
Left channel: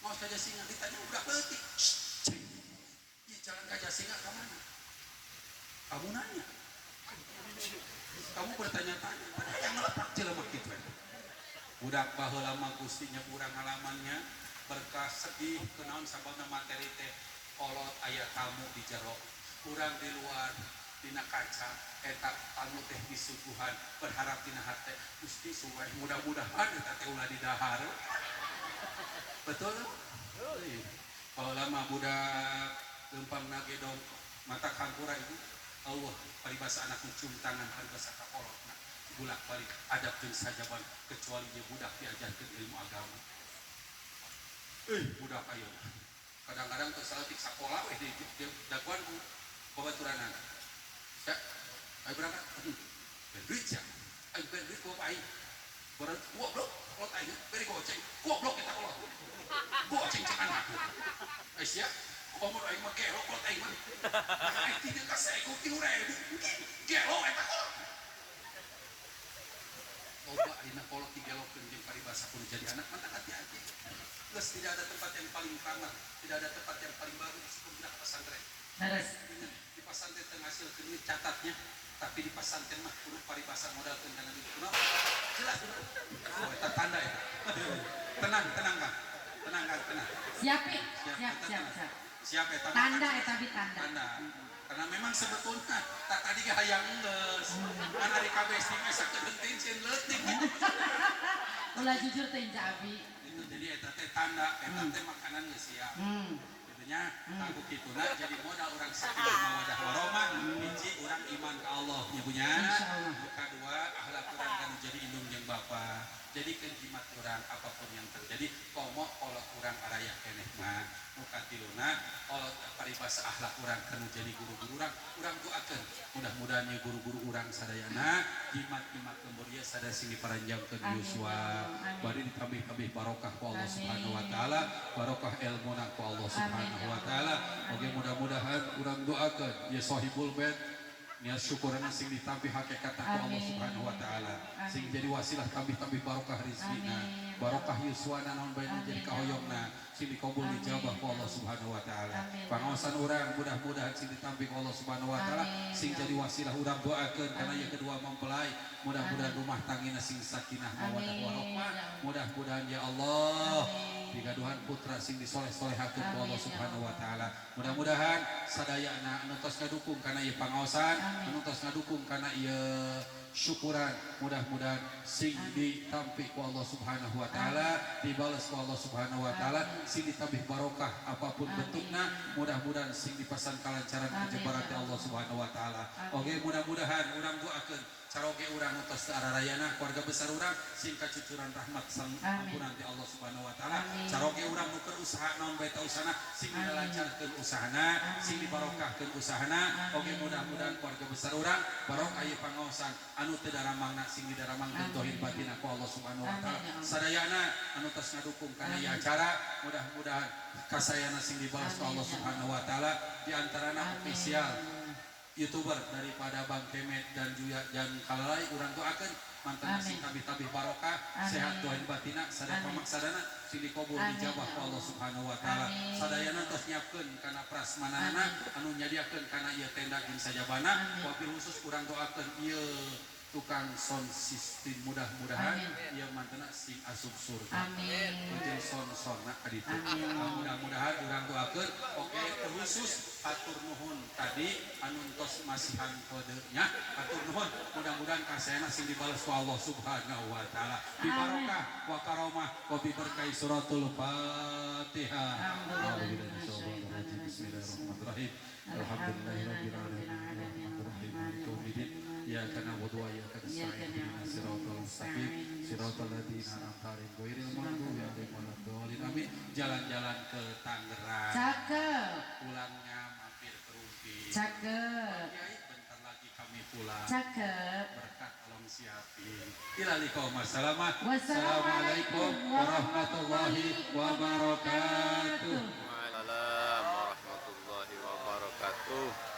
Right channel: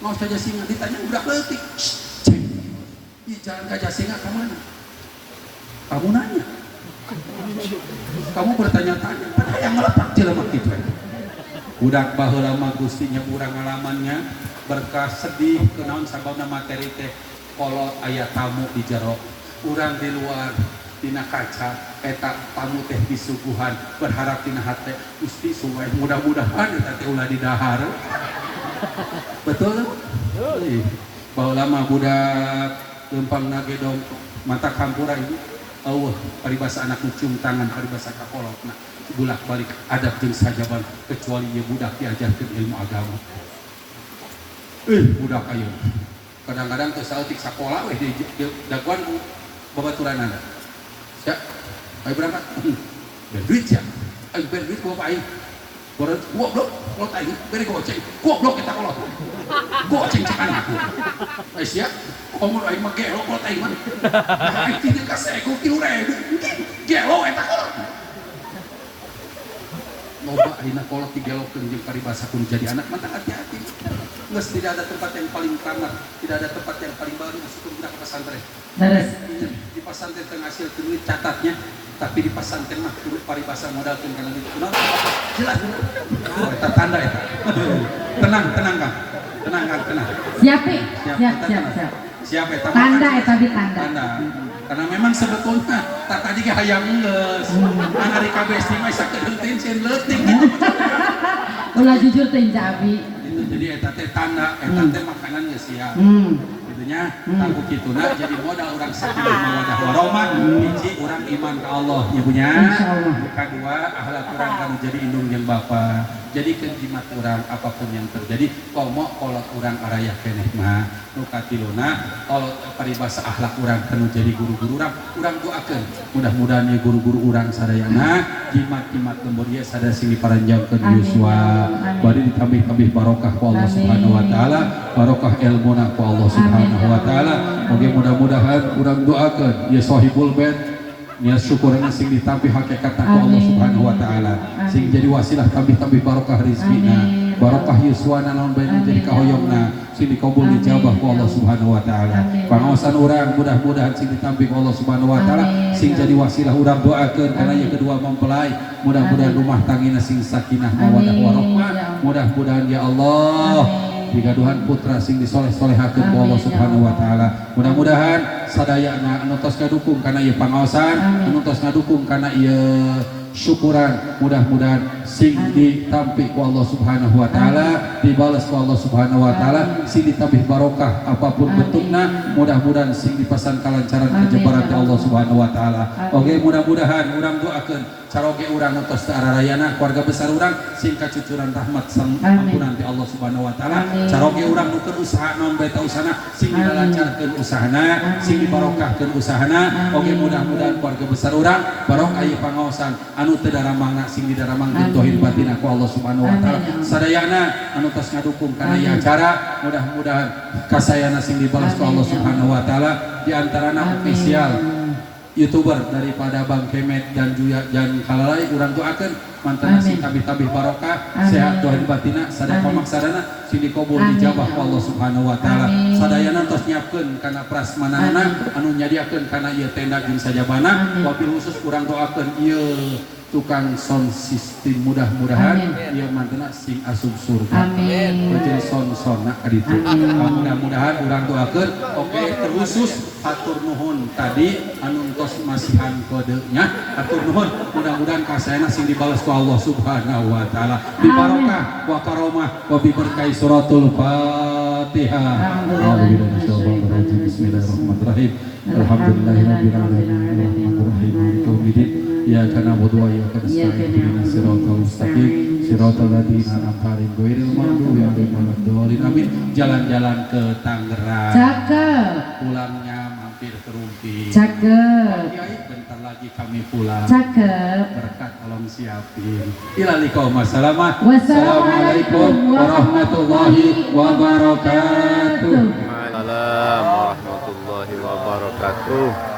ngaos ka Jasinga ditanya budak leutik di jalan ka Jasinga ka mana kamu nanya kamu bertanya-tanya pada yang ngelepak jelema kitu budak baheula mah Gusti nya urang ngalamannya berkah sedih kenaon sababna materi teh kolot aya tamu di jero urang di luar dina kaca eta tamu teh disuguhan berharap dina hate Gusti supaya mudah-mudahan eta teh ulah didahar betul baheula mah budak lempang nage dong mata kampura ibu eueuh paribasa anak cium tangan paribasa kakolotna bulak balik adab jeung sajaban kecuali ieu budak diajarkeun ilmu agama budak ayeuna kadang-kadang teu saeutik sakola we di daguan ku babaturanana ya, ayo berangkat. Berduit ya, ayo berduit gua apa ayo? Goblok, kolot ayo, beri goceng. Goblok kita kolot. Goceng cek anakku. Ayo siap, omor ayo mah gelo kolot ayo mah. Ayo tidak kasih aku kilo ribu, gelo eta kolot. Loba ayeuna kolot digelokeun jeung paribasa kudu jadi anak mah hati-hati. Geus tidak ada tempat yang paling tamat, tidak ada tempat yang paling baru masuk ke pesantren. Di pesantren tengah hasil duit catatnya, tapi di pesantren mah kudu paribasa modalkeun kana ditu. Jelas. Eta tanda eta. Tenang Kang. Tenang. Siap. Siap eta. Tanda eta ditanda. Karena memang sebetulnya tak tadi ge hayang geus. An ari kabeh mah isa kedentin sieun leutik gitu. Ulah jujur teh Abi. Itu jadi eta teh tanda, eta teh makanan geus siap. nya takut kituna jadi modal orang sakinah mawadah warahmah hiji orang iman ke Allah nya punya kedua akhlak orang kanu jadi indung jeung bapa jadi jimat orang apapun yang terjadi komo kolot orang arayah keneh mah nu katiluna kolot paribasa akhlak orang kanu jadi guru-guru orang doakeun mudah-mudahan ya guru-guru orang sadayana jimat-jimat lembur ieu sada sing diparanjangkeun Yuswa bari ditambih-tambih barokah ku Allah Subhanahu wa taala barokah ilmuna ku Allah Subhanahu wa taala oge mudah-mudahan urang doakeun ya sahibul bait nya syukurna sing ditampih hakikatna ku Allah Subhanahu wa taala sing jadi wasilah tambih-tambih barokah rezekina barokah yuswana naon bae jadi kahoyongna sing dikabul dijabah ku Allah Subhanahu wa taala pangaosan urang mudah-mudahan sing ditampih ku Allah Subhanahu wa taala sing jadi wasilah urang doakeun kana yang kedua mempelai mudah-mudahan rumah tanggina sing sakinah mawadah warahmah mudah-mudahan ya Allah digaduhan putra sing disoleh-solehakeun ku Allah Subhanahu wa taala. Mudah-mudahan sadayana anu tos ngadukung kana ieu pangaosan, anu tos ngadukung kana ieu syukuran, mudah-mudahan sing ditampi ku Allah Subhanahu wa taala, dibalas ku Allah Subhanahu wa taala, sing ditabih barokah apapun bentukna, mudah-mudahan sing dipasan kalancaran kejebaran ti Allah Subhanahu wa taala. Oke, mudah-mudahan urang doakeun caroge urang tos teu ararayana keluarga besar urang sing kacucuran rahmat sang ampunan ti Allah Subhanahu wa taala. Caroge urang nukeun usaha naon bae ta usahana sing dilancarkeun usahana, sing dibarokahkeun usahana. Oge mudah-mudahan keluarga besar urang barokah ieu pangaosan anu teu daramangna sing didaramangkeun tauhid batin ku Allah Subhanahu wa taala. Sadayana anu tos ngadukung kana ieu acara mudah-mudahan kasayana sing dibalas ku Allah Subhanahu wa taala di antarana official YouTuber daripada Bang Kemet dan Juya dan kalalai urang doakeun mantana sing tabih-tabih barokah sehat doain batina sadaya pamaksadana sing dikabul dijabah ku Allah Subhanahu wa taala. Sadayana tos nyiapkeun kana prasmanana anu nyadiakeun kana ieu tenda jeung sajabana wabil khusus urang doakeun ieu tukang sound system mudah-mudahan ieu mantena sing asup surga. Amin. Jeung son-sonna ka ditu. Mudah-mudahan urang doakeun oke terkhusus hatur nuhun tadi anu tos masihan kodenya hatur nuhun mudah-mudahan kasayana sing dibalas ku Allah Subhanahu wa taala bi barokah wa karomah wa bi berkah suratul Fatihah. Bismillahirrahmanirrahim. Alhamdulillahirabbil alamin arrahmanirrahim maliki yaumiddin. Iyyaka na'budu wa iyyaka nasta'in ihdinas siratal mustaqim siratal ladzina an'amta 'alaihim ghairil maghdubi 'alaihim waladdallin. Amin. Jalan-jalan ke Tangerang. Cakep. Pulangnya mampir ke Rumpi. Cakep. Kiai bentar lagi kami pulang. Cakep. Berkat tolong siapin. Ila liqaum wassalamu. Wassalamualaikum warahmatullahi wabarakatuh. Waalaikumsalam warahmatullahi wabarakatuh.